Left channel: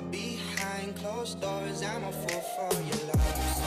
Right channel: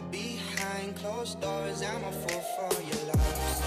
But behind closed doors, I'm a fool for your love.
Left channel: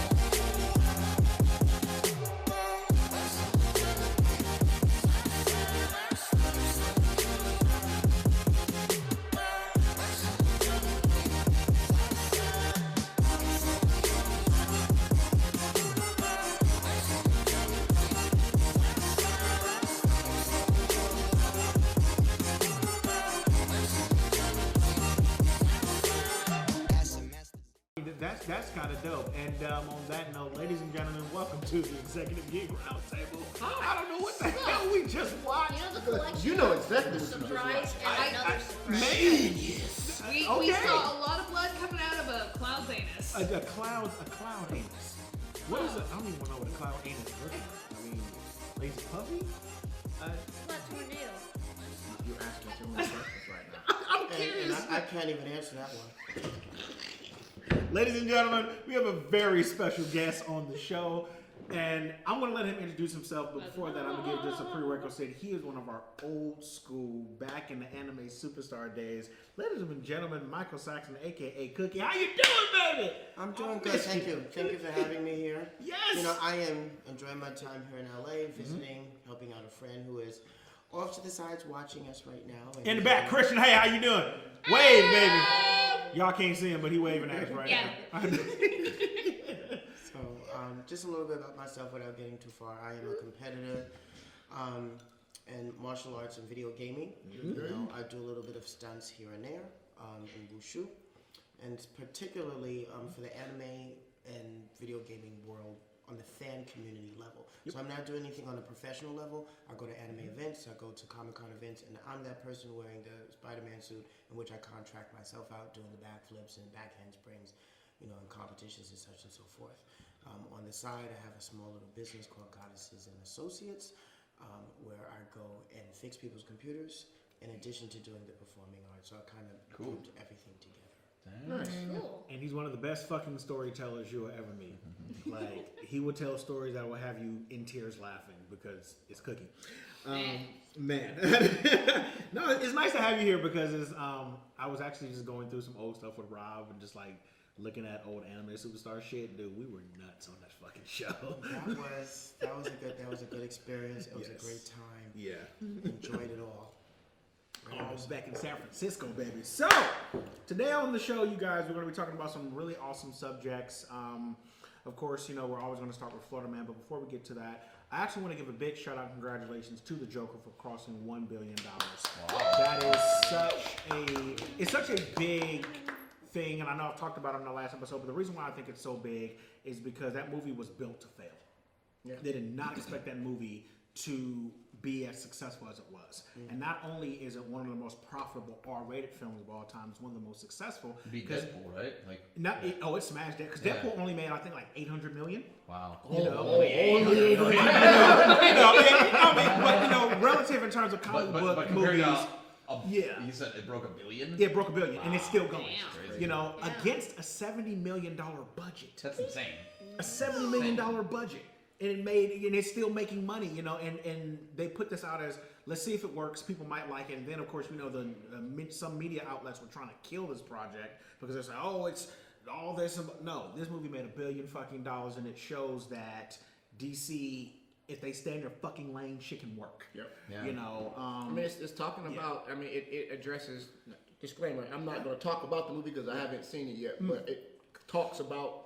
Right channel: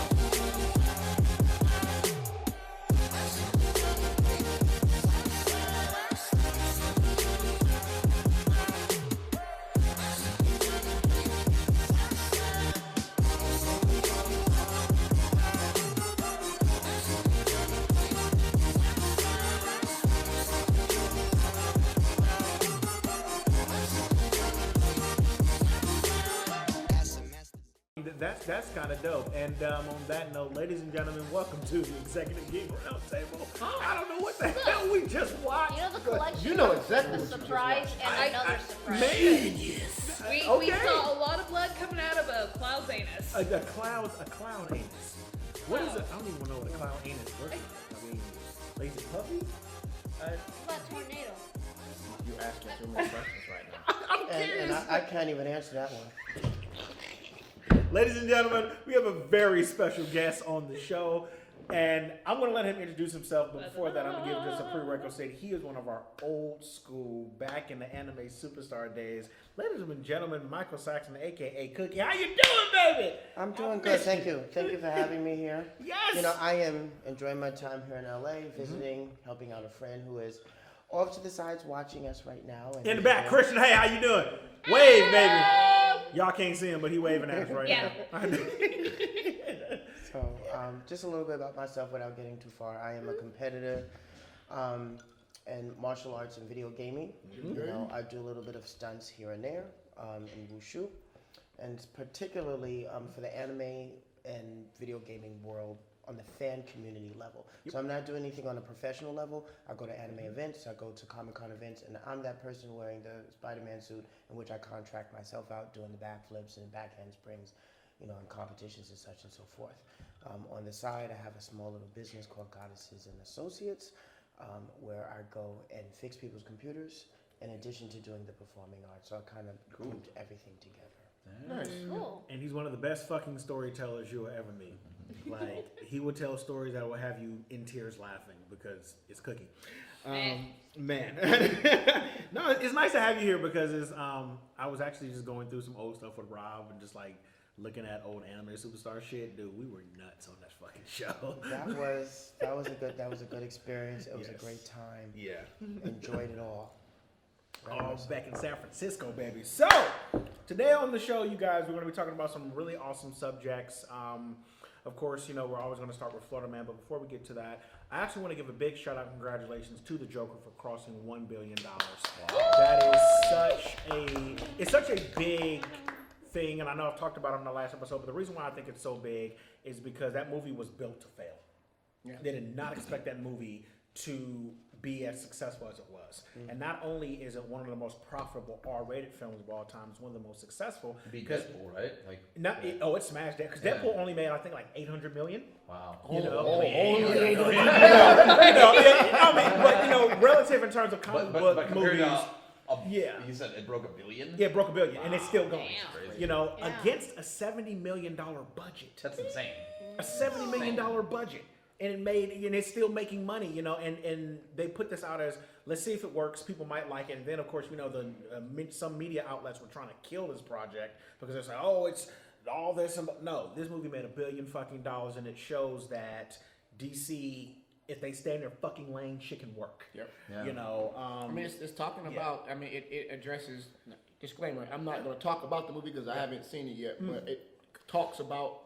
That's kind of dope. And on that note, ladies and gentlemen, welcome to the Executive Geek Roundtable. I don't know what the hell we just watched. You know the collection. You know exactly. Surprise and another surprise. Man, We saw a lot of blood coming out of a cloud's anus. a cloud anus. What is it? I don't even know what a cloud anus is. I mean, lazy puppy? That tornado. You asking too many questions right now. I'm curious. And I can't even answer that one. Ladies and gentlemen, we have a very special guest on the show, and I'm going to let him introduce himself, but before that, I'm going to give just a prerequisite. He is one of our old school, back in the anime superstar days. Ladies and gentlemen, Michael Saxton, a.k.a. Cookye. How you doing, baby? I'm doing good, thank you. Thank you for having me here. Yes! You know, I am enjoying my time here in LA, visiting, helping out a friend who is off to the sides watching us right now. In the back, Christian, hey, how you doing? Wave, baby. Y'all can't see him, but he waving at us right now. So, just a little bit about myself without getting too far. I am a competitor in martial arts and video gaming. You know, I do a little bit of stunts here and there in wushu, and particularly for the anime and video gaming world on the fan community level. So I'm not doing anything on a professional level. I go to anime events, I go to Comic-Con events, and I'm that person wearing the Spider-Man suit in which I contract myself out doing the backflips and back handsprings, you know, in competitions and such and so forth. On the side, I have a small little business called Goddesses and Associates, where I go and fix people's computers in addition to doing the performing arts. So I kind of grouped everything together. Nice. Cool. And he's one of the best fucking storytellers you'll ever meet. Like, he will tell stories that will have you in tears laughing because it's Cookye. Man. No, it's nice to have you here because I was actually just going through some old stuff with Rob and just like looking at old anime superstar shit. Dude, we were nuts on that fucking show. That was a good experience. It was a great time. Yeah. Enjoyed it all. Oh, back in San Francisco, baby. So, today on the show, you guys, we're going to be talking about some really awesome subjects. Of course, you know, we're always going to start with Florida Man, but before we get to that, I actually want to give a big shout out and congratulations to the Joker for crossing $1 billion. That is such a big thing, and I know I've talked about it in the last episode, but the reason why I think it's so big is because that movie was built to fail. Yeah. They did not expect that movie to be as successful as it was. And not only is it one of the most profitable R-rated films of all time, it's one of the most successful. Beat Deadpool, right? It smashed that because Deadpool only made, I think, like $800 million. Wow. Only 800 million. But you know, relative in terms of comic book but compared movies. you said it broke $1 billion? Yeah, it broke $1 billion, and it's still going. Damn. You know, against a $70 million budget. That's insane. A $70 million budget. And it's still making money, you know, and they put this out as, let's see if it works, people might like it, and then of course, you know, some media outlets were trying to kill this project because they're saying, oh, it's all this, no, this movie made $1 billion fucking dollars, and it shows that DC, if they stay in their fucking lane, shit can work. Yep. Yeah. You know, I mean, it's talking about, I mean, it addresses, disclaimer, I'm not going to talk about the movie because I haven't seen it yet, but it talks about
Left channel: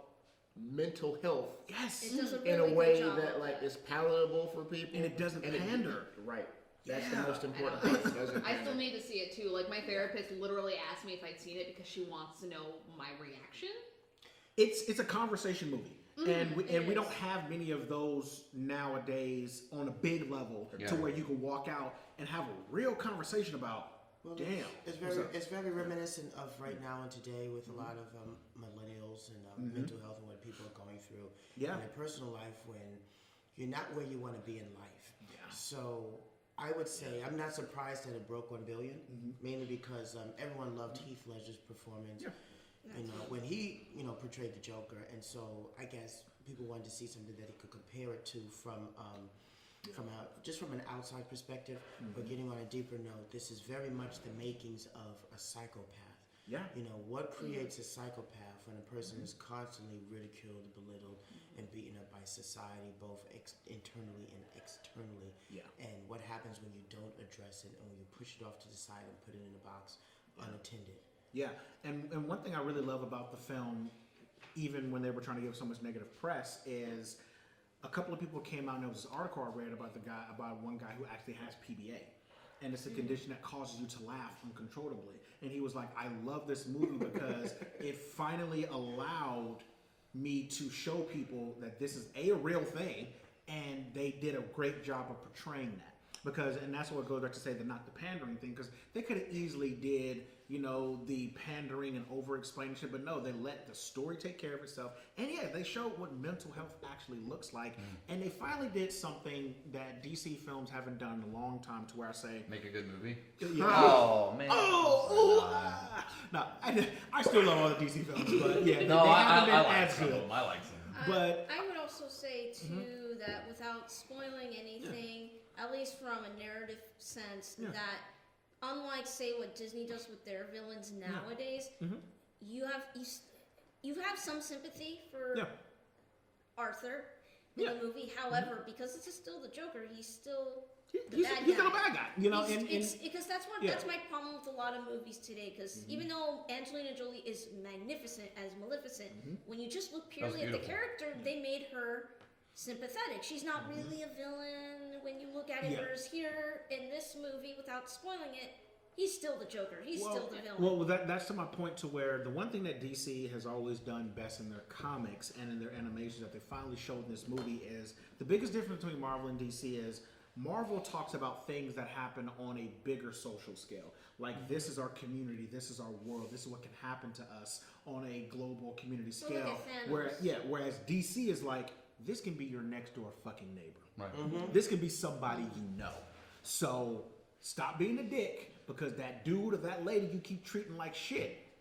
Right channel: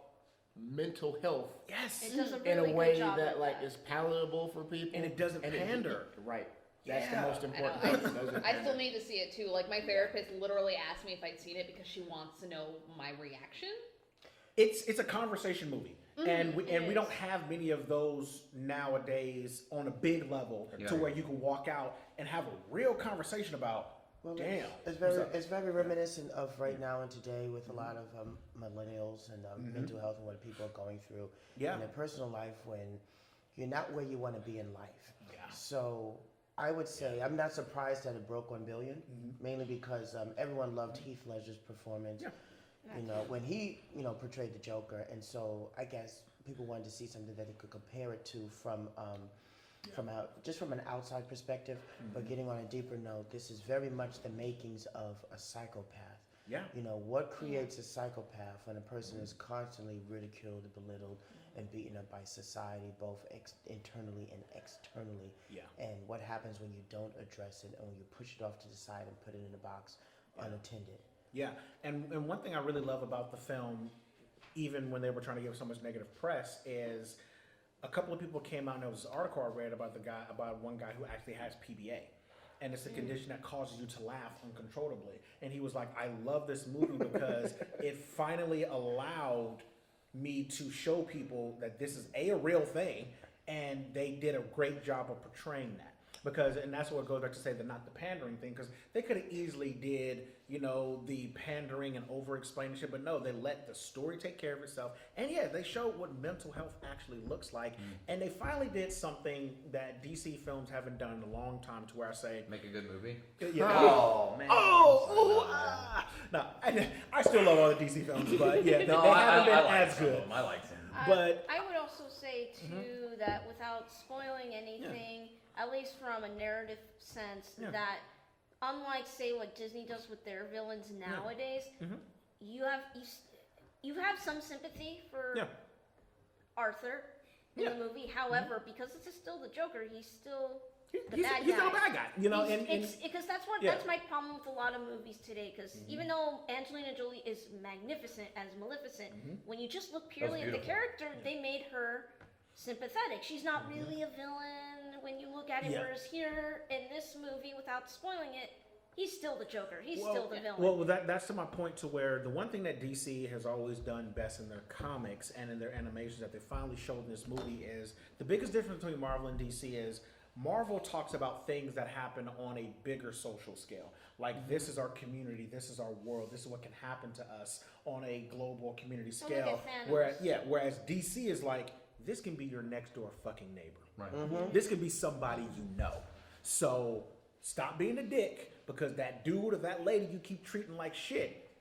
mental health yes, It does a in really a way good job that of like is palatable for people, and it doesn't pander. Right. That's Yeah. the most I important know. thing. It doesn't I still pander. need to see it too. Like my therapist literally asked me if I'd seen it because she wants to know my reaction. It's a conversation movie, and we don't have many of those nowadays on a big level to where you can walk out and have a real conversation about. Well, Damn. It's very reminiscent of right now and today with a lot of millennials and mental health and what people are going through in their personal life when you're not where you want to be in life. Yeah. So I would say I'm not surprised that it broke $1 billion, mainly because everyone loved Heath Ledger's performance. Yeah. You know, when he portrayed the Joker, and so I guess people wanted to see something that he could compare it to from an outside perspective, but getting on a deeper note, this is very much the makings of a psychopath. Yeah. You know, what creates a psychopath when a person is constantly ridiculed, belittled, and beaten up by society, both internally and externally? Yeah. And what happens when you don't address it and when you push it off to the side and put it in a box unattended? Yeah, and one thing I really love about the film, even when they were trying to give so much negative press, is a couple of people came out and there was this article I read about one guy who actually has PBA. And it's a condition that causes you to laugh uncontrollably. And he was like, I love this movie because it finally allowed me to show people that this is a real thing, and they did a great job of portraying that. Because, and that's what goes back to say the not the pandering thing, because they could have easily did, you know, the pandering and over-explaining shit, but no, they let the story take care of itself. And yeah, they showed what mental health actually looks like. And they finally did something that DC films haven't done in a long time, to where I say, Make a good movie. Yeah. Oh man. No, I still love all the DC films, but yeah, they haven't been I as good. I liked him. But I would also say too that without spoiling anything, at least from a narrative sense, that unlike say what Disney does with their villains nowadays, you have some sympathy for Arthur in the movie. However, because it's still the Joker, he's still the bad guy. He's still a bad guy, you know. It's because that's my problem with a lot of movies today. Because even though Angelina Jolie is magnificent as Maleficent, when you just look purely at the character, they made her sympathetic. She's not really a villain when you look at it. Whereas here in this movie, without spoiling it, he's still the Joker. He's still the villain. Well, that's to my point, to where the one thing that DC has always done best in their comics and in their animations that they finally showed in this movie is the biggest difference between Marvel and DC is Marvel talks about things that happen on a bigger social scale. Like, this is our community, this is our world, this is what can happen to us on a global community scale. Whereas DC is like, this can be your next door fucking neighbor. Right. This can be somebody you know. So stop being a dick, because that dude or that lady you keep treating like shit,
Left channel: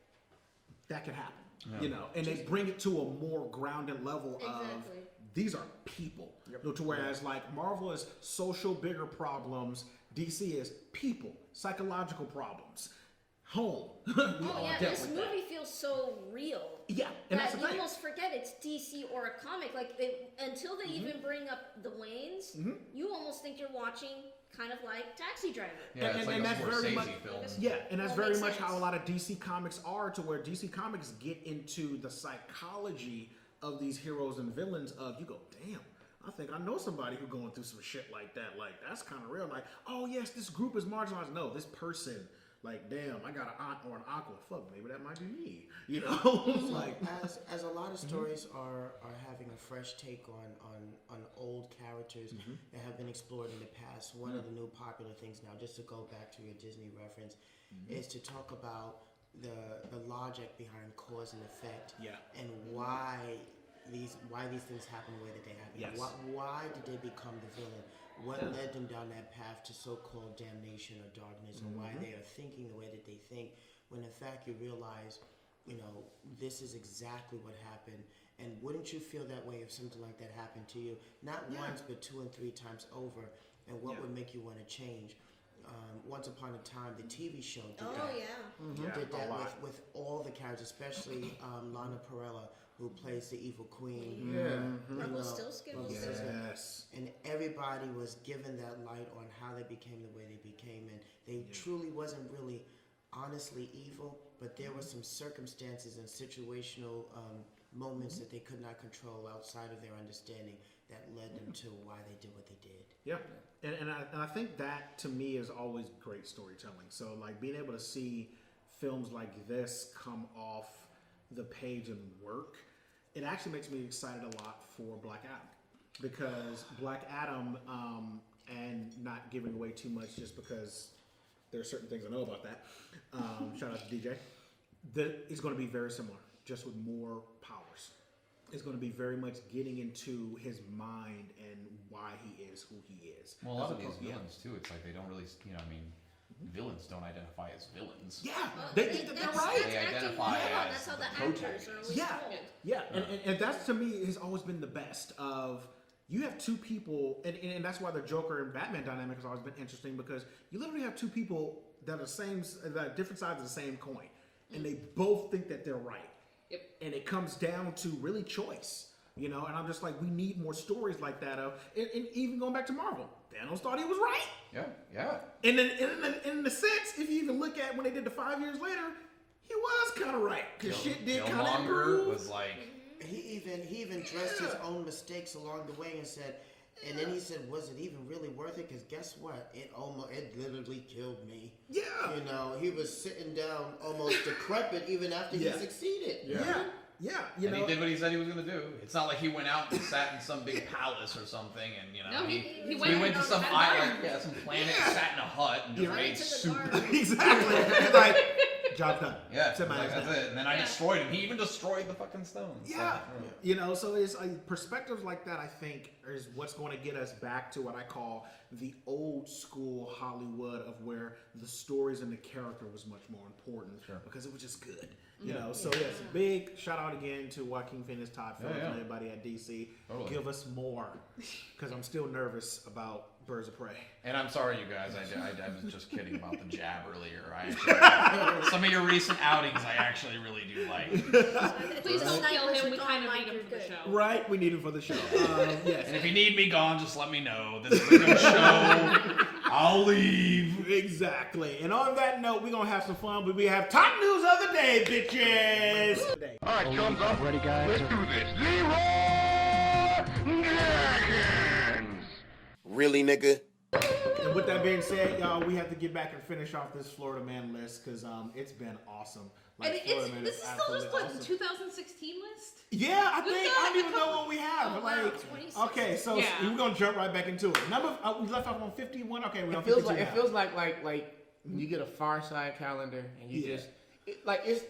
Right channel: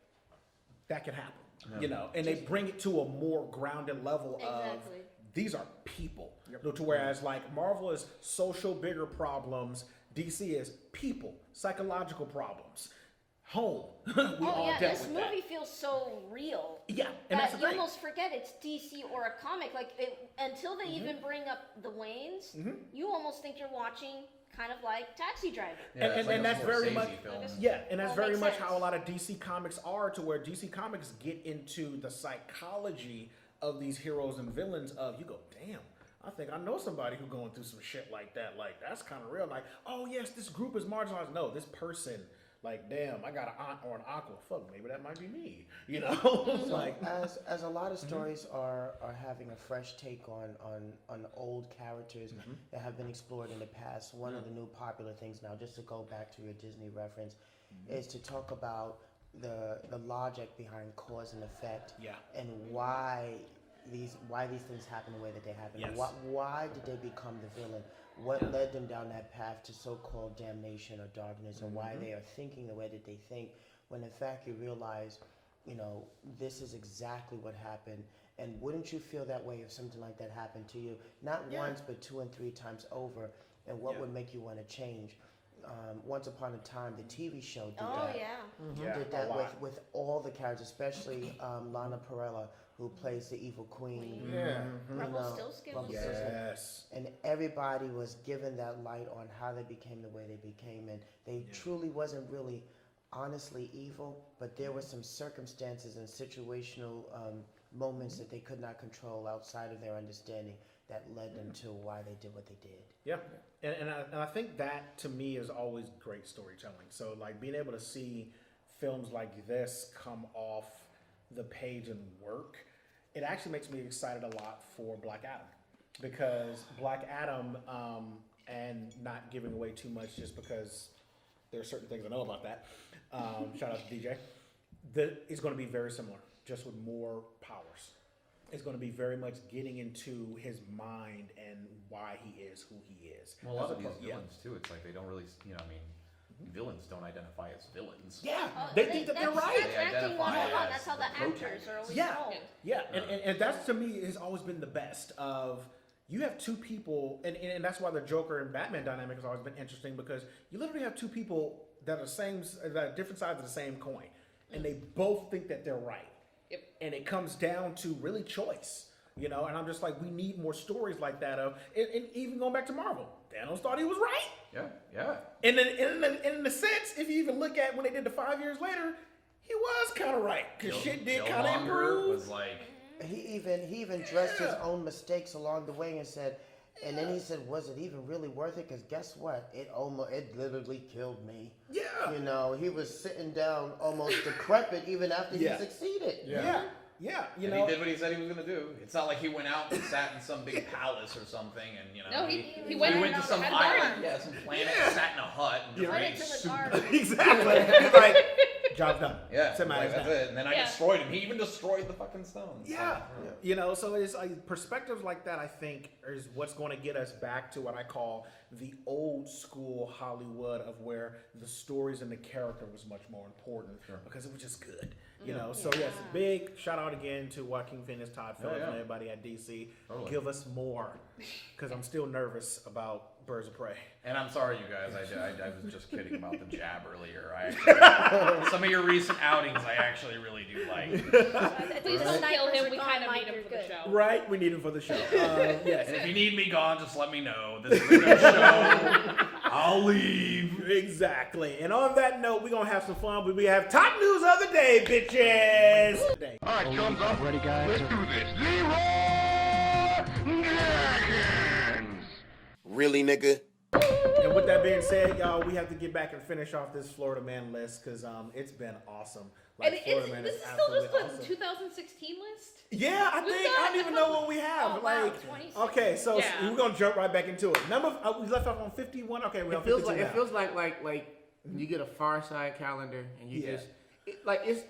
that can happen. You know, and they bring it to a more grounded level of these are people. To whereas like Marvel is social bigger problems, DC is people, psychological problems, home. This movie feels so real. Yeah, and that that's you almost forget it's DC or a comic. Like until they even bring up the Waynes, you almost think you're watching kind of like Taxi Driver. Yeah, and that's very much film. and that's very makes much sense. how a lot of DC comics are, to where DC comics get into the psychology of these heroes and villains of, you go, damn, I think I know somebody who's going through some shit like that. Like, that's kind of real. Like, oh yes, this group is marginalized. No, this person, like, damn, I got an aunt or an uncle. Fuck, maybe that might be me. You know? Like, as a lot of stories are having a fresh take on old characters that have been explored in the past, one of the new popular things now, just to go back to your Disney reference, is to talk about the logic behind cause and effect, and why these things happen the way that they happen. Yes. Why did they become the villain? What led them down that path to so-called damnation or darkness, and why they are thinking the way that they think, when in fact you realize, you know, this is exactly what happened. And wouldn't you feel that way if something like that happened to you? Not once, but 2 and 3 times over. And what would make you want to change? Once Upon a Time, the TV show did that. Did that with all the characters, especially Lana Parrilla, who plays the evil queen. Rumpelstiltskin. yes. And everybody was given that light on how they became the way they became, and they truly wasn't really honestly evil, but there were some circumstances and situational moments that they could not control outside of their understanding that led them to why they did what they did. Yeah, and I think that to me is always great storytelling. So like being able to see films like this come off the page and work, it actually makes me excited a lot for Black Adam, because Black Adam, and not giving away too much just because there's certain things I know about that. Shout out to DJ. It's going to be very similar, just with more powers. It's going to be very much getting into his mind and why he is who he is. Well, a lot of these villains too, it's like they don't really, you know, I mean, villains don't identify as villains. Yeah, They're right. They identify as that's how the the actors are always told. Yeah, and that's to me has always been the best of. You have two people, and that's why the Joker and Batman dynamic has always been interesting, because you literally have two people that are different sides of the same coin. and they both think that they're right. Yep. And it comes down to really choice, you know. And I'm just like, we need more stories like that and even going back to Marvel, Thanos thought he was right. Yeah. And then in the sense, if you even look at when they did the 5 years later, he was kind of right because shit did kind of improve. Was like, He even addressed his own mistakes along the way and said, and then he said, was it even really worth it? Because guess what? It literally killed me. Yeah. You know, he was sitting down almost decrepit even after he succeeded. Yeah. You and know, he did what he said he was gonna do. It's not like he went out and sat in some big palace or something, and you know. No, he went to some had a island, garden. some planet, sat in a hut, and just Went made into the soup. garden. exactly. He's like, job done. Yeah, Somebody's that's done. it. And then I destroyed him. He even destroyed the fucking stones. Yeah. You know, so it's perspectives like that, I think, is what's going to get us back to what I call the old school Hollywood of where the stories and the character was much more important because it was just good. You know, so yes, big shout out again to Joaquin Phoenix, Todd Phillips, and everybody at DC. Totally. Give us more because I'm still nervous about Birds of Prey. And I'm sorry, you guys. I was just kidding about the jab earlier. I actually, some of your recent outings, I actually really do like. Please don't kill him. We Gone, kind of Mike, need him you're for the good. show. Right, we need him for the show. Yes, And if you need me gone, just let me know. This is a good show. I'll leave. exactly. And on that note, we're gonna have some fun. But we have top news of the day, bitches. All right, thumbs up. Ready, guys? Let's do this. Leroy Jenkins. Really, nigga? And with that being said, y'all, we have to get back and finish off this Florida Man list because it's been awesome. And Florida Man this is still absolutely just like awesome. the 2016 list? Yeah, I We've think got I don't a even know couple- what we have. Oh, wow, like, 26. okay, so Yeah. we're gonna jump right back into it. We left off on 51. Okay, we're on 52 now. It feels like when you get a Far Side calendar and you just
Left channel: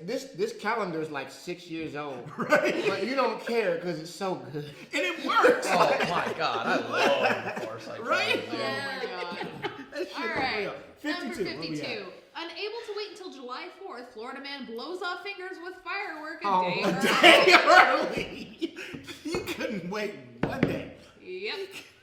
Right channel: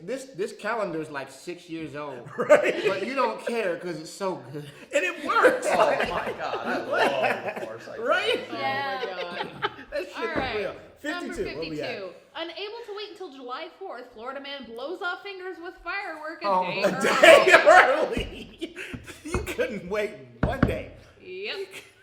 this calendar is like 6 years old, Right. but you don't care because it's so good. And it works. Oh my god, I love the Foresight. Right? Oh my god. That shit All is right. real. Number 52. Where we 52. at? Unable to wait until July 4th, Florida man blows off fingers with firework a Oh, day a early. Day early. You couldn't wait one day. Yep.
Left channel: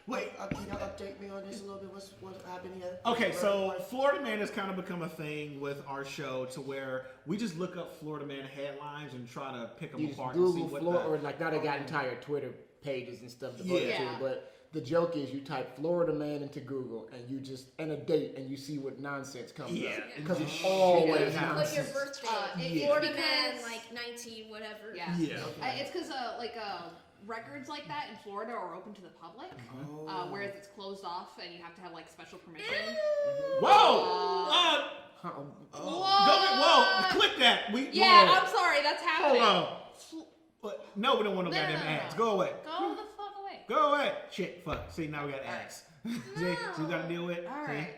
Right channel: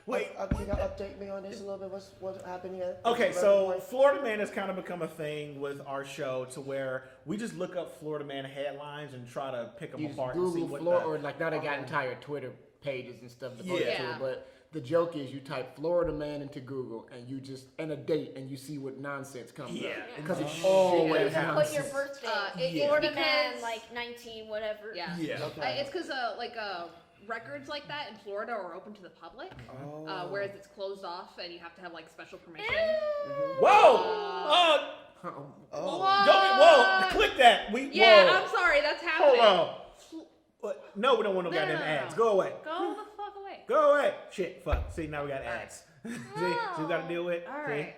Wait, can you update me on this a little bit? What happened here? Okay, so Florida Man has kind of become a thing with our show to where we just look up Florida Man headlines and try to pick them You just apart and see Google what Florida, the... or like now they got entire Twitter pages and stuff devoted Yeah. to it. But the joke is you type Florida Man into Google and a date and you see what nonsense comes Yeah. up because it's always Put your nonsense. birthday. It's Florida because man, like 19, whatever. Yeah. Yeah. It's because records like that in Florida are open to the public, whereas it's closed off and you have to have like special permission. Whoa! Whoa! Click that. Yeah, whoa. I'm sorry, that's Hold happening. on. What? No, we don't want no goddamn ads. Go away. Go the fuck away. Go away. Shit, fuck. See, now we got ads. See, we got to deal with. All See? right.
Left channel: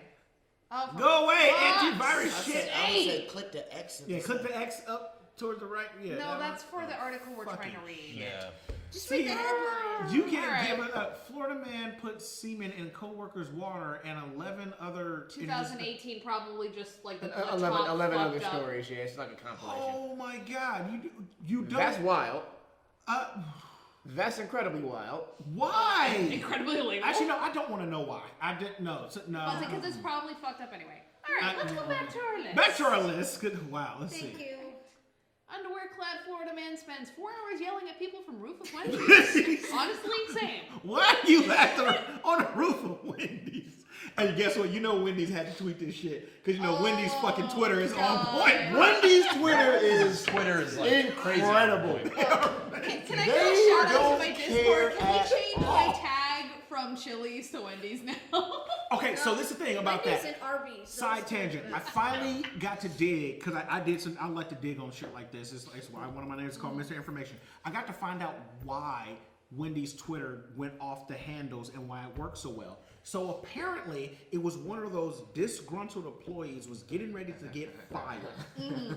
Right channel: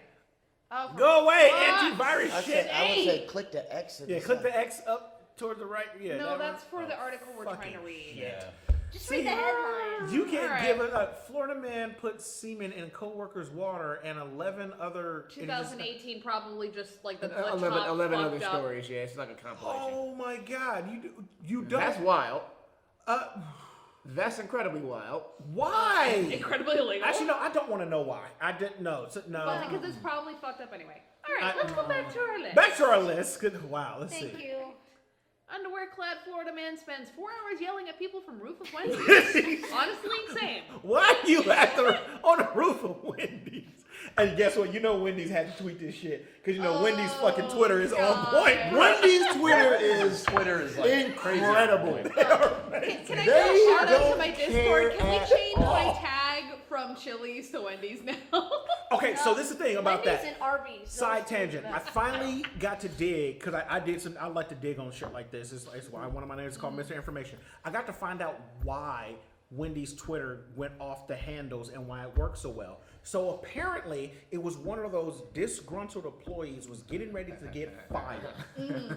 Oh, Go away, What? antivirus shit. I would say click the X. Yeah, click the X up towards the right. Yeah. No, that that's one. for the article we're trying to fucking read. Yeah. Just read the headline. You can't Alright. give it up. Florida man put semen in coworker's water and 11 other. 2018 probably just like the 11 top 11 other fucked up. stories. Yeah, it's like a compilation. Oh my God! You don't. That's wild. Uh, That's incredibly wild. why? Incredibly illegal. Actually, no. I don't want to know why. I didn't know. So, no. But because it's probably fucked up anyway. All right, let's go back to our list. Back to our list. Good. Wow. Let's Thank see. you. Underwear-clad Florida man spends 4 hours yelling at people from roof of Wendy's. Honestly insane. Why are you on the roof of Wendy's? And guess what? You know Wendy's had to tweet this shit because you know Wendy's fucking Twitter is on point. Wendy's Twitter is like incredible. Can I give a shout out to my Discord? Can we change my tag from Chili's to Wendy's now? Okay, so this is the thing about Wendy's that. and Arby's. Side tangent. I finally got to dig because I did some. I like to dig on shit like this. It's why one of my names is called Mr. Information. I got to find out why Wendy's Twitter went off the handles and why it worked so well. So apparently, it was one of those disgruntled employees was getting ready to get fired.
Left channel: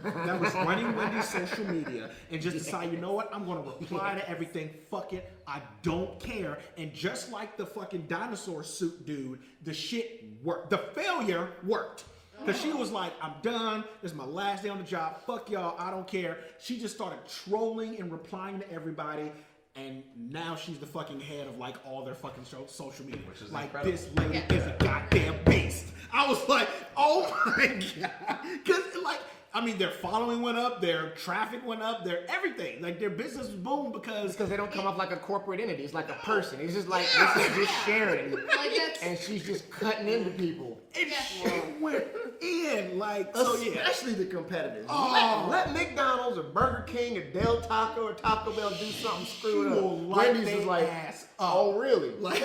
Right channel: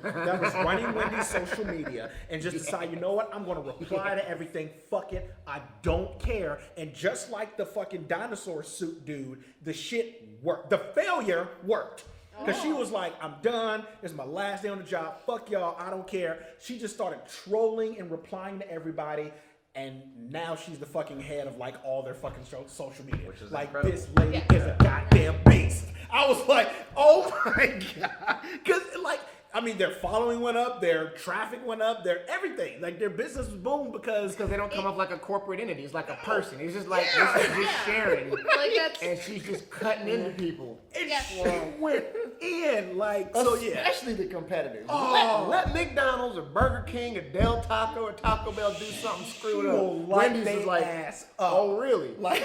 That was running Wendy's social media and just decided, you know what? I'm going to reply to everything. Fuck it. I don't care. And just like the fucking dinosaur suit dude, the shit worked. The failure worked. Because she was like, I'm done. This is my last day on the job. Fuck y'all. I don't care. She just started trolling and replying to everybody. And now she's the fucking head of like all their fucking social media. Which is like incredible. this lady is a goddamn beast. I was like, oh my God. Because like I mean, their following went up, their traffic went up, their everything. Like, their business was booming because they don't come off like a corporate entity. It's like a person. It's just like, this is just Sharon. Like that's And she's just cutting into people. she went in. Like, so yeah. Especially the competitors. Oh. Let McDonald's or Burger King or Del Taco or Taco Bell do something screwed She will up. light Wendy's they is like, ass up. oh, really? Like,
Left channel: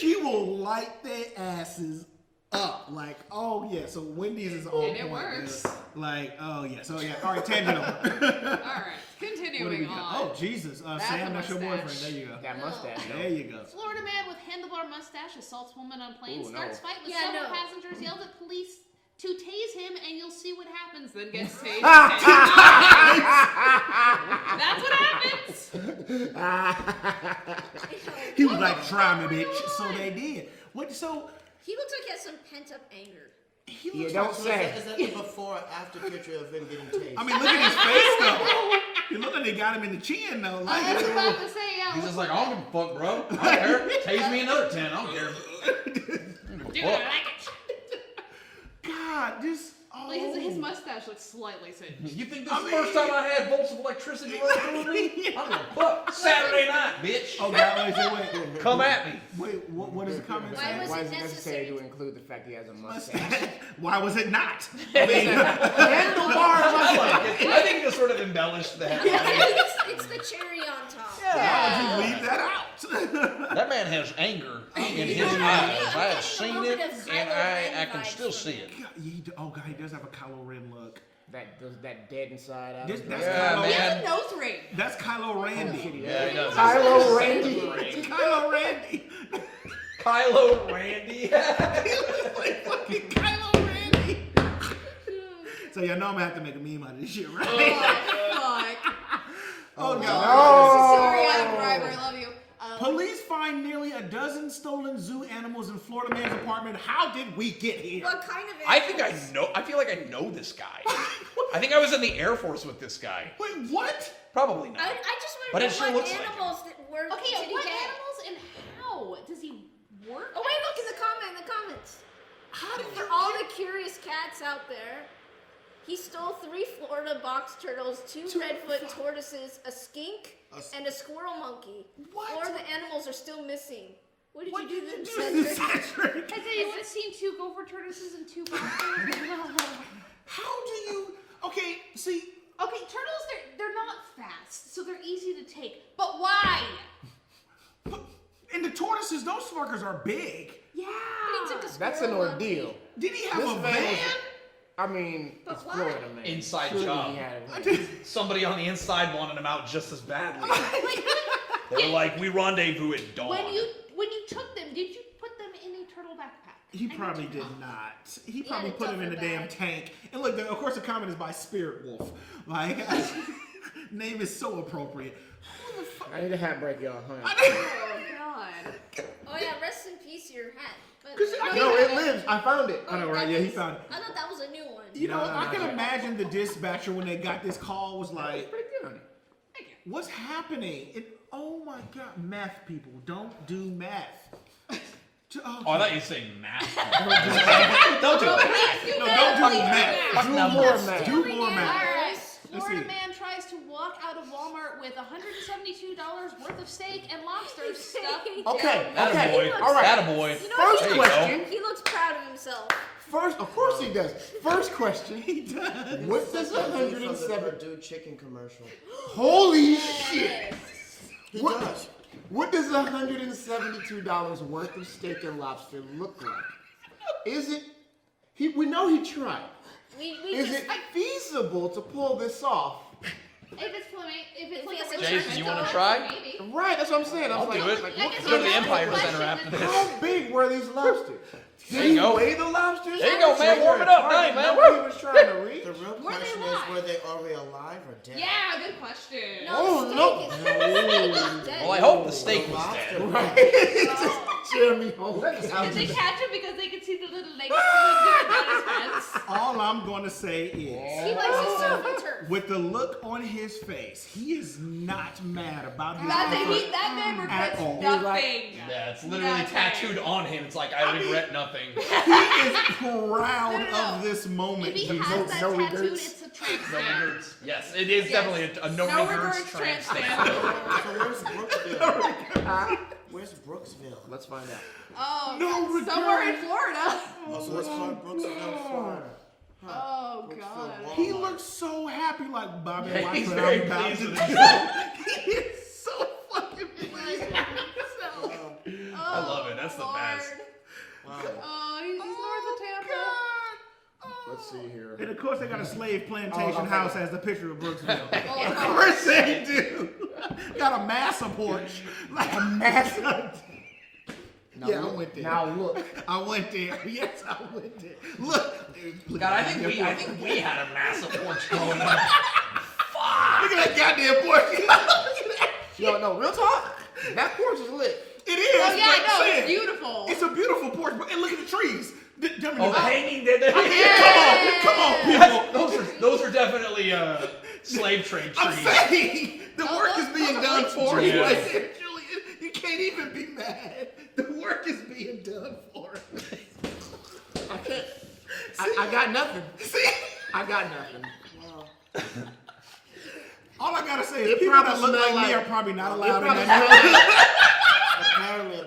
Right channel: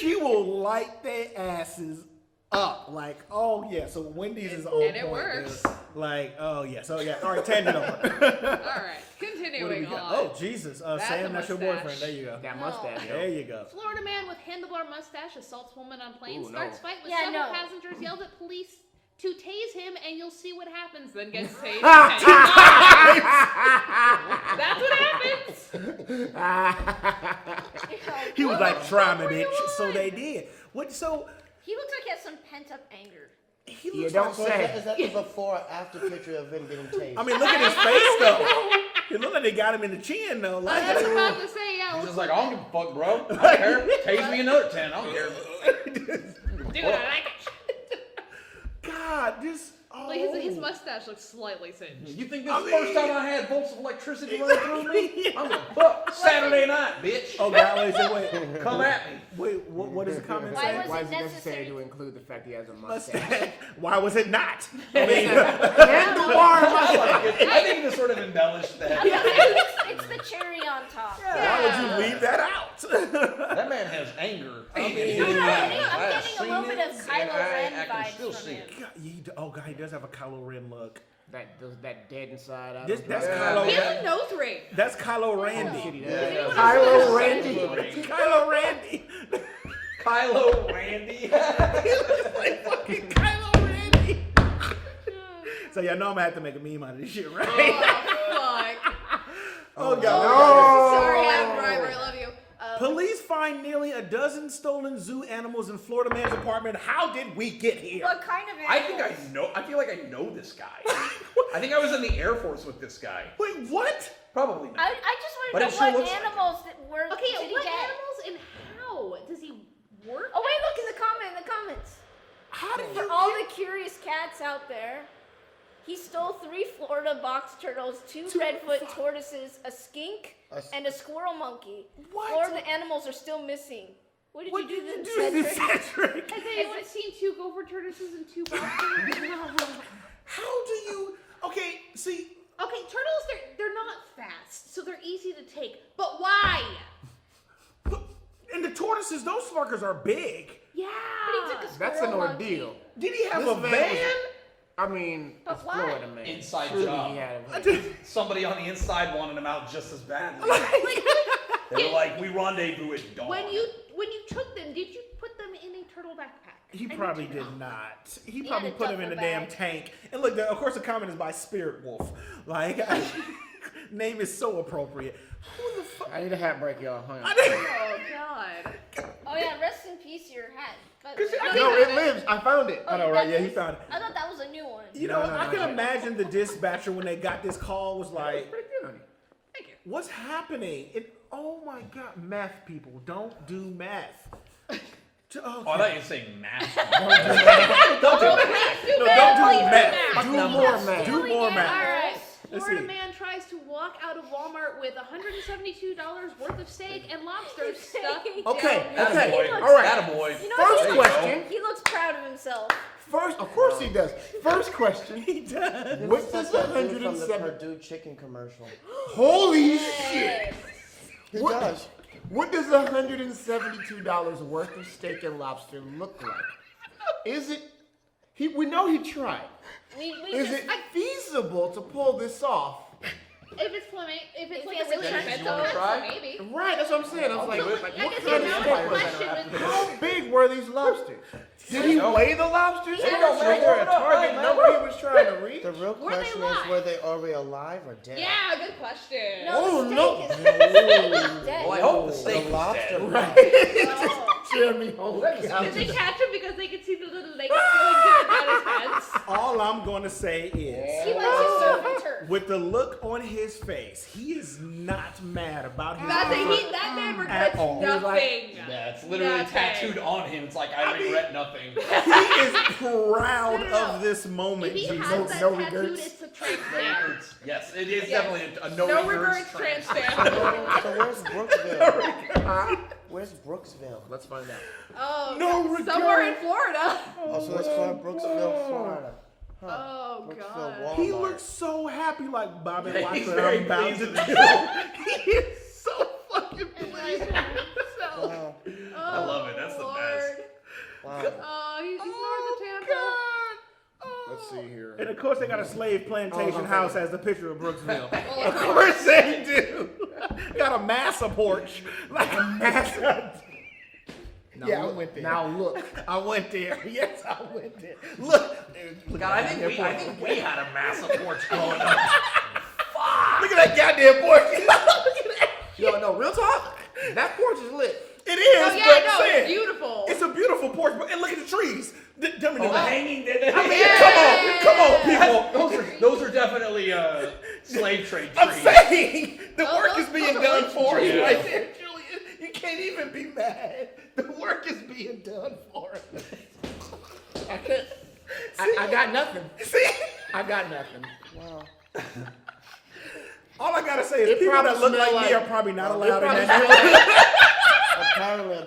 she will light their asses up. Like, oh yeah. So Wendy's is on And it point works. there. Like, oh yeah. So yeah. All right, Tammy. all right. Continuing on. Oh Jesus. That's Sam, a that's your mustache. boyfriend. There you go. That mustache. There you go. Florida man with handlebar mustache assaults woman on plane, Ooh, no. starts fight with Yeah, several no. passengers, yelled at police to tase him, and you'll see what happens. Then gets tased. That's what happens. He was like, try me, bitch. So they did. What? So He looks like he has some pent up anger. he You looks don't like. So say. is that the before or after picture of him getting tased? I mean, look at his face though. It looked like they got him in the chin though. Like, I was about to say, yeah. He's just like, I don't give a fuck, bro. I don't care. Tase me another 10. I don't care. Dude, I like it. God, just. Oh. Like his mustache looks slightly singed. You think this is the first time I had volts of electricity run through me? I'm gonna fuck Saturday night, bitch. Oh God, wait. Come at me. Wait, what is the comment Why saying? was Why it is it necessary necessary? to include the fact he has a mustache? Why was it not? I mean, Handlebar mustache. I think this sort of embellished that. It's the cherry on top. why would you leave that out? That man has anger in I'm his getting- eyes. I'm I have getting a seen little it, bit of and Kylo Ren I can vibes still from see it. it. Oh God, he does have a Kylo Ren look. That dead inside out. That's Yeah, Kylo. He has man. a nose ring. That's Kylo Randy. Yeah, he does. Kylo Randy. Kylo Randy. Kylo Randy. He looks like fucking Kylo Randy. So y'all know I'm gonna have to make a meme out of this shit, right? Fuck. Oh No. God. Sorry, I'm driver. I love you. Police find nearly a dozen stolen zoo animals in Florida man's apartment. How did we get here? What kind of I think I animals? know. I feel like I know this guy. I think I was in the Air Force with this guy. Wait, what? Probably not. I just But want it to sure know looks what like animals that were. Okay, did he what get? animals and how does he work? Oh wait, look in the comments. How did For you all the curious cats out there, he stole 3 Florida box turtles, 2 redfoot tortoises, a skink, and a squirrel monkey. What? 4 of the animals are still missing. What did you do to this, Cedric? Cedric? Has anyone seen 2 gopher tortoises and 2 bobsters? How do you? Okay, see. Okay, turtles, they're not fast, so they're easy to take. But why? And the tortoises, those fuckers are big. Yeah. But he took a That's an squirrel ordeal. monkey. Did he have This a man van? was I mean, But it's why? Florida, man. Inside Surely job. he had a- Somebody on the inside wanted him out just as badly. They were like, we rendezvous at dawn. When you took them, did you put them in a turtle backpack? He And probably you did not. He He probably had a put him in a duffel damn bag. tank. And look, of course, the comment is by Spirit Wolf. Like, name is so appropriate. Who the fuck? I need a hat break, y'all. Hang on. Oh God. Oh yeah, rest in peace your hat. But, No, it lives. I found it. I know, right? Yeah, he found it. I thought that was a new one. You know, I can imagine the dispatcher when they got this call was like, Right there. Thank you. what's happening? Oh my God, math people, don't do math. Oh, I thought you were saying math. Don't do math. No, don't do math. Do more, man. Do more All math. right. Let's Florida see. man tries to walk out of Walmart with $172 worth of steak and lobster stuffed Okay, down okay. He looks- All right. Attaboy. You know First what? There you question. He looks proud of himself. First, of course he does. First question. He does. What does From the 107? Purdue chicken commercial. Holy shit! It What- does. What does $172 worth of steak and lobster look like? Is it? We know he tried. We Is just, it feasible to pull this off? If it's Fleming, if it's If like it's a really Jason, expensive you wanna one, try? maybe. Right, that's what I'm saying. I'm like, do it. like, I what guess Go to the that's Empire the Center question after with- this. How big were these lobsters? There Did you he go. weigh the lobsters? There you go, Was man. there Warm a it up, target man. number he was trying to reach? The real Were they question live? is, were they already alive or dead? Yeah, good question. no, Oh, the steak no. is dead. Well, I hope the The steak was lobster. dead. Jeremy Holmes. Did they catch him because they could see the little legs going down his pants? All I'm going to say is, He likes his surf and turf. with the look on his face, he is not mad about his That man at regrets all. nothing. Yeah, it's literally Nothing. tattooed on him. It's like, I regret nothing. He is proud No. of this moment. If he Jesus. has that no tattooed, regrets. it's a tramp stamp. Yes, it is Yes. definitely a no regrets tramp stamp. So where's Brooksville? Where's Brooksville? Let's find out. Oh, No God. regrets. Somewhere in Florida. Oh, so it's called Brooksville, Florida. Oh, Brooksville, God. Walmart. He looks so happy, like Bobby Yeah, Watson. he's very I'm about pleased to with do. He is so fucking pleased with himself. Wow. Oh, I love it. That's the Lord. best. Wow. Oh, he's north of Tampa. Let's see here. And of course, they got a slave plantation house as the picture of Brooksville. Oh, Of course they do. Got a massive porch. Like a massive. Now Yeah, I look, went there. Now look. I went there. Yes, I went there. Look. Look God, I at think we had a massive porch going on. Look at that goddamn porch. Look at that. No, real talk. That porch is lit. It is. Oh, yeah, but no, I'm it's saying, beautiful. It's a beautiful porch, but and look at the trees. Oh, hanging dead. Come on, people. Those are definitely slave trade trees. I'm saying the work is being those are done like for you trees. right there, Julian. You can't even be mad. The work is being done for us. I can't. I got nothing. See? I got nothing. Wow. All I gotta say is It people that probably look smell like me like- are probably not It allowed in probably that.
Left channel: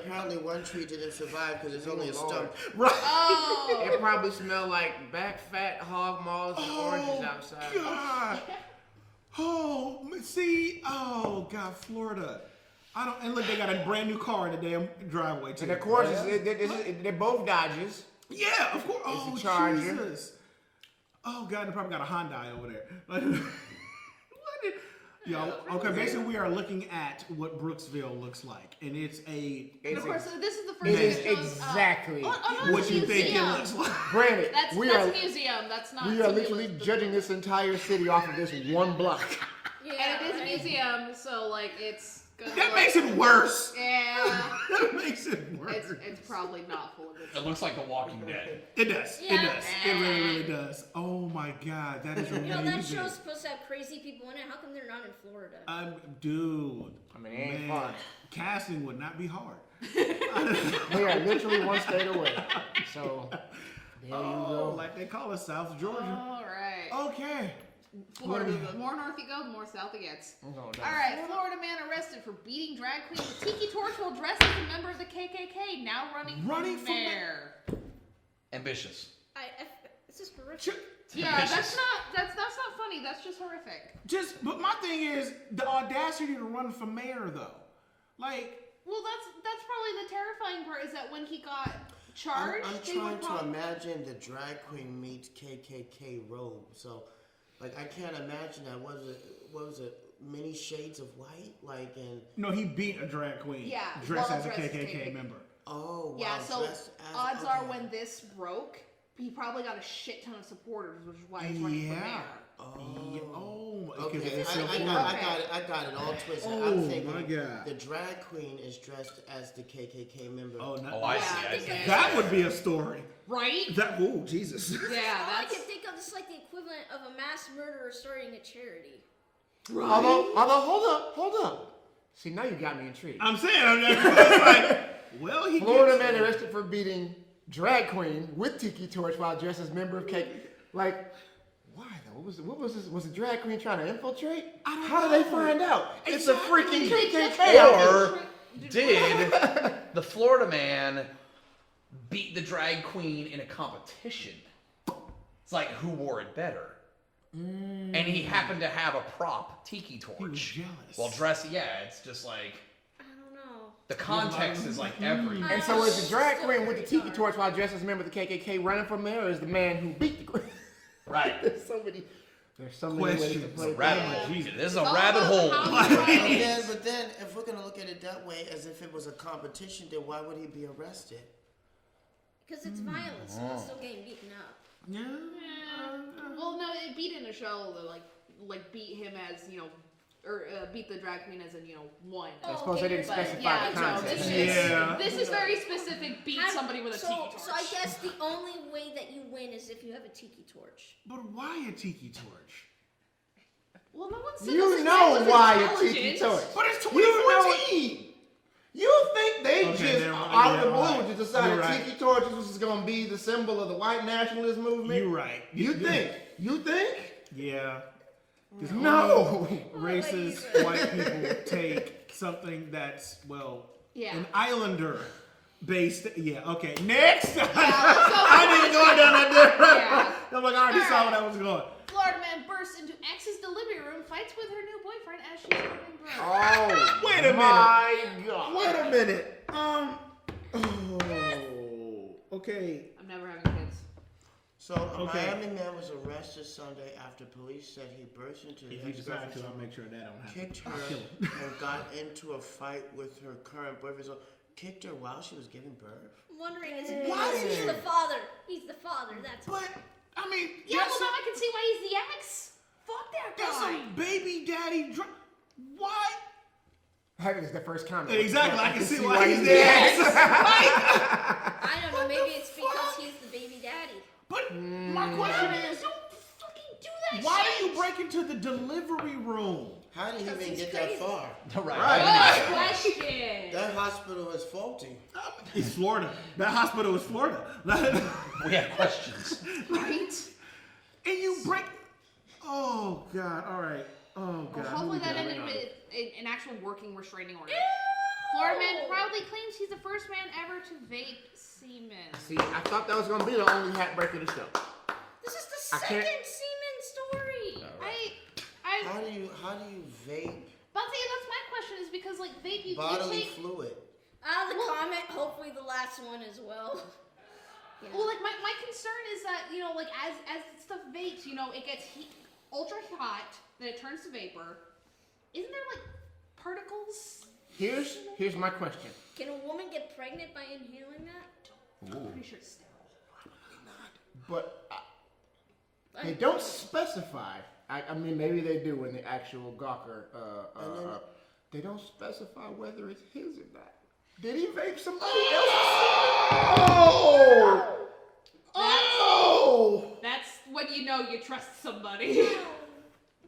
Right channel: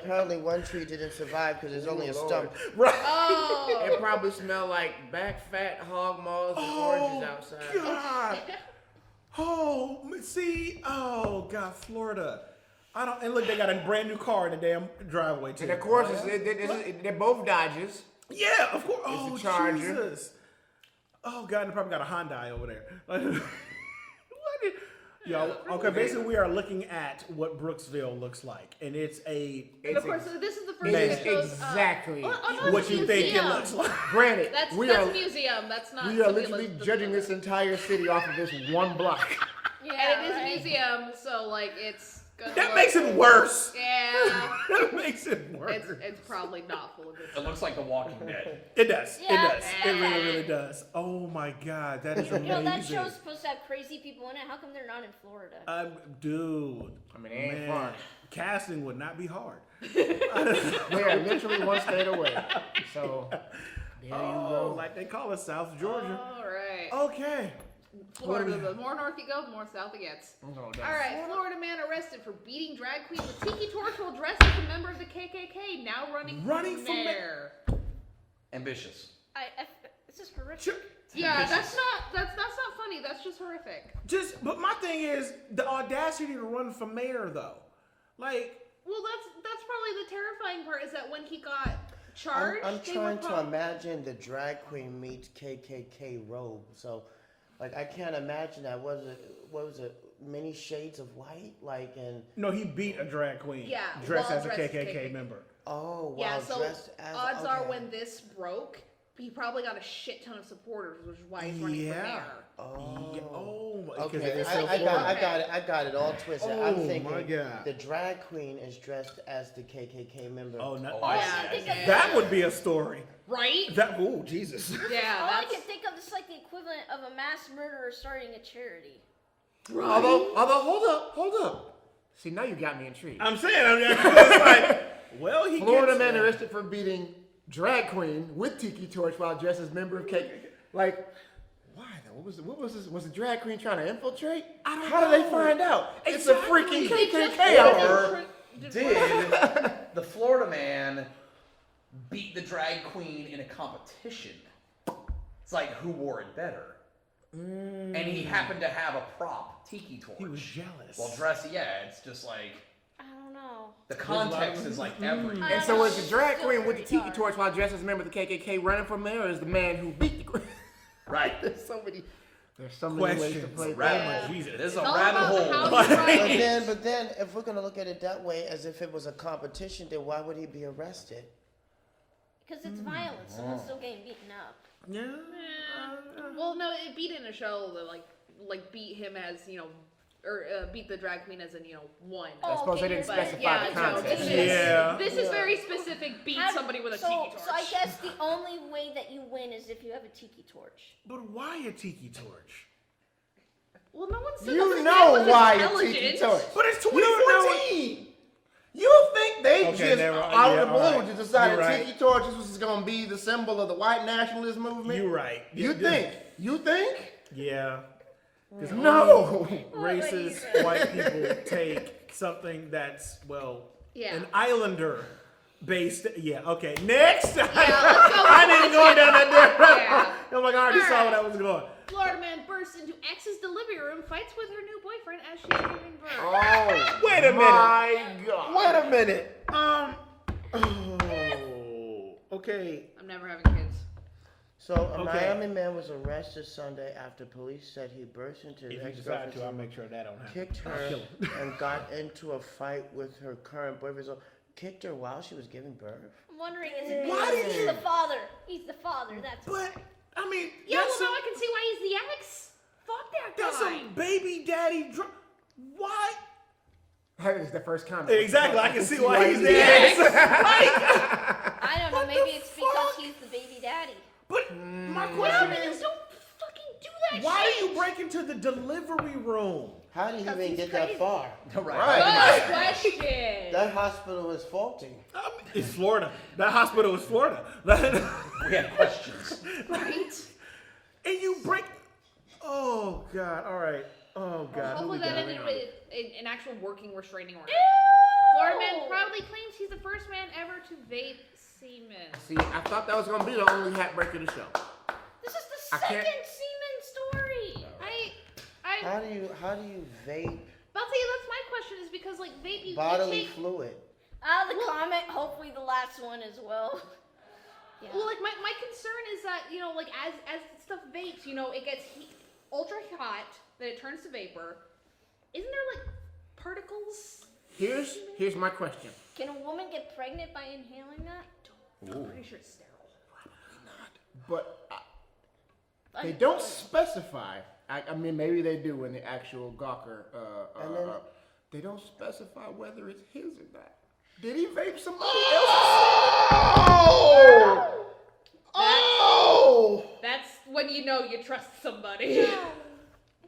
Apparently one tree didn't survive because there's only a stump. Right. Oh. It probably smell like back fat hog maws and oranges outside. God. Oh, see, oh God, Florida. I don't. And look, they got a brand new car in the damn driveway too. And of course, they're both Dodgers. Yeah, of course. Oh, a Charger. Jesus. Oh God, they probably got a Hyundai over there. Yo, okay, basically we are looking at what Brooksville looks like, and it's a. And of course, this is the first Man, thing that shows. exactly Oh, no, it's what a you think it museum. looks like. Granted, That's we a are museum. That's not. we are somebody literally lists- judging this entire city off of this one block. And it is a museum, so like it's gonna. That look makes it like- worse. Yeah. That makes it worse. It's probably not full of good It stuff. looks like The Walking Dead. It does. Yeah. It does. It really, really does. Oh my God, that is amazing. You know, that show's supposed to have crazy people in it. How come they're not in Florida? Dude. I mean, it ain't Man, fun. casting would not be hard. They are literally one state away. So, there you Oh, go. like they call it South Georgia. All right. Okay. Florida. The more north you go, the more south it gets. No. All right. Florida man arrested for beating drag queen with tiki torch while dressed as a member of the KKK. Now running for mayor. Ambitious. This is horrific. Yeah, that's not funny. That's just horrific. But my thing is the audacity to run for mayor, though. Like, Well, that's probably the terrifying part is that when he got charged, I'm they were trying to imagine the drag queen meets KKK robe. So, like, I can't imagine that. What was it? Many shades of white? Like, and no, he beat a drag queen. Yeah, Dressed while as a dressed as KKK KKK. member. oh, wow. Yeah, so dressed as, odds are okay. when this broke, he probably got a shit ton of supporters, which is why he's running for Yeah. mayor. Yeah, oh, because Okay, it's so I Florida. got it all twisted. Oh, I'm my thinking God. the drag queen is dressed as the KKK member. Oh, no. Oh, I Yeah, see. I I think see. that- That would be a story. Right? That, oh, Jesus. Yeah, All I that's can think of is like the equivalent of a mass murderer starting a charity. Although, hold up. See, now you got me intrigued. I'm saying, it's like, well, he Florida gets man arrested for beating drag queen with tiki torch while dressed as member of KKK. Like, why though? What was this? Was the drag queen trying to infiltrate? How did they find out? It's a freaking KKK out Or did the Florida man beat the drag queen in a competition? It's like who wore it better. And he happened to have a prop tiki torch. He was jealous. Well, dressed, yeah, it's just like I don't know. the context is like everything. And so is the drag queen with the tiki torch while dressed as a member of the KKK running for mayor, or is the man who beat the queen? Right. There's so many ways to Questions. play. Rabbit, Jesus, this is a all rabbit about hole. how you write it. But then, if we're gonna look at it that way, as if it was a competition, then why would he be arrested? Because it's violence, someone's still getting beaten up. Yeah. Well, no, it beat in a show that like beat him as or beat the drag queen as in won. I suppose they didn't But specify yeah, the no, context. this is very specific. Beat somebody with a tiki torch. So I guess the only way that you win is if you have a tiki torch. But why a tiki torch? said You this know man was why it's intelligent. Tiki Torch. But it's You know 2014. You think they Okay, just never mind. out of Yeah, the blue alright. just decided You're right. Tiki Torches was going to be the symbol of the white nationalist movement? You're right. You think? You think? Yeah. 'Cause No. racist white people take something that's, well, Yeah. an islander based. Yeah, okay. Next! let's go I didn't go down that road. Yeah. I'm like, I already saw where Alright. that was going. Florida man bursts into ex's delivery room, fights with her new boyfriend as she's giving birth. Oh, Wait a minute. my God. Wait a minute. Okay. I'm never having kids. So a Okay. Miami man was arrested Sunday after police said he burst into his If you decide to, I'll ex-girlfriend's make sure that don't happen. kicked her I'll kill him. and got into a fight with her current boyfriend. So kicked her while she was giving birth. I'm wondering, is it Why because did he's you- the father? He's the father. That's But, I mean, Yeah, well that's now I can see why he's the ex. Fuck that that's guy. a baby daddy Why? That is the first comment. Exactly, I can see why he's the ex. I don't know. What Maybe the it's because fuck? he's the baby daddy. But my question is, Don't fucking do that why shit. do you break into the delivery room? How do you even he's get crazy. that far? Right. Good question. That hospital is faulty. It's Florida. That hospital is Florida. We have questions. Right? And you break. Oh God! All right. Oh God. Hopefully who we that got? ended Hang on. with an actual working restraining order. Florida man proudly claims he's the first man ever to vape semen. See, I thought that was going to be the only heartbreak of the show. This is the I can't- second semen story. How do you vape But see, that's my question is because like vape, you bodily take. fluid? Out of the Well- comment, hopefully the last one as well. Well, like my concern is that like as stuff vapes, it gets ultra hot, then it turns to vapor. Isn't there like particles? Here's my question. Can a woman get pregnant by inhaling that? I'm pretty sure it's sterile. But they don't specify. I mean, maybe they do in the actual Gawker. They don't specify whether it's his or not. Did he vape somebody That's when you know you trust somebody.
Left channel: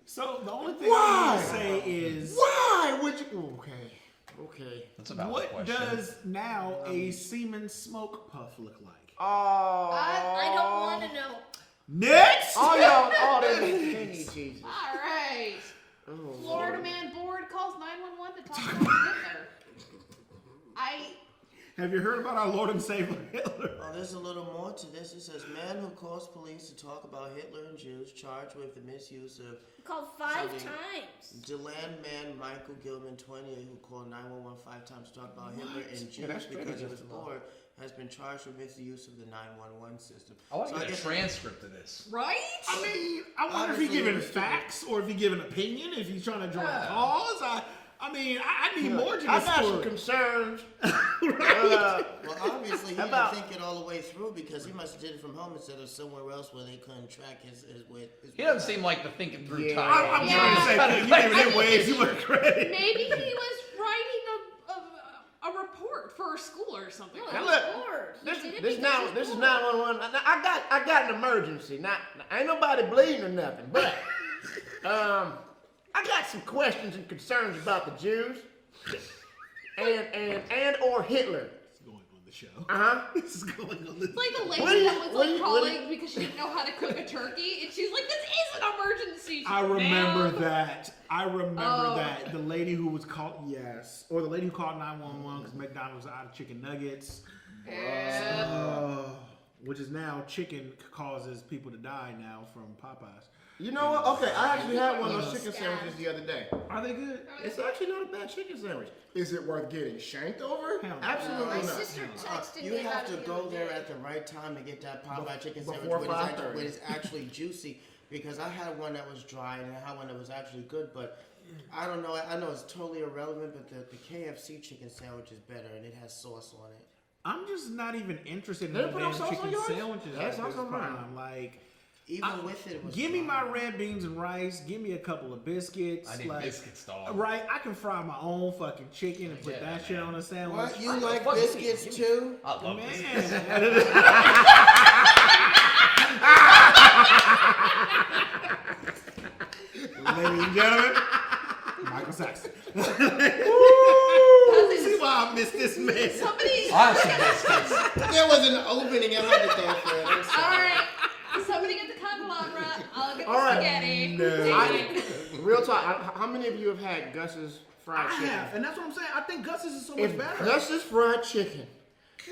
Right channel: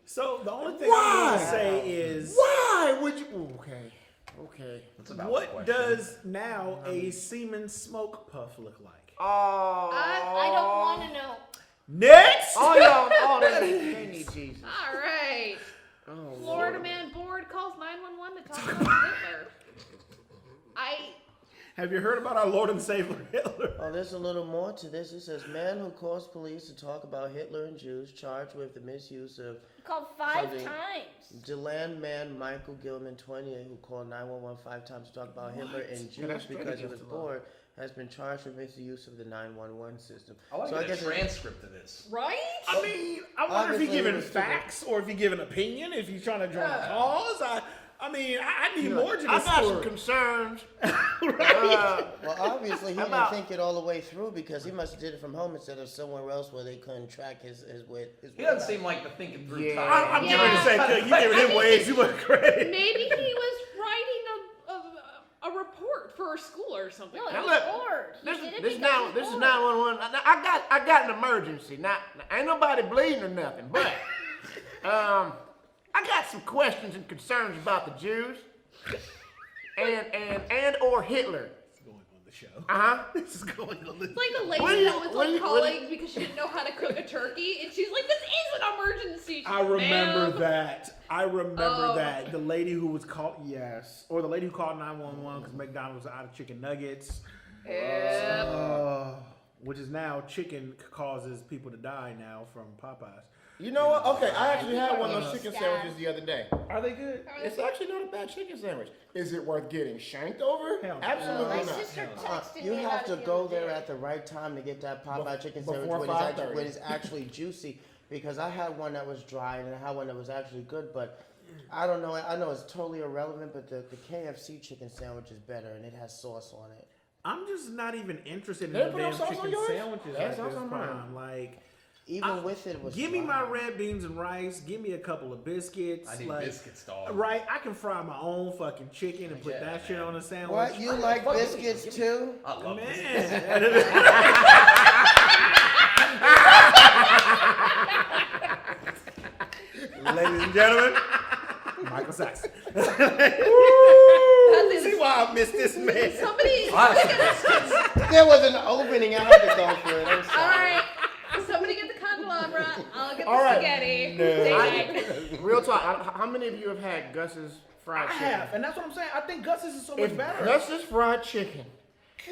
So the only thing Why? I will say is, Why would you? Okay. That's about what does now a semen smoke puff look like? Oh. I don't want to know. Next. They need Jesus. All right. Oh, Florida Lord. man bored calls 911 to talk about Hitler. Have you heard about our Lord and Savior Hitler? Oh, there's a little more to this. It says, man who calls police to talk about Hitler and Jews charged with the misuse of Called 5 Something. times. Deland man Michael Gilman, 28, who called 911 5 times to talk about Hitler and Jews that's straight because he was against the law. bored, has been charged with misuse of the 911 system. I like So I the guess transcript of this. Right? I mean, I wonder if he's Obviously, giving he was stupid. facts or if he's giving opinion, if he's trying to draw a cause. I mean, I need more to I this got some story. concerns. Well, obviously, he didn't About- think it all the way through because he must have did it from home instead of somewhere else where they couldn't track his He doesn't seem like the thinking through Yeah. type. I'm Yeah. trying to say, you giving him way too much credit. Maybe he was writing a report for a school or something. No, Now he's look, bored. He This did it is because now he's this is bored. 911. I got an emergency. Now ain't nobody bleeding or nothing, but I got some questions and concerns about the Jews and or Hitler. This is going on the show. This is going on the It's like the lady What do you- that was what do like you- calling because she didn't know how to cook a turkey, and she was like, "This is an emergency." She's I like, remember "Ma'am." that. I remember Oh. that. The lady who was called, yes. Or the lady who called 911 because McDonald's was out of chicken nuggets. Yeah. Which is now chicken causes people to die now from Popeyes. You know what? Okay, I actually had one of those chicken sandwiches the other day. Are they good? It's actually not a bad chicken sandwich. Is it worth getting shanked over? Hell no. Absolutely My not. sister texted You me have about to it the go other there day. at the right time to get that Popeye chicken Before sandwich when it's 5:30. actually juicy. Because I had one that was dry and I had one that was actually good, but I don't know. I know it's totally irrelevant, but the KFC chicken sandwich is better and it has sauce on it. I'm just not even interested in They the put damn no sauce on chicken yours? sandwiches That's at this awesome, point. man. Like, Even with it, it was give me dry. my red beans and rice. Give me a couple of biscuits. I need like, biscuits, dog. Right? I can fry my own fucking chicken and put that shit on a sandwich. What? You like Fuck, give me- biscuits too? I love Man. this. Ladies and gentlemen, Michael Saxton. See why I missed this man. Somebody. There was an opening. I had to go for it. I'm sorry. All right. Somebody get the candelabra. I'll get the All right. spaghetti. No. Say hi. Real talk. How many of you have had Gus's fried I chicken? have, and that's what I'm saying. I think Gus's is so much If better. Gus's fried chicken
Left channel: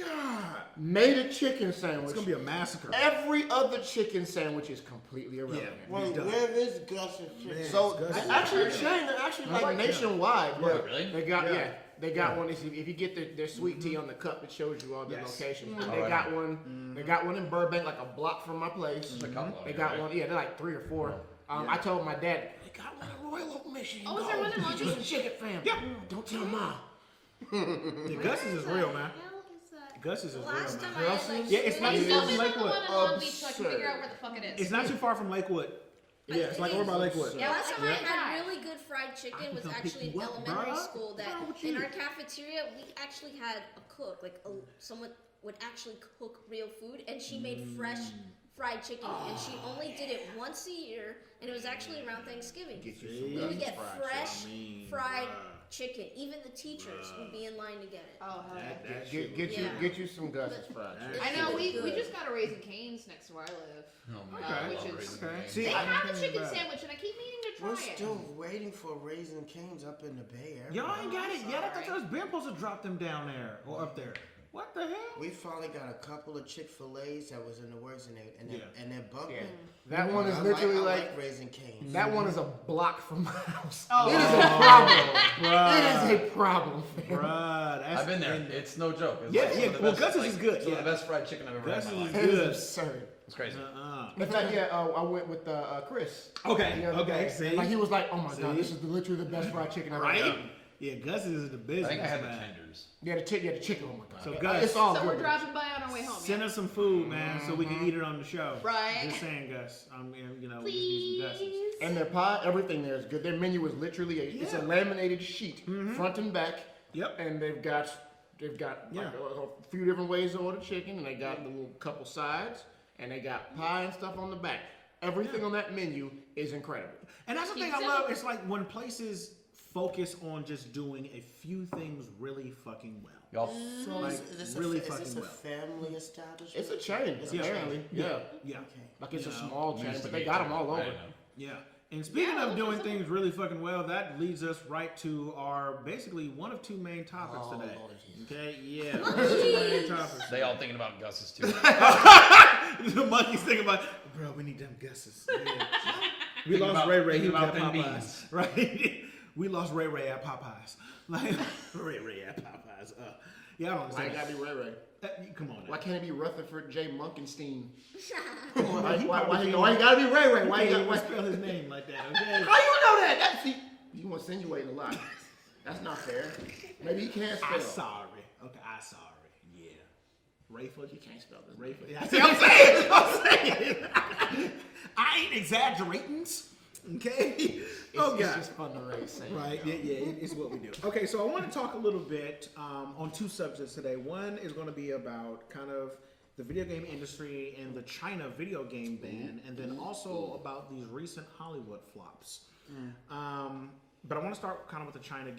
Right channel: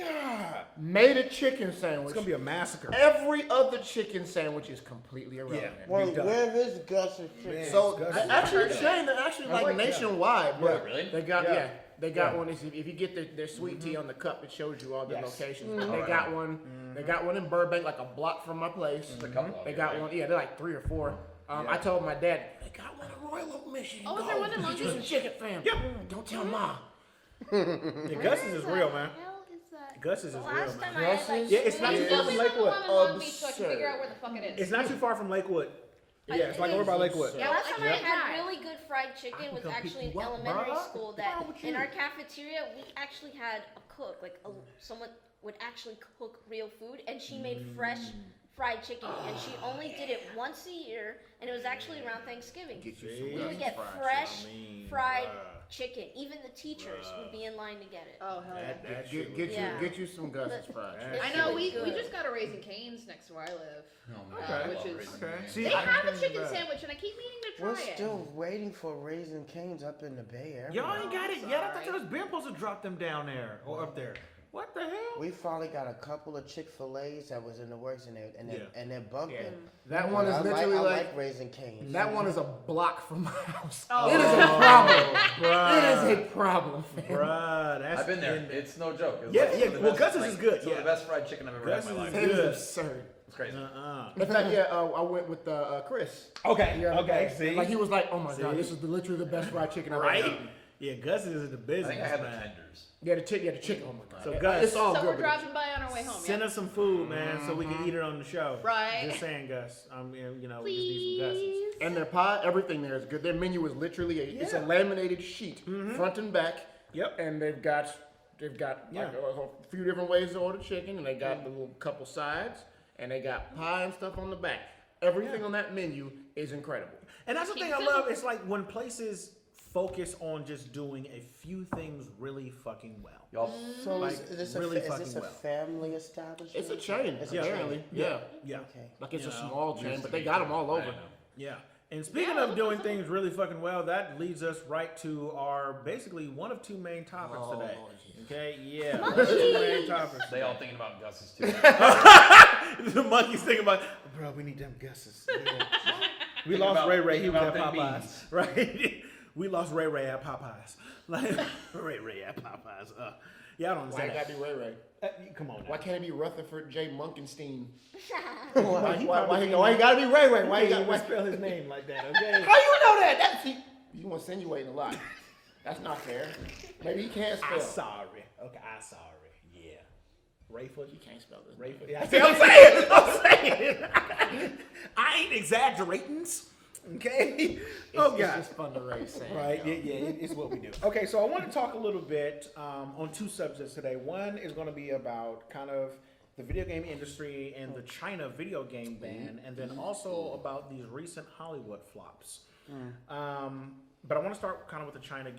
God, made a chicken it's sandwich, gonna be a massacre. every other chicken sandwich is completely irrelevant. Wait, done. where is Gus's chicken? Man. So Gus's is actually, good. Shane, they're actually like like that. nationwide. Yeah. But Really? They got Yeah. They got one. If you get their sweet tea on the cup, it shows you all the Yes. locations. Oh, They yeah. got one. They got one in Burbank, like a block from my place. The cup They line, got right? one. Yeah, they're like 3 or 4. I told my dad they got one in Royal Oak, Michigan. Oh, is there one in Long Just a Beach? chicken fam. Yeah. Don't tell Ma. Yeah, Gus's is real, man. Hell is that? Gus's is real, Last time man. I had like Yeah, it's not There's too still far from be Lakewood. one in Long Beach, so I can Absurd. figure out where the fuck it is. It's not too far from Lakewood. Yeah, it's like over by Lakewood. Yeah, last time I Yeah. had really good fried chicken was can actually in compete. What, elementary bruh? school. What's wrong That with in you? our cafeteria we actually had a cook, like someone would actually cook real food, and she made fresh fried chicken, and she only did it once a year, and it was actually around Thanksgiving. Get you See? some We would Gus's get fried fresh I mean, fried bruh. chicken. Even the teachers would be in line to get it. Oh hell yeah. That Get, shit get was you Yeah. get you some Gus's fried. That I shit know was we good. just got a Raising Cane's next to where I live. Okay. Which is Okay. See, they I have a didn't chicken think of that. sandwich, and I keep meaning to try We're it. still waiting for Raising Cane's up in the Bay Area. Y'all ain't got it yet. I thought sorry. y'all was been supposed to drop them down there or up there. What the hell? We finally got a couple of Chick-fil-A's that was in the works, and they're bumping. Yeah. That one is I literally like Raising Cane's. that one is a block from my house. Oh. It is a problem. bruh. It is a problem, fam. Bruh, that's I've been there. It's no joke. It's Yeah, like yeah, some of the well, best, Gus's is good, Some of yeah. the best fried chicken I've ever had in my Gus's life. It is Good. absurd. It's crazy. In fact, I went with Chris. Okay, the other okay, day. see? Like he was like, "Oh my god, See? this is literally the best fried chicken I've Right? ever eaten." Yeah, Gus's is the I business. think I had the man. tenders. Yeah, the chicken. Oh my god. So, Gus, it's all So we're good. dropping by on our way home. Send Yeah? us some food, man, so we can eat it on the show. Right. Just saying, Gus. I mean, we just need some Gus's. Please. And their pie, everything there is good. Their menu is literally it's a Yeah. laminated sheet, front and back. Yep. And they've got like Yeah. a few different ways to order chicken, and they got the little couple sides, and they got pie and stuff on the back. Everything on that menu is incredible. And that's the Keep thing it I simple. love. It's like when places focus on just doing a few things really fucking well. Y'all, So Like, is this really a fucking well. family establishment? It's a chain, It's a apparently. chain. Yeah. Yeah. Okay. Like it's a You know, small chain, used to but they be got them all I over. know. Yeah. And speaking Yeah, of look doing at things really fucking well, that leads us right to our basically one of two main topics Oh, today. geez. Okay? Yeah. Two main topics. They all thinking about Gus's too. The monkey's thinking about, bro, we need them Gus's. Yeah. We Thinking lost about- Ray Ray. He thinking was about at them Popeyes. beans. Right? We lost Ray Ray at Popeyes. Like, Ray Ray at Popeyes. Yeah, I don't Why understand. it gotta be Ray Ray? Come on now. Why can't it be Rutherford J. Munkenstein? Why Why you gotta be Ray Ray? Why you can't gotta? spell his name like that? Okay. How you know that? That's you insinuating a lot. That's not fair. Maybe he can't I'm spell. sorry. Okay, I'm sorry. Yeah. Rayford? He can't spell this. Rayford. Yeah, see, I'm saying. I ain't exaggerating. Okay. Oh It's God. just fun to raise sand. Right, it's what we do. Okay, so I want to talk a little bit on two subjects today. One is going to be about kind of the video game industry and the China video game ban, and then also about these recent Hollywood flops. But I want to start kind of with the China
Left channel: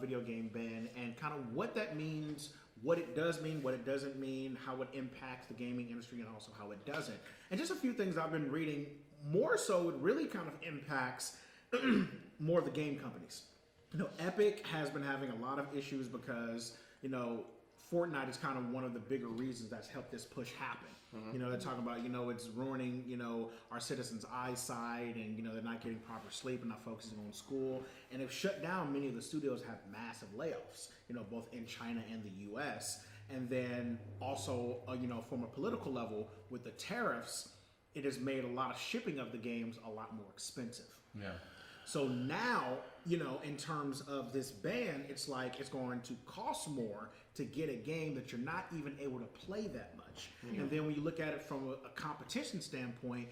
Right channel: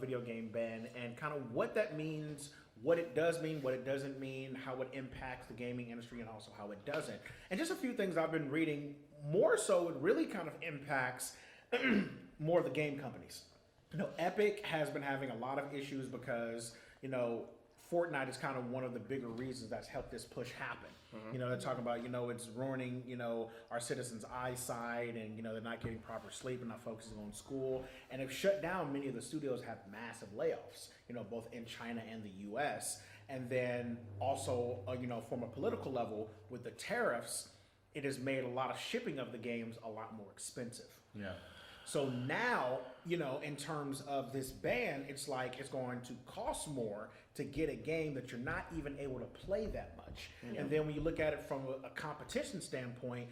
video game ban, and kind of what that means, what it does mean, what it doesn't mean, how it impacts the gaming industry, and also how it doesn't. And just a few things I've been reading. More so, it really kind of impacts more of the game companies. You know, Epic has been having a lot of issues because, you know, Fortnite is kind of one of the bigger reasons that's helped this push happen. You know, they're talking about, you know, it's ruining, you know, our citizens' eyesight, and, you know, they're not getting proper sleep and not focusing on school. And they've shut down many of the studios, have massive layoffs, you know, both in China and the US. And then also, you know, from a political level, with the tariffs, it has made a lot of shipping of the games a lot more expensive. Yeah. So now, you know, in terms of this ban, it's like it's going to cost more to get a game that you're not even able to play that much. And then when you look at it from a competition standpoint,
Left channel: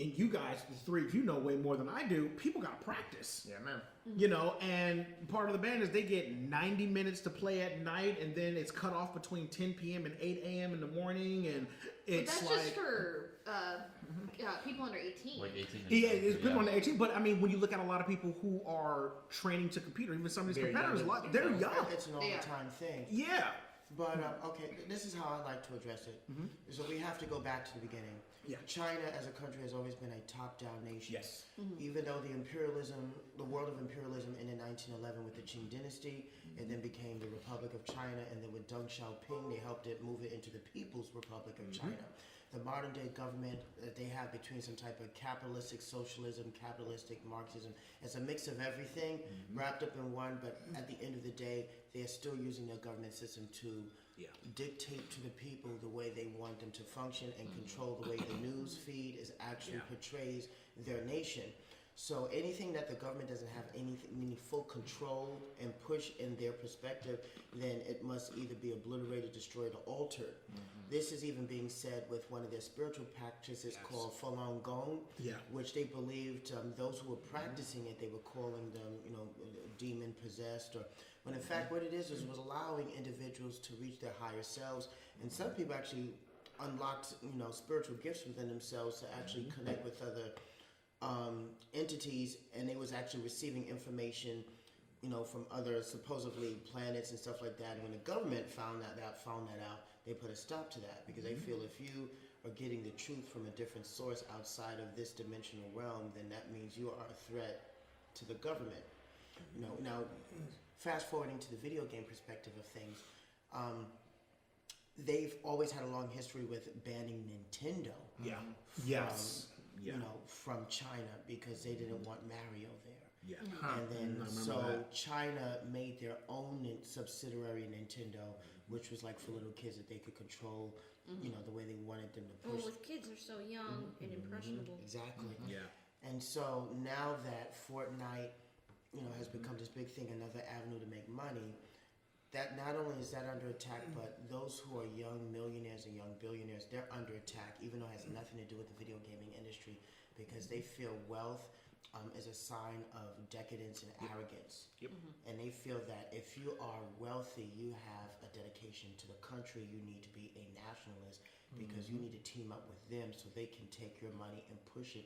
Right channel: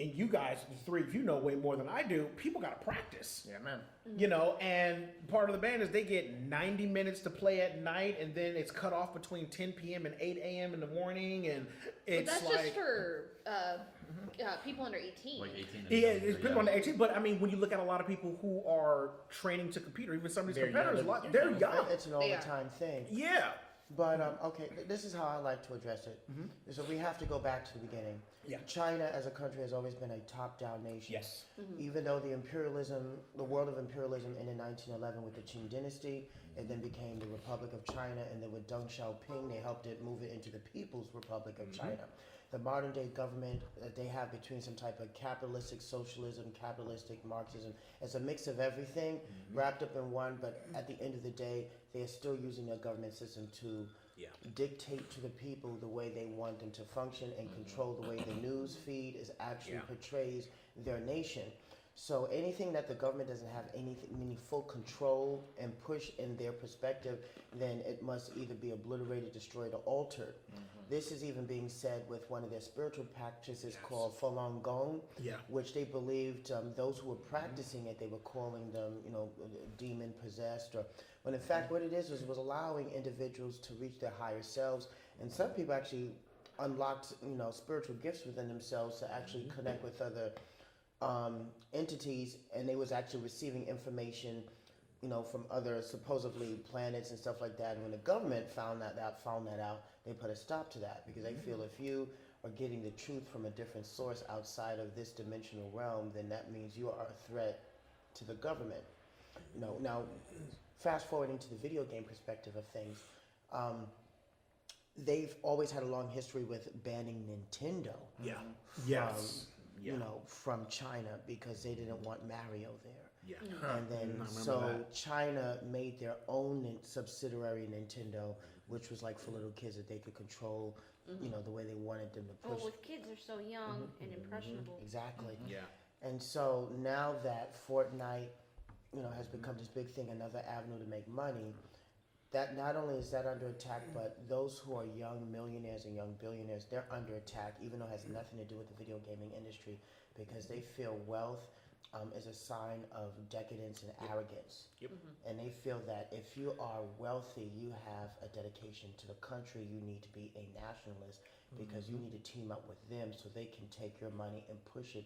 and you guys, the three of you know way more than I do, people got to practice. Yeah, man. You know, and part of the band is they get 90 minutes to play at night, and then it's cut off between 10 p.m. and 8 a.m. in the morning, and it's But that's just for people under 18. Like 18. yeah, it's been on the 18, but I mean, when you look at a lot of people who are training to compete, or even some of these competitors, they're young. It's an all-the-time thing. Yeah. But, okay, this is how I like to address it. So we have to go back to the beginning. Yeah. China as a country has always been a top-down nation. Yes. Even though the world of imperialism ended in 1911 with the Qing dynasty, it then became the Republic of China, and then with Deng Xiaoping, they helped it move it into the People's Republic of China. The modern day government that they have between some type of capitalistic socialism, capitalistic Marxism, it's a mix of everything wrapped up in one, but at the end of the day, they are still using their government system to dictate to the people the way they want them to function and control the way the news feed is actually portrays their nation. So anything that the government doesn't have any full control and push in their perspective, then it must either be obliterated, destroyed, or altered. This is even being said with one of their spiritual practices called Falun Gong, which they believed those who were practicing it, they were calling them, you know, demon possessed, or when in fact what it is was allowing individuals to reach their higher selves, and some people actually unlocked, you know, spiritual gifts within themselves to actually connect with other entities, and they was actually receiving information, you know, from other supposedly planets and stuff like that. And when the government found that out, they put a stop to that, because they feel if you are getting the truth from a different source outside of this dimensional realm, then that means you are a threat to the government. You know, now fast forwarding to the video game perspective of things, they've always had a long history with banning Nintendo. You know, from China, because they didn't want Mario there. And then so China made their own subsidiary Nintendo, which was like for little kids that they could control, you know, the way they wanted them to push. Well, with kids are so young and impressionable. Exactly. And so now that Fortnite, you know, has become this big thing, another avenue to make money, that not only is that under attack, but those who are young millionaires and young billionaires, they're under attack, even though it has nothing to do with the video gaming industry, because they feel wealth is a sign of decadence and arrogance. And they feel that if you are wealthy, you have a dedication to the country, you need to be a nationalist, because you need to team up with them so they can take your money and push it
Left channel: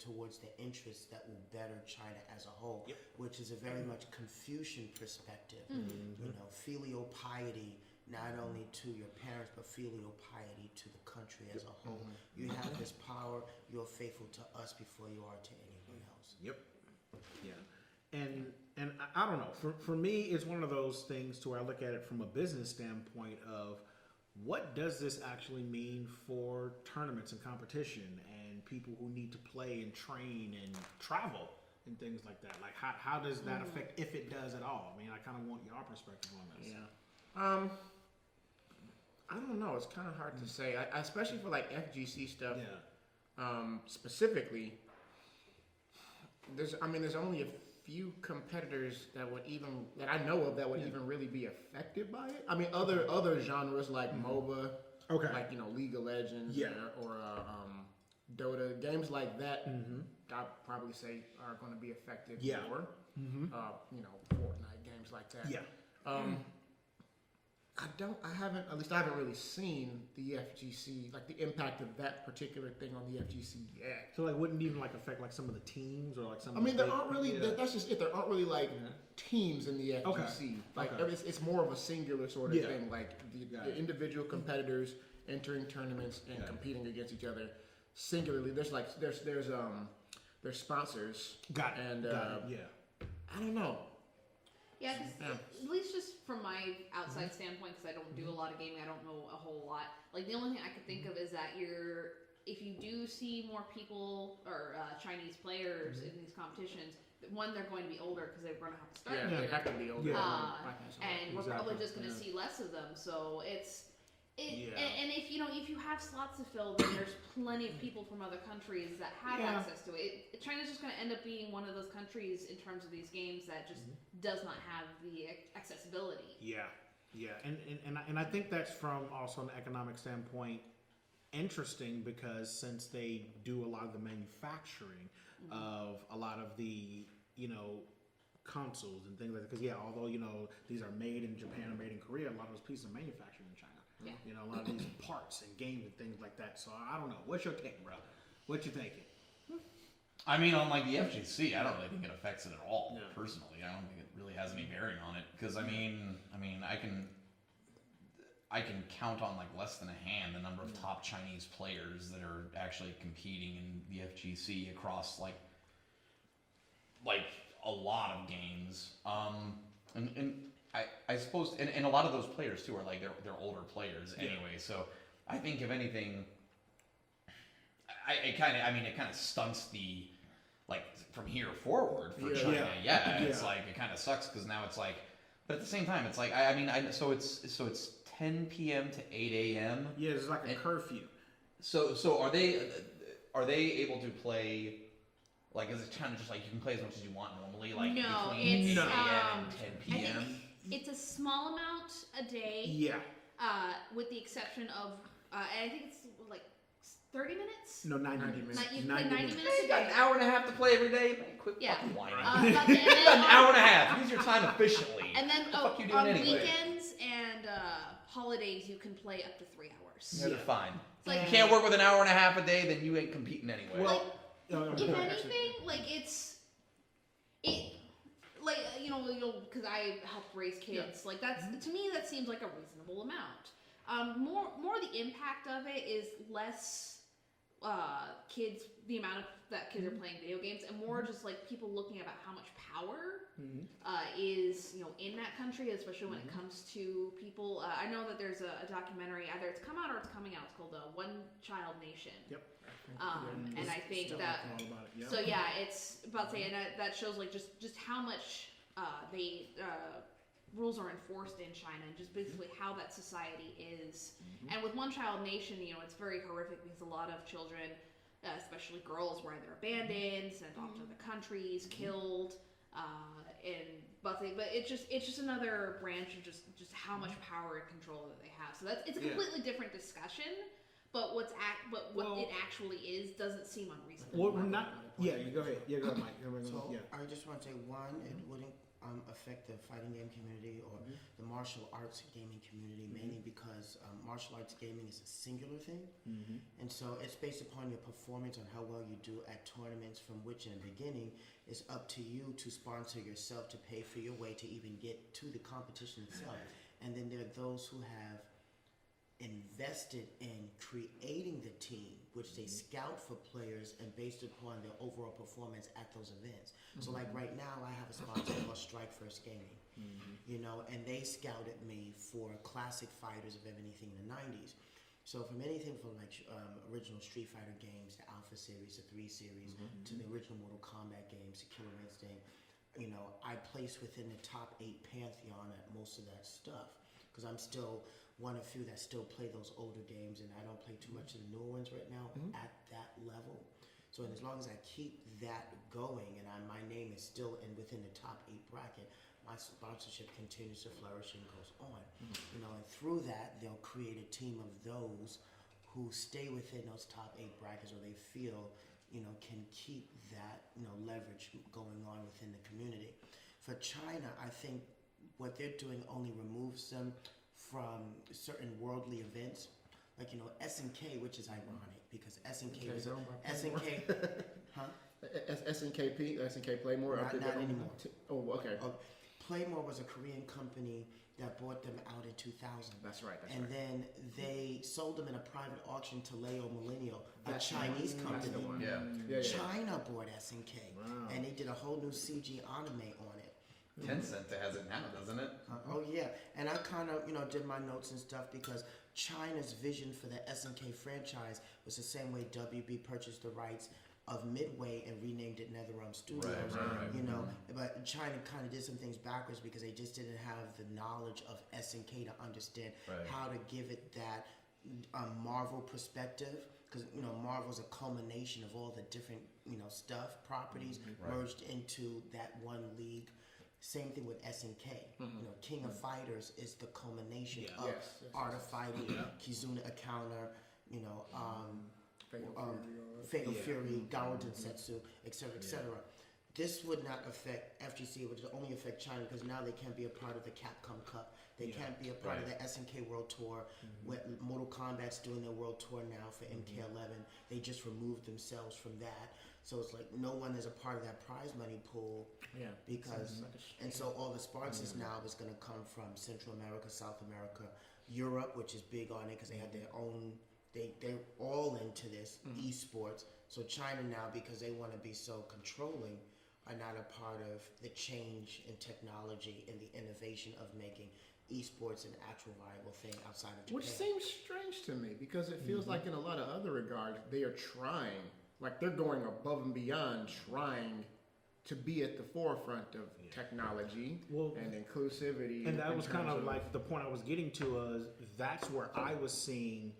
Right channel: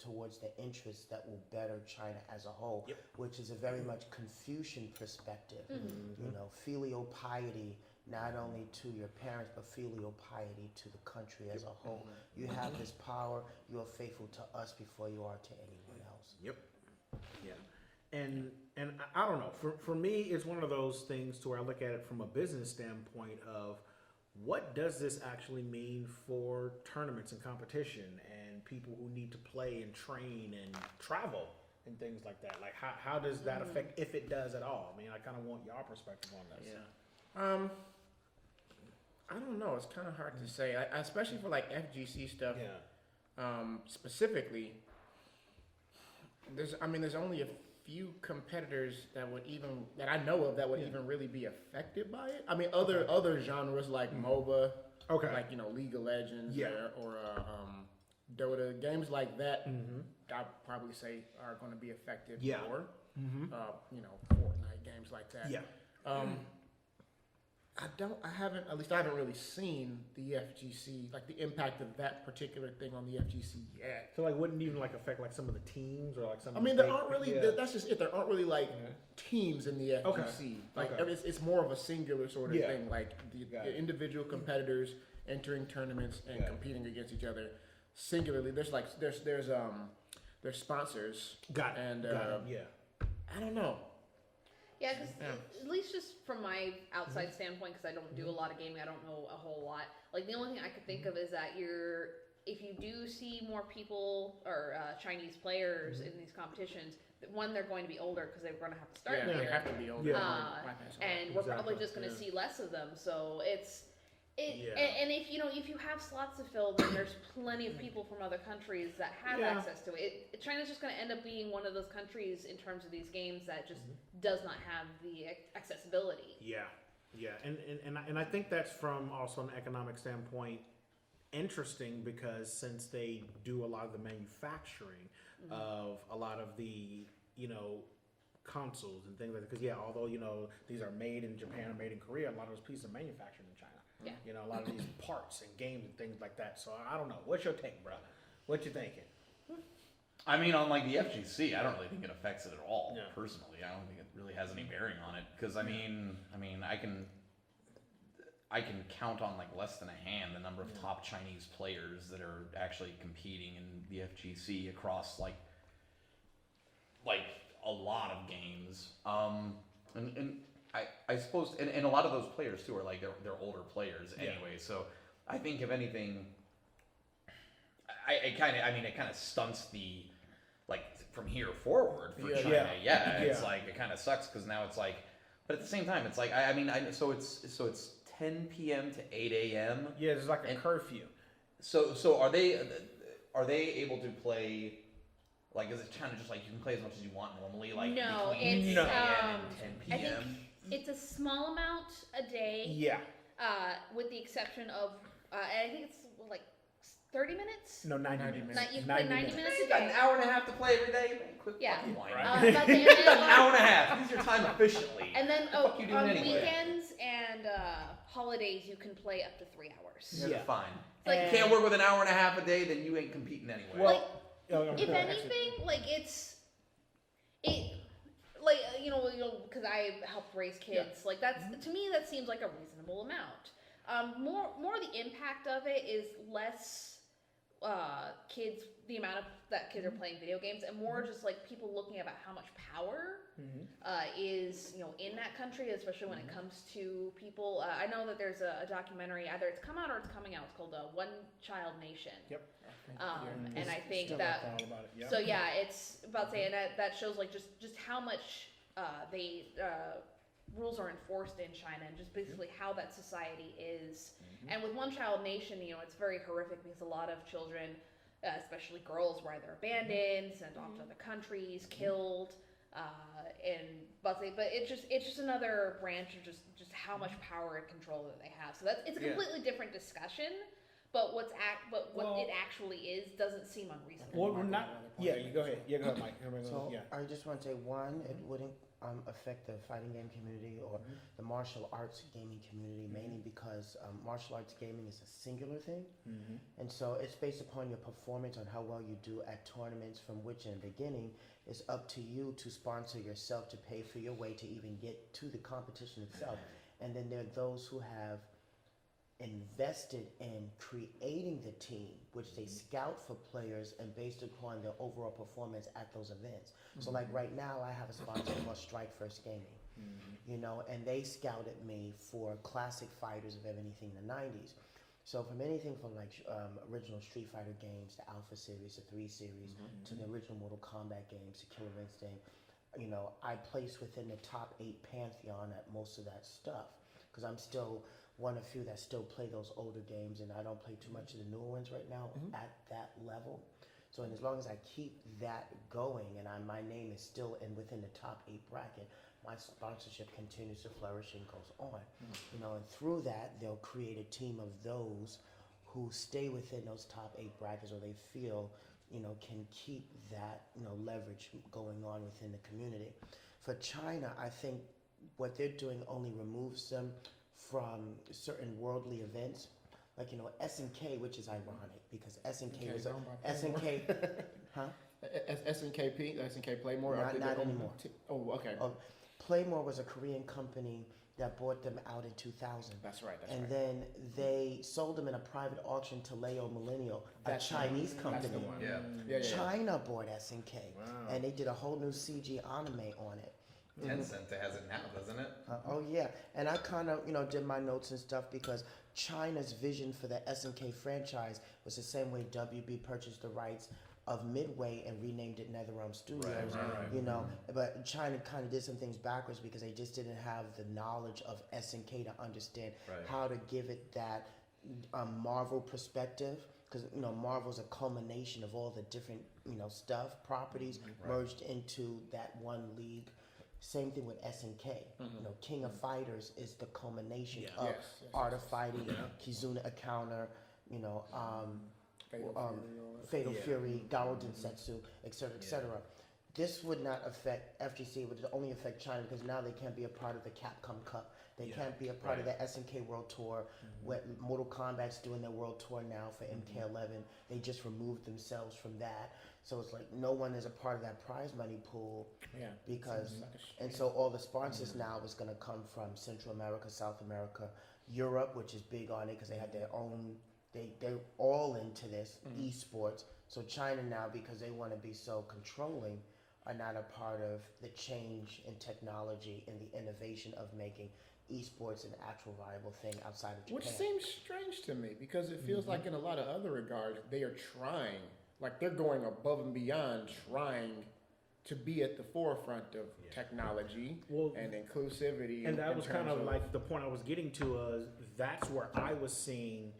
towards the interests that will better China as a whole, which is a very much Confucian perspective. You know, filial piety, not only to your parents, but filial piety to the country as a whole. You have this power, you are faithful to us before you are to anyone else. And I don't know, for me, it's one of those things to where I look at it from a business standpoint of what does this actually mean for tournaments and competition and people who need to play and train and travel and things like that? Like, how does that affect, if it does at all? I mean, I kind of want your perspective on this. I don't know. It's kind of hard to say, especially for like FGC stuff. Specifically, there's only a few competitors that I know of that would even really be affected by it. I mean, other genres like MOBA, like, you know, League of Legends, or Dota, games like that, I'd probably say are going to be affected more. You know, Fortnite, games like that. I haven't really seen the FGC, like the impact of that particular thing on the FGC yet. So like, wouldn't even like affect like some of the teams or like some. I mean, there aren't really. That's just it. There aren't really like teams in the FGC. Like it's more of a singular sort of thing. Like the individual competitors entering tournaments and competing against each other singularly. There's sponsors. Got it. And I don't know. Yeah, because at least just from my outside standpoint, because I don't do a lot of gaming, I don't know a whole lot. Like, the only thing I could think of is that if you do see more people or Chinese players in these competitions, one, they're going to be older because they're going to have to start they have to be older. And we're probably just going to see less of them. So and if you have slots to fill, then there's plenty of people from other countries that have access to it. China's just going to end up being one of those countries in terms of these games that just does not have the accessibility. And I think that's from also an economic standpoint. interesting because since they do a lot of the manufacturing of a lot of the, consoles and things like that, because although, these are made in Japan or made in Korea, a lot of those pieces are manufactured in China. Yeah. A lot of these parts and games and things like that. So I don't know. What's your take, bro? What you thinking? I mean, on like the FGC, I don't really think it affects it at all. No. Personally, I don't think it really has any bearing on it because I mean, I can count on like less than a hand the number of top Chinese players that are actually competing in the FGC across like a lot of games. And I suppose, and a lot of those players too are like they're older players anyway. So I think if anything, it kind of stunts the like from here forward for China. It's like it kind of sucks because now it's like, but at the same time, it's like so it's 10 p.m. to 8 a.m. Yeah, it's like a curfew. So are they able to play? Like, is it kind of just like you can play as much as you want normally? Like No, between it's 8 a.m. and 10 I p.m. think it's a small amount a day. Yeah. With the exception of, and I think it's like 30 minutes. No, 90 minutes. You can play 90 minutes a You got day. an hour and a half to play every day. Man, quit Yeah. fucking lying. But then, An hour and a half. Use your time efficiently. and then What the fuck you doing on anyway? weekends and holidays, you can play up to 3 hours. Yeah, they're fine. It's like, You can't work with an hour and a half a day, then you ain't competing anyway. Well, if anything, like because I helped raise kids, like that's to me that seems like a reasonable amount. More the impact of it is less kids, the amount of that kids are playing video games, and more just like people looking about how much power is in that country, especially when it comes to people. I know that there's a documentary, either it's come out or it's coming out. It's called One Child Nation. Yep. And I think Still that all about it. so it's about saying that shows like just how much they rules are enforced in China and just basically how that society is. And with One Child Nation, it's very horrific because a lot of children, especially girls, were either abandoned, sent off to other countries, killed, but it's just another branch of just how much power and control that they have. So it's a completely different discussion. But what it actually is doesn't seem unreasonable. Well, we're not. Yeah, you go ahead. Yeah, go ahead, Mike. So I just want to say, one, it wouldn't affect the fighting game community or the martial arts gaming community, mainly because martial arts gaming is a singular thing, and so it's based upon your performance on how well you do at tournaments. From which, in the beginning, it's up to you to sponsor yourself to pay for your way to even get to the competition itself, and then there are those who have invested in creating the team, which they scout for players and based upon their overall performance at those events. So like right now I have a sponsor called Strike First Gaming, and they scouted me for classic fighters of anything in the 90s. So from anything from like original Street Fighter games, the Alpha series, the 3 series, to the original Mortal Kombat games, the Killer Instinct, I place within the top 8 pantheon at most of that stuff because I'm still one of few that still play those older games, and I don't play too much of the newer ones right now at that level. So as long as I keep that going and my name is still within the top 8 bracket, my sponsorship continues to flourish and goes on. And through that, they'll create a team of those who stay within those top 8 brackets, or they feel can keep that leverage going on within the community. For China, I think what they're doing only removes them from certain worldly events, like SNK, which is ironic because SNK was SNK, huh? SNKP, SNK Playmore. Not anymore. Okay. Playmore was a Korean company that bought them out in 2000. That's right. And then they sold them in a private auction to Leo Millennial, a Chinese company. That's the one. Yeah. China bought SNK, and they did a whole new CG anime on it. Tencent has it now, doesn't it? Oh yeah, and I kind of did my notes and stuff because China's vision for the SNK franchise was the same way WB purchased the rights of Midway and renamed it NetherRealm Studios. But China kind of did some things backwards because they just didn't have the knowledge of SNK to understand how to give it that Marvel perspective. Because Marvel's a culmination of all the different properties merged into that one league. Same thing with SNK. King of Fighters is the culmination of Art of Fighting, Kizuna a Counter, Fatal Yeah. Fury, Garo Densetsu, etc., etc. This would not affect FGC. It would only affect China because now they can't be a part of the Capcom Cup. They can't be a part of the SNK World Tour. Where Mortal Kombat's doing their world tour now for MK11. They just removed themselves from that. So it's like no one is a part of that prize money pool because, and so all the sponsors now is going to come from Central America, South America, Europe, which is big on it because they had their own. They're all into this esports. So China now, because they want to be so controlling, are not a part of the change in technology and the innovation of making esports an actual viable thing outside of Japan. Which seems strange to me because it feels like in a lot of other regards they are trying, like they're going above and beyond trying to be at the forefront of technology and inclusivity. And that was kind of like the point I was getting to. That's where I was seeing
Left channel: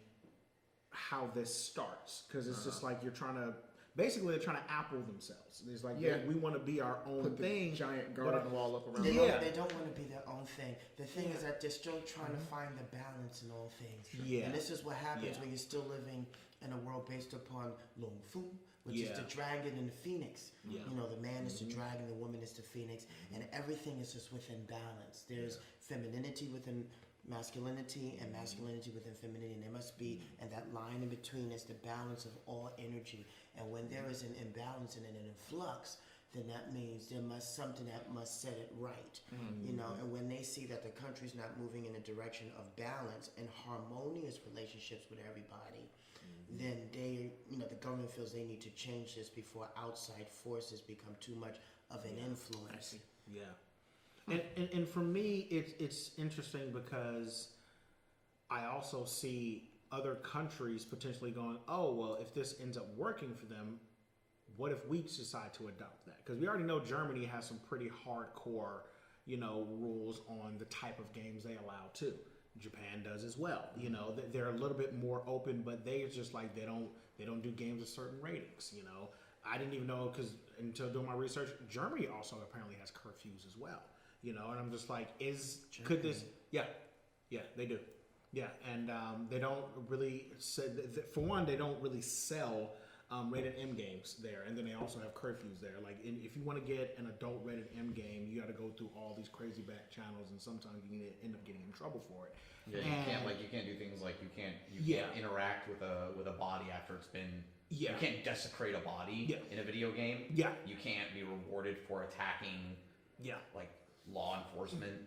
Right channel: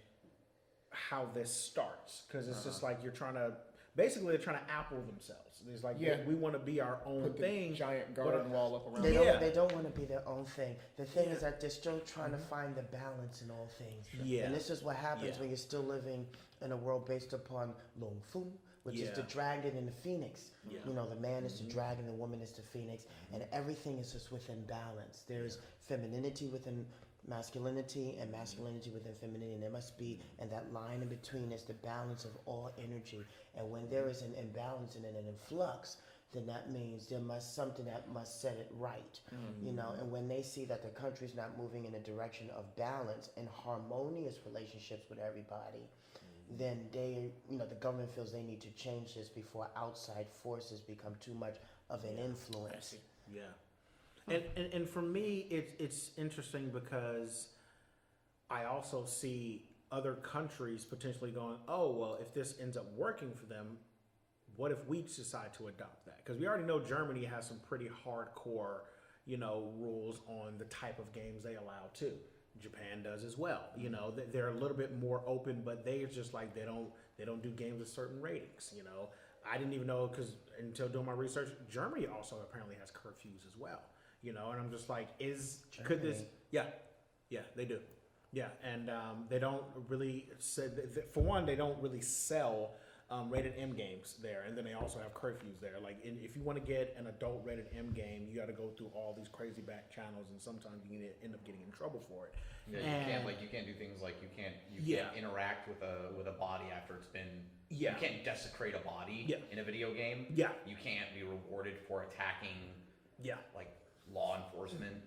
how this starts, because it's just like you're trying to. Basically, they're trying to Apple themselves. It's like we want to be our own thing. Giant garden wall up around. They don't want to be their own thing. The thing is that they're still trying to find the balance in all things. Yeah. And this is what happens when you're still living in a world based upon Lung Fu, which is the dragon and the phoenix. You know, the man is the dragon, the woman is the phoenix, and everything is just within balance. There's femininity within masculinity and masculinity within femininity, and there must be, and that line in between is the balance of all energy. And when there is an imbalance and an influx, then that means there must something that must set it right. You know, and when they see that the country's not moving in a direction of balance and harmonious relationships with everybody, then they, you know, the government feels they need to change this before outside forces become too much of an influence. And for me, it's interesting because I also see other countries potentially going, oh, well, if this ends up working for them, what if we decide to adopt that? Because we already know Germany has some pretty hardcore, you know, rules on the type of games they allow too. Japan does as well. You know, they're a little bit more open, but they just like they don't do games with certain ratings. You know, I didn't even know because until doing my research, Germany also apparently has curfews as well. You know, and I'm just like, could this? Yeah, they do. Yeah, and they don't really. For one, they don't really sell rated M games there, and then they also have curfews there. Like, if you want to get an adult rated M game, you got to go through all these crazy back channels, and sometimes you can end up getting in trouble for it. Yeah, you can't do things like you can't interact with a body after it's been. You can't desecrate a body in a video game. Yeah, you can't be rewarded for attacking. Like law enforcement.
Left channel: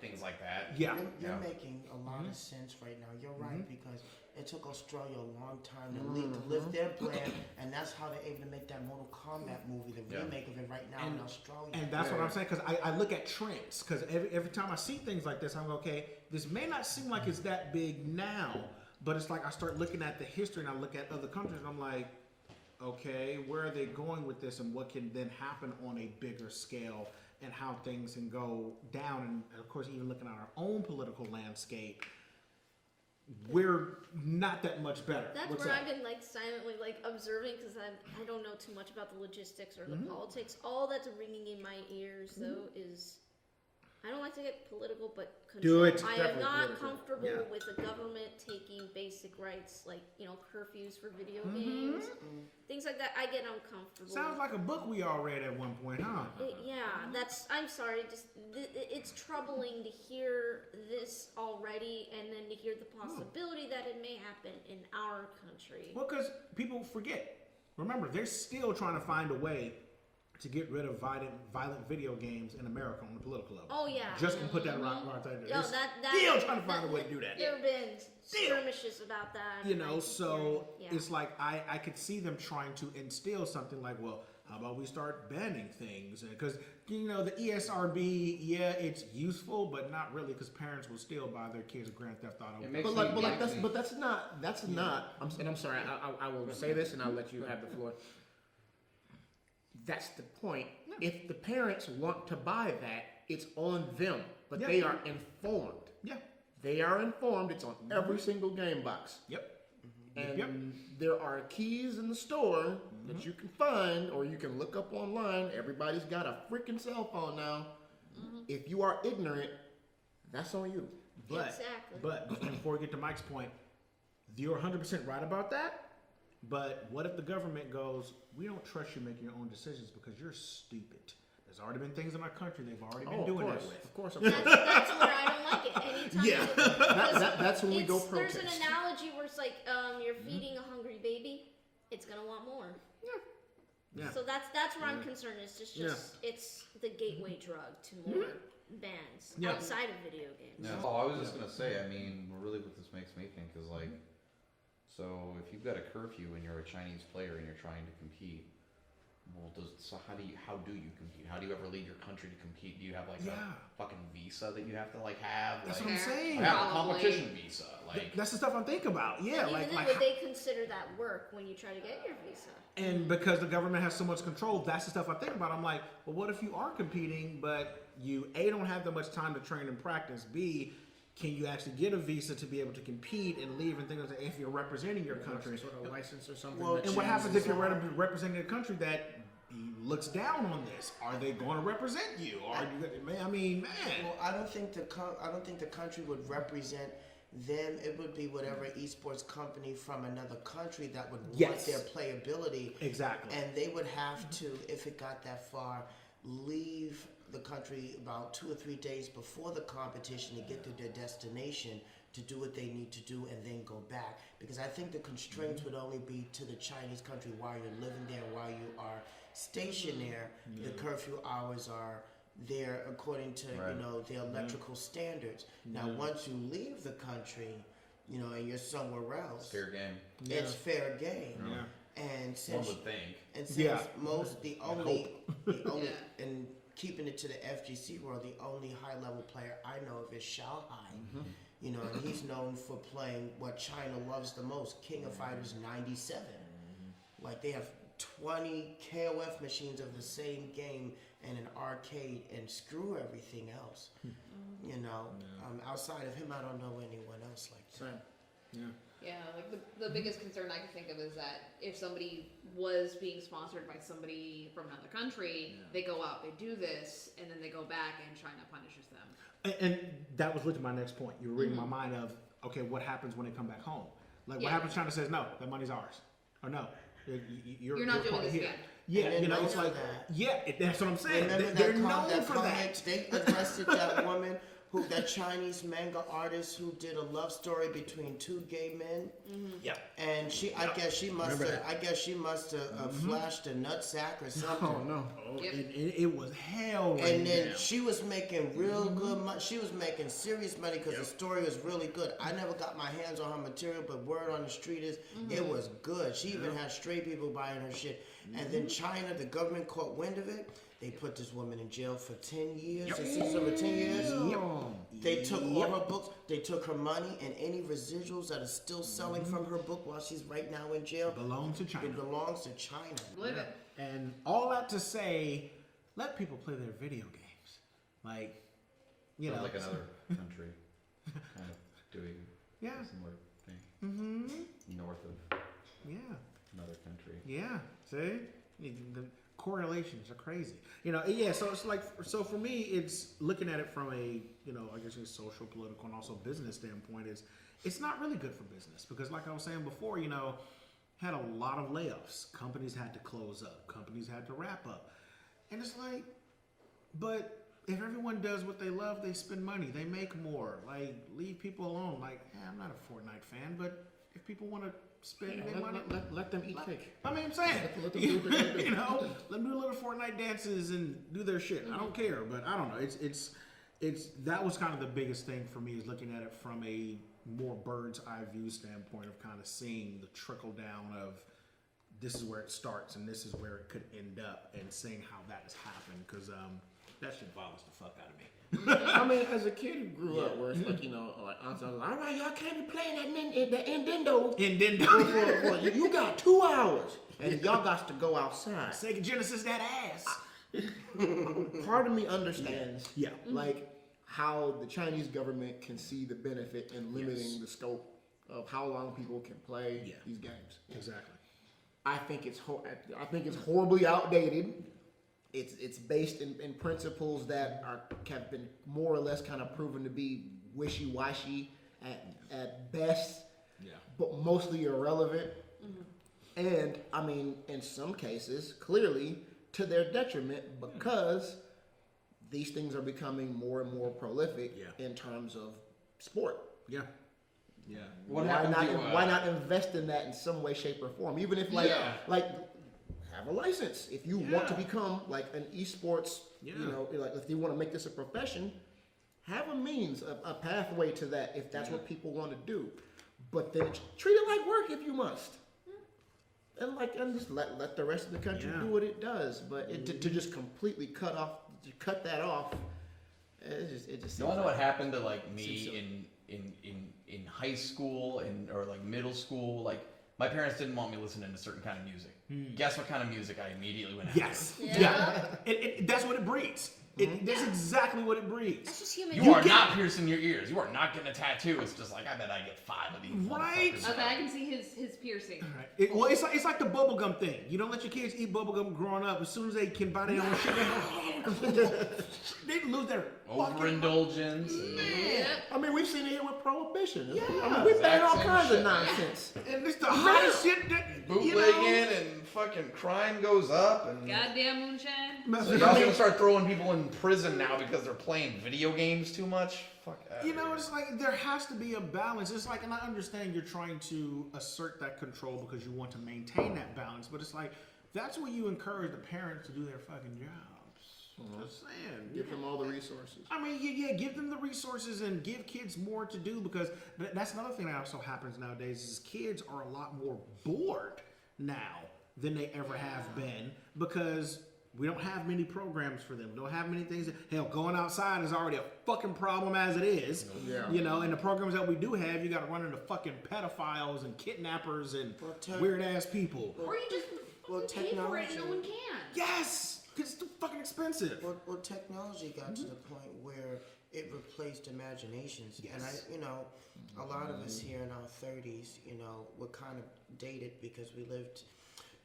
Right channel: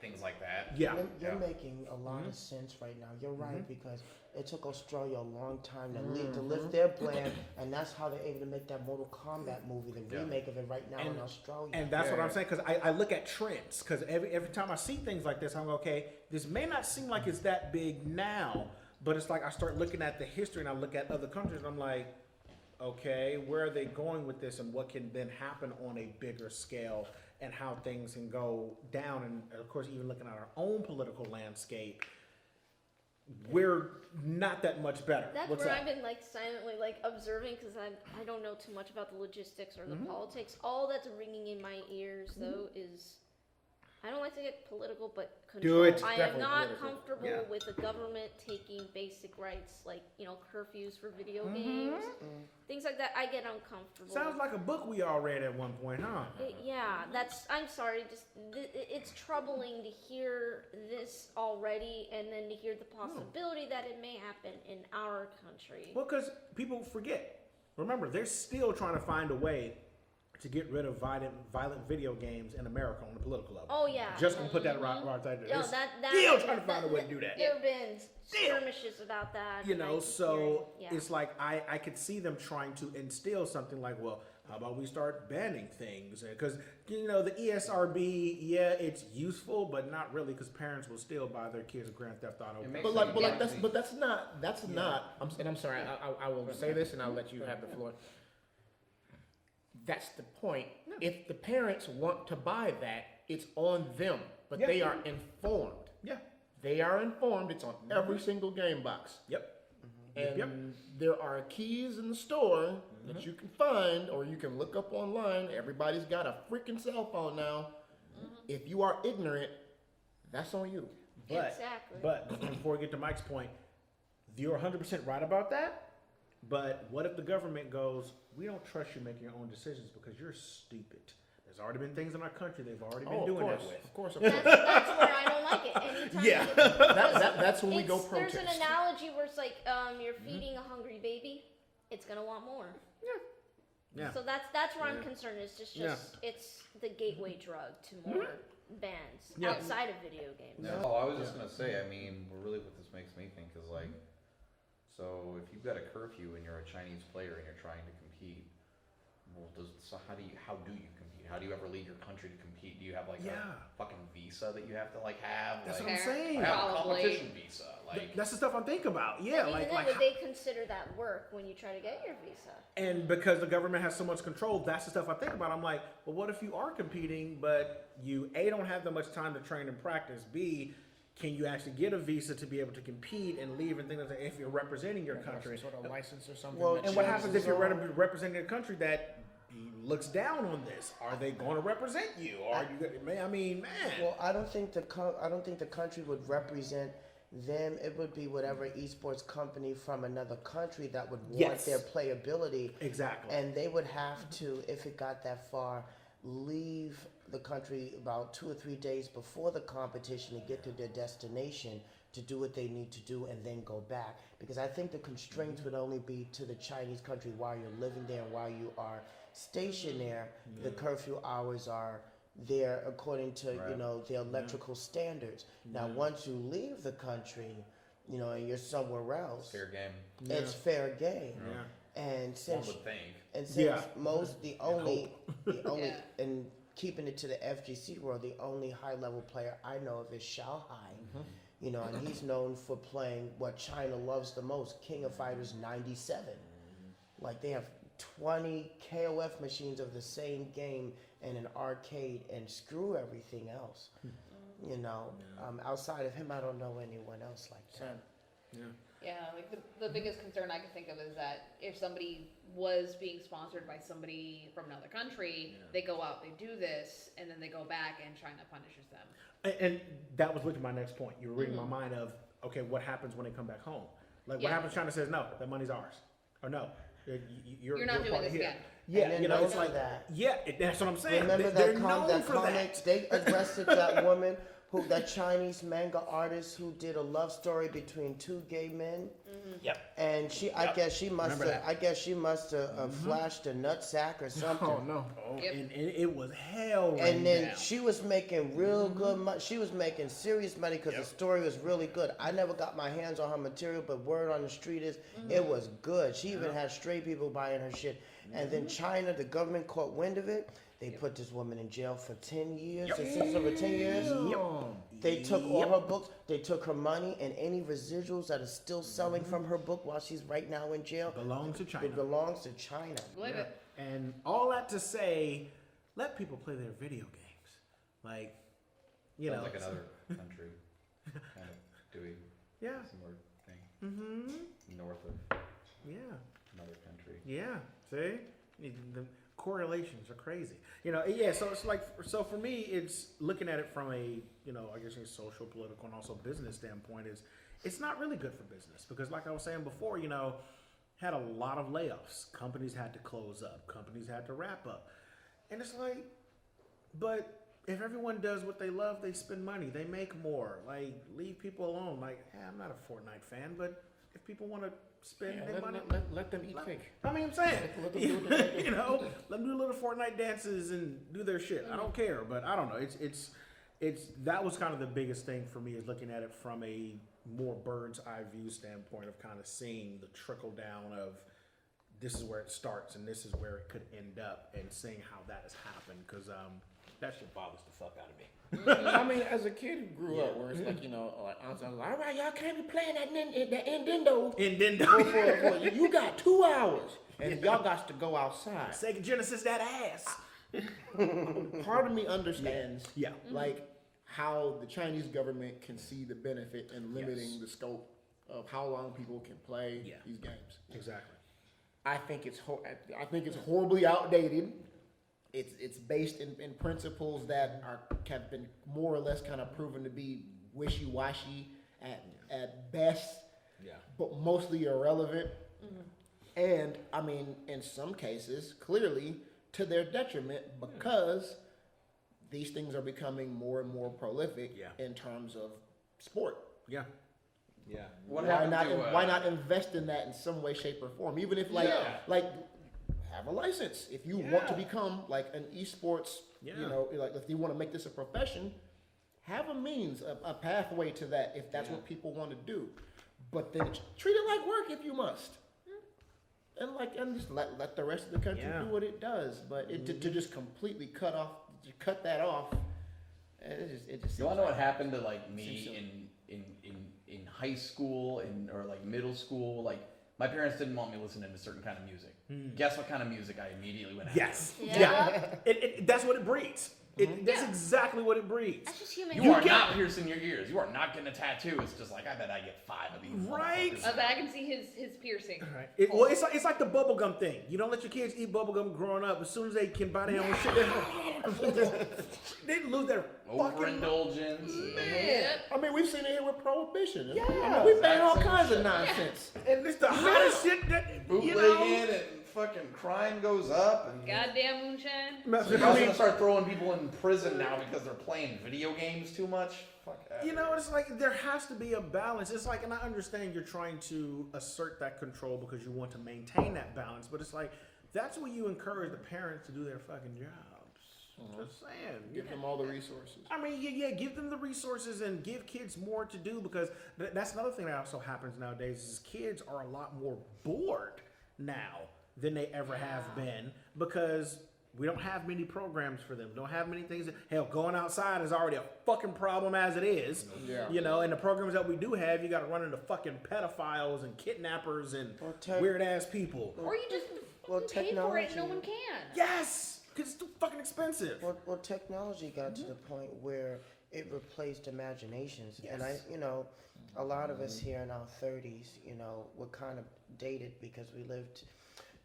Things like that. You're making a lot of sense right now. You're right, because it took Australia a long time to lift their brand, and that's how they're able to make that Mortal Kombat movie, the remake of it right now in Australia. And that's what I'm saying, because I look at trends, because every time I see things like this, I'm like, okay, this may not seem like it's that big now, but it's like I start looking at the history and I look at other countries and I'm like, okay, where are they going with this, and what can then happen on a bigger scale, and how things can go down. And of course, even looking at our own political landscape, we're not that much better. That's where I've been like silently like observing, because I don't know too much about the logistics or the politics. All that's ringing in my ears though is, I don't like to get political, but control. I am not comfortable with the government taking basic rights like, you know, curfews for video games, things like that. I get uncomfortable. Sounds like a book we all read at one point, huh? I'm sorry, just it's troubling to hear this already, and then to hear the possibility that it may happen in our country. Well, because people forget. Remember, they're still trying to find a way to get rid of violent video games in America on the political level. Oh yeah. Just gonna put that right there. No, still trying to find a way to do that. There have been skirmishes about that. You know, so it's like I could see them trying to instill something like, well, how about we start banning things? Because, you know, the ESRB, it's useful, but not really, because parents will still buy their kids a Grand Theft Auto. But that's not. I'm sorry. I will say this, and I'll let you have the floor. That's the point. If the parents want to buy that, it's on them, but they are informed. They are informed. It's on every single game box. And there are keys in the store that you can find, or you can look up online. Everybody's got a freaking cell phone now. If you are ignorant, that's on you. But before we get to Mike's point, you're 100% right about that. But what if the government goes, we don't trust you making your own decisions because you're stupid. There's already been things in our country they've already been doing that with. Of course. That's where I don't like it. Anytime That's when we go There's protest. an analogy where it's like you're feeding a hungry baby, it's gonna want more. Yeah. So that's where I'm concerned. It's just it's the gateway drug to more bans outside of video games. Yeah. Oh, I was just gonna say. I mean, really, what this makes me think is like, so if you've got a curfew and you're a Chinese player and you're trying to compete, well, how do you compete? How do you ever leave your country to compete? Do you have like a fucking visa that you have to like have? That's like, what I'm saying. I have a competition visa. Like that's the stuff I'm thinking about. Yeah, Even then, would they consider that work when you try to get your visa? And because the government has so much control, that's the stuff I think about. I'm like, well, what if you are competing, but you A, don't have that much time to train and practice, B, can you actually get a visa to be able to compete and leave and things like that if you're representing your country? Some sort of license or something. Well, And what happens if you're representing a country that looks down on this? Are they going to represent you? Or man. Well, I don't think the country would represent them. It would be whatever esports company from another country that would want their playability. Exactly. And they would have to, if it got that far, leave the country about 2 or 3 days before the competition to get to their destination to do what they need to do and then go back. Because I think the constraints would only be to the Chinese country while you're living there, while you are stationed there. The curfew hours are there according to the electrical standards. Now once you leave the country, and you're somewhere else, fair game. it's fair game. Yeah. And since One would think. and since most the only Yeah. and keeping it to the FGC world, the only high level player I know of is Shanghai. And he's known for playing what China loves the most, King of Fighters 97. Like they have 20 KOF machines of the same game and an arcade, and screw everything else. Outside of him, I don't know anyone else like that. Yeah, like the biggest concern I could think of is that if somebody was being sponsored by somebody from another country, they go out, they do this, and then they go back and China punishes them. And that was literally my next point. You were reading my mind of, okay, what happens when they come back home? Like, what happens? China says, no, that money's ours. Or no, you're not doing this here. again. Yeah, And it's like that. That's what I'm saying. Remember They're that known for Kontekst? They arrested that woman, that Chinese manga artist who did a love story between 2 gay men. Yep. And I guess she must Remember have flashed a nutsack or something. Oh no. Yep. And it was hell. And then down. she was making real good money. She was making serious money because the story was really good. I never got my hands on her material, but word on the street is it was good. She even had stray people buying her shit. And then China, the government caught wind of it. They put this woman in jail for 10 years. They sentenced her for 10 years. They took all her books. They took her money and any residuals that are still selling from her book while she's right now in jail. Belongs to China. It belongs to China. Believe it. And all that to say, let people play their video games. Like, Sounds like another country kind of doing a similar thing. North of another country. Yeah. See? The correlations are crazy. So it's like, so for me, it's looking at it from a, I guess a social, political, and also business standpoint it's not really good for business because like I was saying before, had a lot of layoffs. Companies had to close up. Companies had to wrap up. And it's like, but if everyone does what they love, they spend money, they make more. Like, leave people alone. Like, I'm not a Fortnite fan, but if people want to spend their money, Let them eat cake. I mean, I'm saying, Let them do their thing. let them do little Fortnite dances and do their shit. I don't care, but I don't know. It's that was kind of the biggest thing for me is looking at it from a more bird's eye view standpoint of kind of seeing the trickle down of this is where it starts and this is where it could end up and seeing how that has happened because that shit bothers the fuck out of me. I mean, as a kid who grew up, where it's like, like, I was like, all right, y'all can't be playing that Nintendo. You got 2 hours, and y'all got to go outside. Sega Genesis that ass. Part of me understands, Yeah. like, how the Chinese government can see the benefit in limiting the scope of how long people can play these games. Exactly. I think it's horribly outdated. It's based in principles that have been more or less kind of proven to be wishy-washy at best. Yeah. but mostly irrelevant. And I mean, in some cases, clearly to their detriment, because these things are becoming more and more prolific in terms of sport. Yeah. What Why happened not? to, Why not invest in that in some way, shape, or form? Even if like have a license. If you want to become like an esports, you know, like if you want to make this a profession, have a means, a pathway to that if that's what people want to do. But then treat it like work if you must. And just let the rest of the country do what it does. But to just completely cut that off, it just. You all know what happened to like me in high school or like middle school? Like my parents didn't want me listening to certain kind of music. Guess what kind of music I immediately went after? Yes. Yeah. That's what it breeds. That's exactly what it breeds. That's just human. You are not piercing your ears. You are not getting a tattoo. It's just like, I bet I get 5 of these. Right. I can see his piercing. Well, it's like the bubblegum thing. You don't let your kids eat bubblegum growing up. As soon as they can buy their own shit, they lose their overindulgence. I mean, we've seen it here with prohibition. Yeah. I mean, we've done all kinds of nonsense. And it's the hottest shit that Bootlegging and fucking crime goes up. And Goddamn moonshine. so you're gonna start throwing people in prison now because they're playing video games too much. Fuck that. You know, it's like there has to be a balance. It's like, and I understand you're trying to assert that control because you want to maintain that balance, but it's like that's what you encourage the parents to do their fucking jobs. Just saying. Give them all the resources. I mean, give them the resources and give kids more to do because that's another thing that also happens nowadays is kids are a lot more bored now than they ever have been because we don't have many programs for them. We don't have many things. Hell, going outside is already a fucking problem as it is. Yeah. You know, and the programs that we do have, you got to run into fucking pedophiles and kidnappers and weird ass people. Or you just pay for it and no one can. Yes, because it's too fucking expensive. Well, technology got to the point where it replaced imaginations, and a lot of us here in our 30s, we're kind of dated because we lived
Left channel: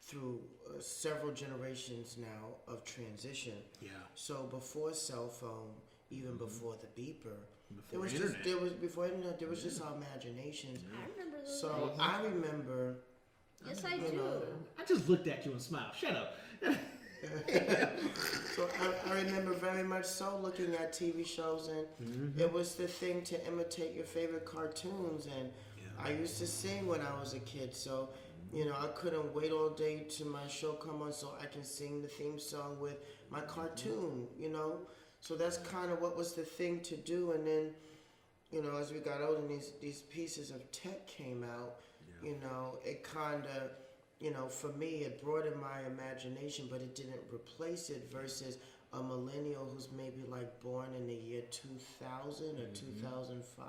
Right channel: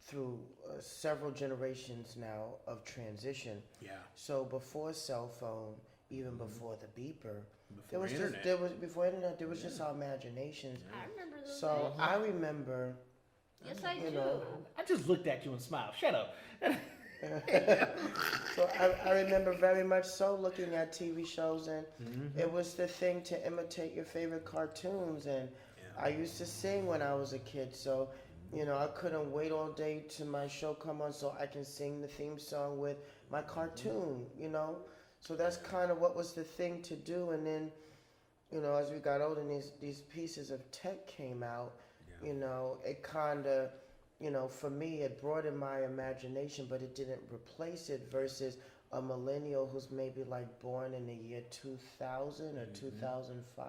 through several generations now of transition. Yeah. So before cell phone, even before the beeper, before internet, there was just our imaginations. I remember those. So I remember. Yes, I do. I just looked at you and smiled. Shut up. So I remember very much so looking at TV shows, and it was the thing to imitate your favorite cartoons. And I used to sing when I was a kid, so I couldn't wait all day till my show come on so I can sing the theme song with my cartoon. So that's kind of what was the thing to do. And then, as we got older, and these pieces of tech came out. It kind of, for me, it broadened my imagination, but it didn't replace it versus a millennial who's maybe like born in the year 2000 or 2005.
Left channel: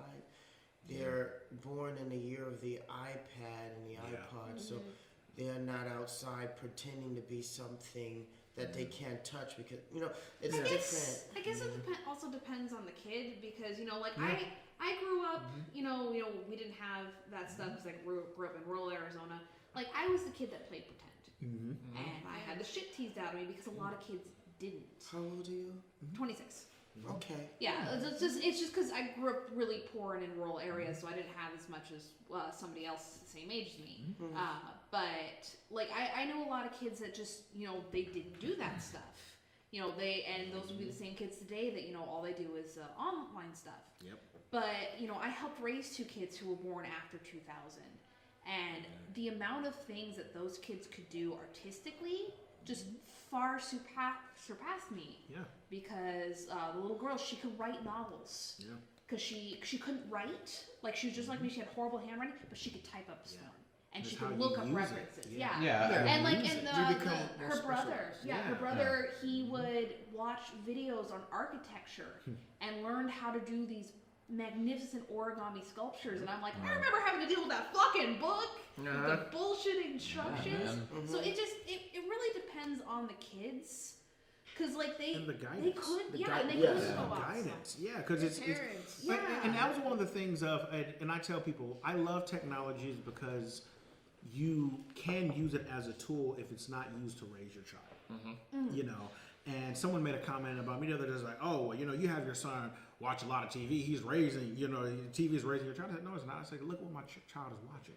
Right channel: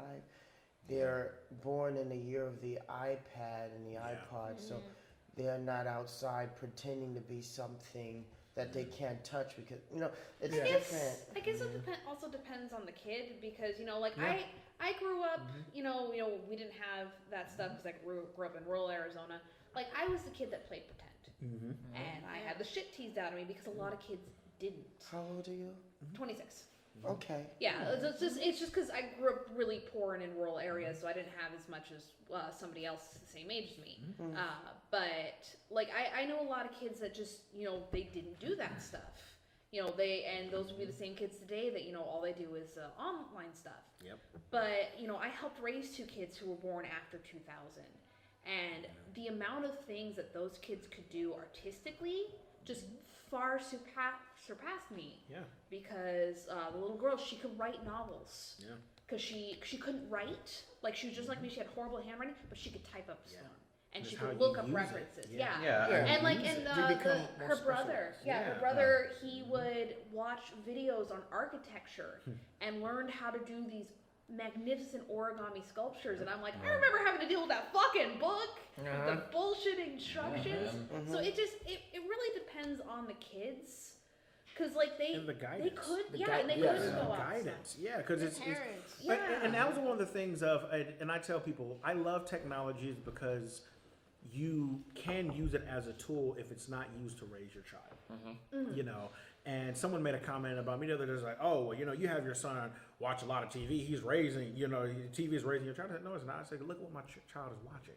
They're born in the year of the iPad and the iPod, so they're not outside pretending to be something that they can't touch because, it's different. I guess it also depends on the kid because, I grew up, we didn't have that stuff because I grew up in rural Arizona. Like, I was the kid that played pretend. And I had the shit teased out of me because a lot of kids didn't. How old are you? 26. Okay. Yeah, it's just because I grew up really poor and in rural areas, so I didn't have as much as somebody else the same age as me. But, like, I know a lot of kids that just, they didn't do that stuff. And those would be the same kids today that, all they do is online stuff. Yep. But, I helped raise 2 kids who were born after 2000. And the amount of things that those kids could do artistically just far surpassed me. Yeah. Because the little girl, she could write novels. Yeah. Because she couldn't write. Like, she was just like me. She had horrible handwriting, but she could type up a storm. And she could look up references. Yeah. And her brother, he would watch videos on architecture and learned how to do these magnificent origami sculptures. And I'm like, I remember having to deal with that fucking book with the bullshit instructions. So it really depends on the kids. Because, like, they couldn't go outside. Yeah, because it's and that was one of the things of, and I tell people, I love technologies because you can use it as a tool if it's not used to raise your child. And someone made a comment about me the other day, like, oh, well, you have your son watch a lot of TV. He's raising, TV is raising your child. No, it's not. I said, look what my child is watching.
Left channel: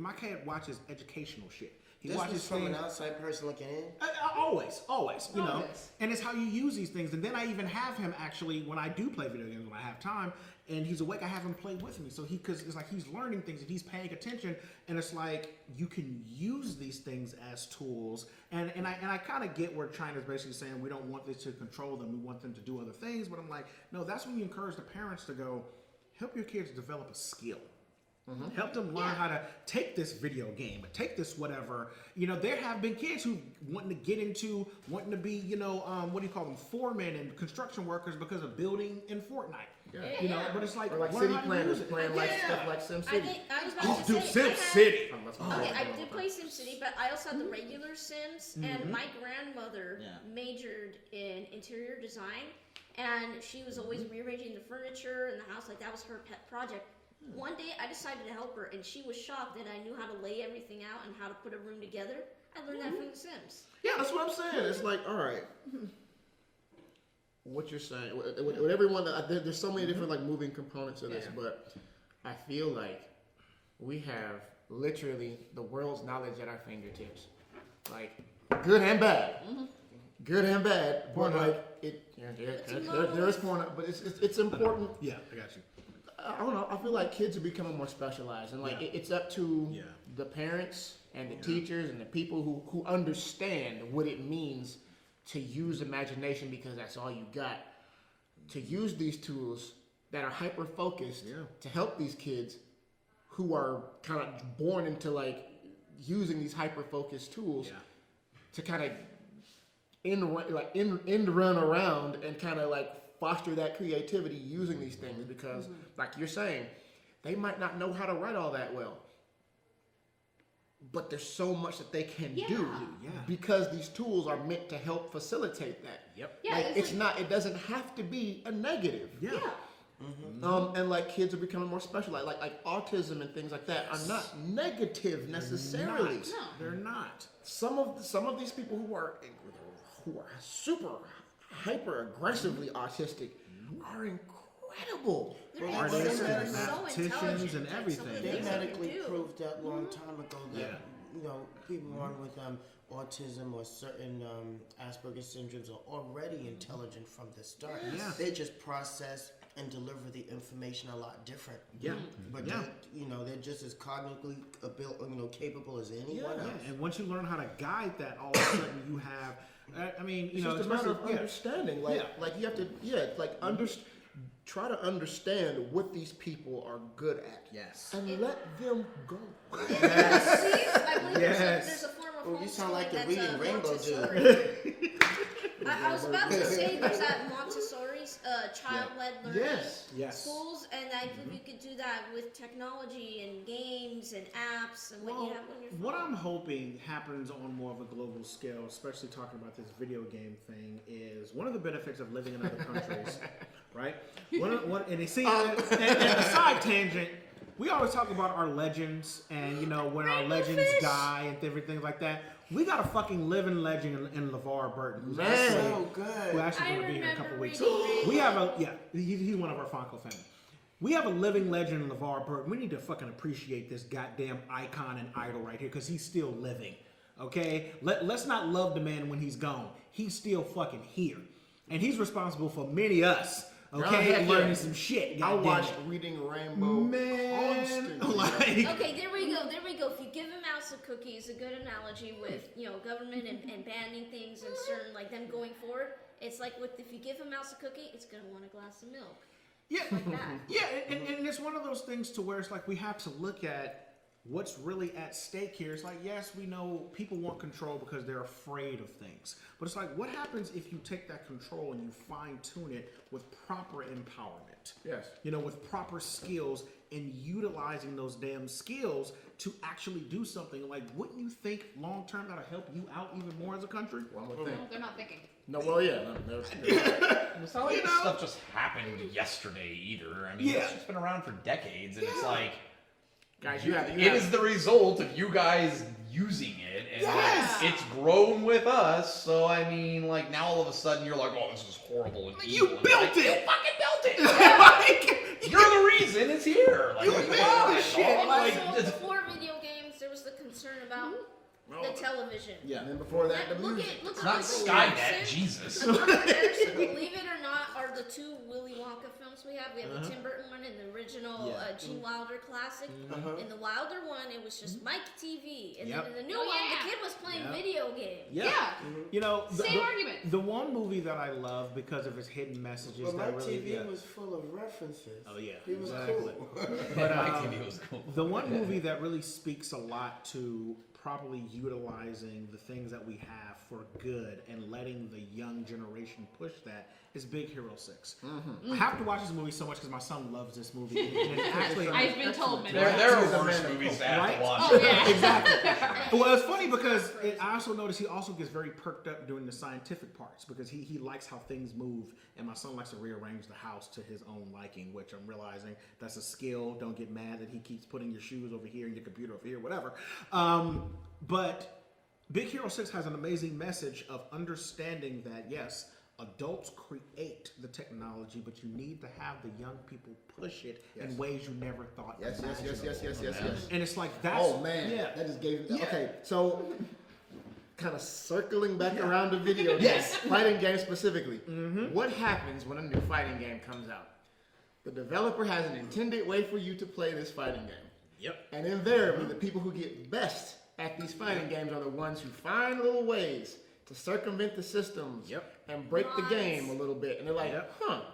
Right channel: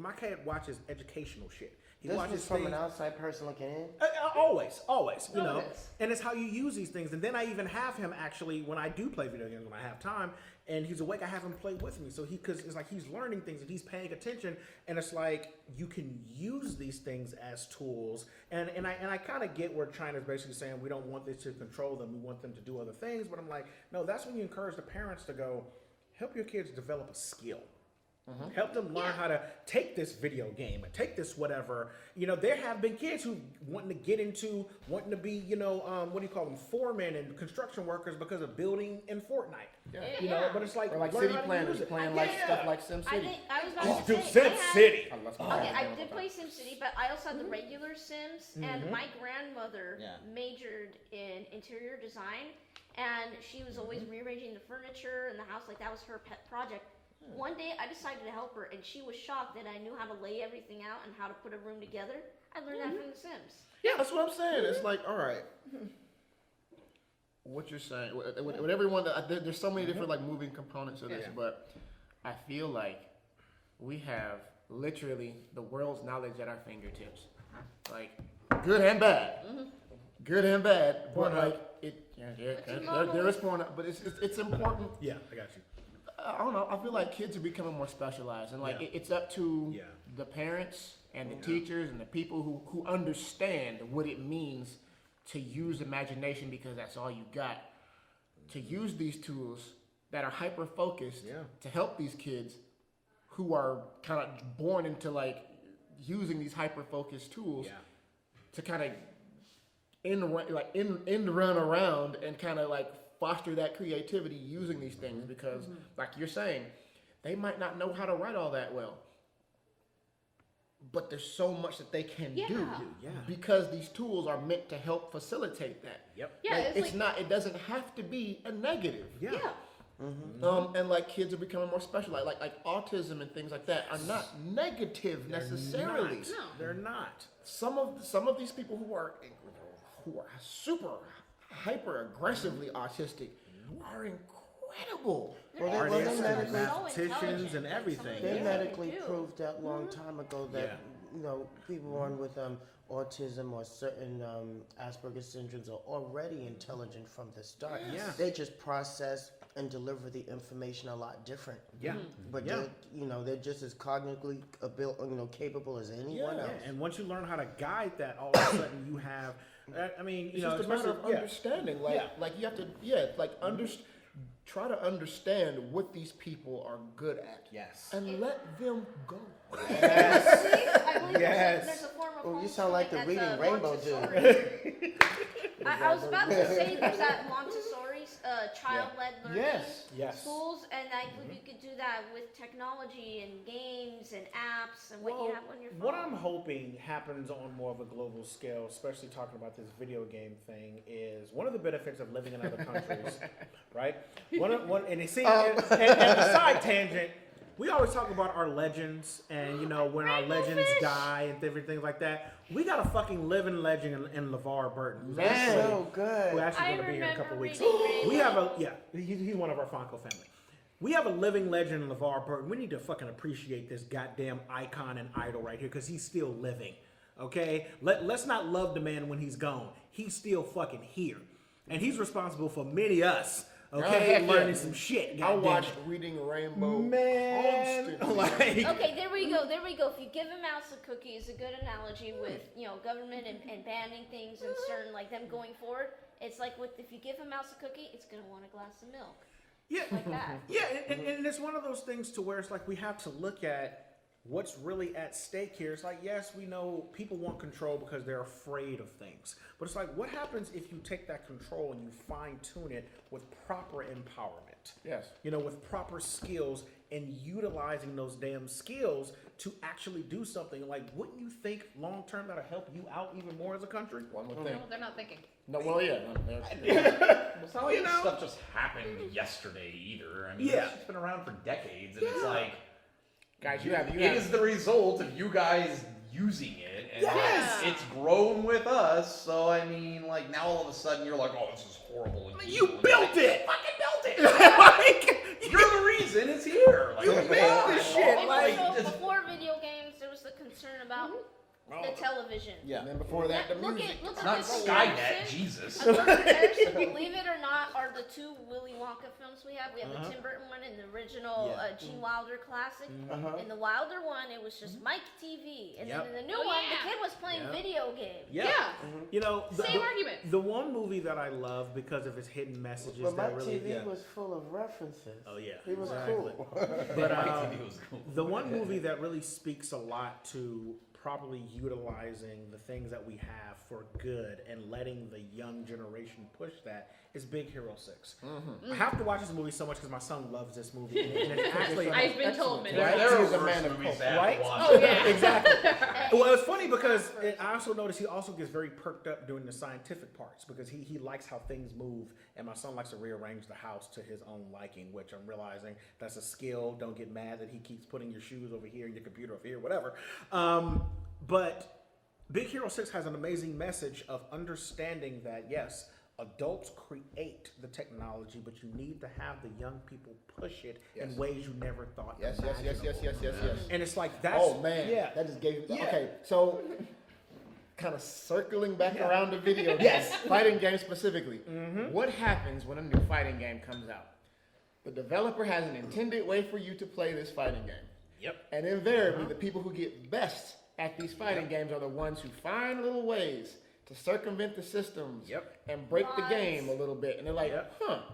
My kid watches educational shit. He This watches is from things, an outside person looking in. always, and it's how you use these things. And then I even have him actually, when I do play video games, when I have time, and he's awake, I have him play with me. So because it's like he's learning things and he's paying attention, and it's like you can use these things as tools. And I kind of get where China's basically saying we don't want this to control them, we want them to do other things. But I'm like, no, that's when you encourage the parents to go help your kids develop a skill. Help them learn how to take this video game and take this whatever. There have been kids who wanting to be, what do you call them, foremen and construction workers because of building in Fortnite. But it's like, Or like learn city how to planners use it. playing like stuff like SimCity. I was about Dude, to say, SimCity. Okay, I did play SimCity, but I also had the regular Sims, and my grandmother majored in interior design, and she was always rearranging the furniture in the house, like that was her pet project. One day I decided to help her, and she was shocked that I knew how to lay everything out and how to put a room together. I learned that from The Sims. Yeah, that's what I'm saying. It's like, all right, what you're saying, with everyone, there's so many different like moving components of this, but I feel like we have literally the world's knowledge at our fingertips, like good and bad, but like there is porn, but it's important. Yeah, I got you. I don't know. I feel like kids are becoming more specialized, and like it's up to the parents and the teachers and the people who understand what it means to use imagination, because that's all you got. To use these tools that are hyper focused to help these kids who are kind of born into like using these hyper focused tools to kind of end run around and kind of like foster that creativity using these things, because like you're saying, they might not know how to write all that well, but there's so much that they can do because these tools are meant to help facilitate that. It doesn't have to be a negative. And like kids are becoming more specialized, like autism and things like that are not negative necessarily. No, they're not. Some of these people who are super hyper aggressively autistic are incredible. Mathematicians and everything. They medically proved that long time ago that people born with autism or certain Asperger's syndromes are already intelligent from the start. They just process and deliver the information a lot different. But they're just as cognitively capable as anyone else. And once you learn how to guide that, all of a sudden you have. I mean, it's just a matter of understanding. Like you have to, try to understand what these people are good at. And let them go. I believe there's a form of homeschooling. You sound like the Reading Rainbow dude. I was about to say there's that Montessori's child-led learning schools, and I believe you could do that with technology and games and apps and what you have on your phone. What I'm hoping happens on more of a global scale, especially talking about this video game thing, is one of the benefits of living in other countries, right? And you see, and a side tangent, we always talk about our legends and, when our legends die and different things like that. We got a fucking living legend in LeVar Burton. Man, so good. Who's actually going to be here in a couple of weeks. We have he's one of our Fonco family. We have a living legend in LeVar Burton. We need to fucking appreciate this goddamn icon and idol right here, because he's still living. Okay? Let's not love the man when he's gone. He's still fucking here. And he's responsible for many of us. Okay, learning some shit. I watched Reading Rainbow constantly. Okay, there we go. If you give a mouse a cookie, is a good analogy with government and banning things and certain like them going forward. It's like if you give a mouse a cookie, it's gonna want a glass of milk. Like that. And it's one of those things to where it's like we have to look at what's really at stake here. It's like, yes, we know people want control because they're afraid of things. But it's like, what happens if you take that control and you fine-tune it with proper empowerment? Yes. With proper skills and utilizing those damn skills to actually do something. Like, wouldn't you think long-term that'll help you out even more as a country? One would think. No, they're not thinking. No, well, yeah. It's not like stuff just happened yesterday either. I mean, it's just been around for decades, and it's like, guys, it is the result of you guys using it, and Yes! it's grown with us. So I mean, like now all of a sudden you're like, oh, this is horrible and You evil. built Like, it! You fucking built it! You're the reason it's here. Like, You made this shit. Like, So before video games, there was the concern about the television. yeah. And then before that, the Look music. at look it's at not the Skynet, comparison. Jesus. A comparison, believe it or not, are the two Willy Wonka films we have. We have the Tim Burton one and the original Yeah. Gene Wilder classic. Uh-huh. In the Wilder one, it was just Mike TV, and Yep. then in the new Oh, one, yeah. the kid was playing Yep. video games. Yeah. You know, Same argument. The one movie that I love because of its hidden messages But that my really, TV was full of references. Oh yeah, He was exactly. cool. But, Mike TV was cool. the one movie that really speaks a lot to properly utilizing the things that we have for good and letting the young generation push that is Big Hero 6. I have to watch this movie so much because my son loves this movie. And it's actually, I've been told many There times. are worse movies to have Right? to watch. Oh yeah. exactly. Well, it's funny because I also noticed he also gets very perked up during the scientific parts because he likes how things move, and my son likes to rearrange the house to his own liking, which I'm realizing that's a skill. Don't get mad that he keeps putting your shoes over here, your computer over here, whatever. But Big Hero 6 has an amazing message of understanding that, yes, adults create the technology, but you need to have the young people push it in ways you never thought Yes. imaginable. And it's like, that's... Oh man, Yeah. that just gave. Yeah. Okay, so kind of circling back around to video games, Yes. fighting games specifically. What happens when a new fighting game comes out? The developer has an intended way for you to play this fighting game, Yep. and invariably, the people who get best at these fighting games are the ones who find little ways to circumvent the systems Yep. and break the game a little bit. And they're like, Yep.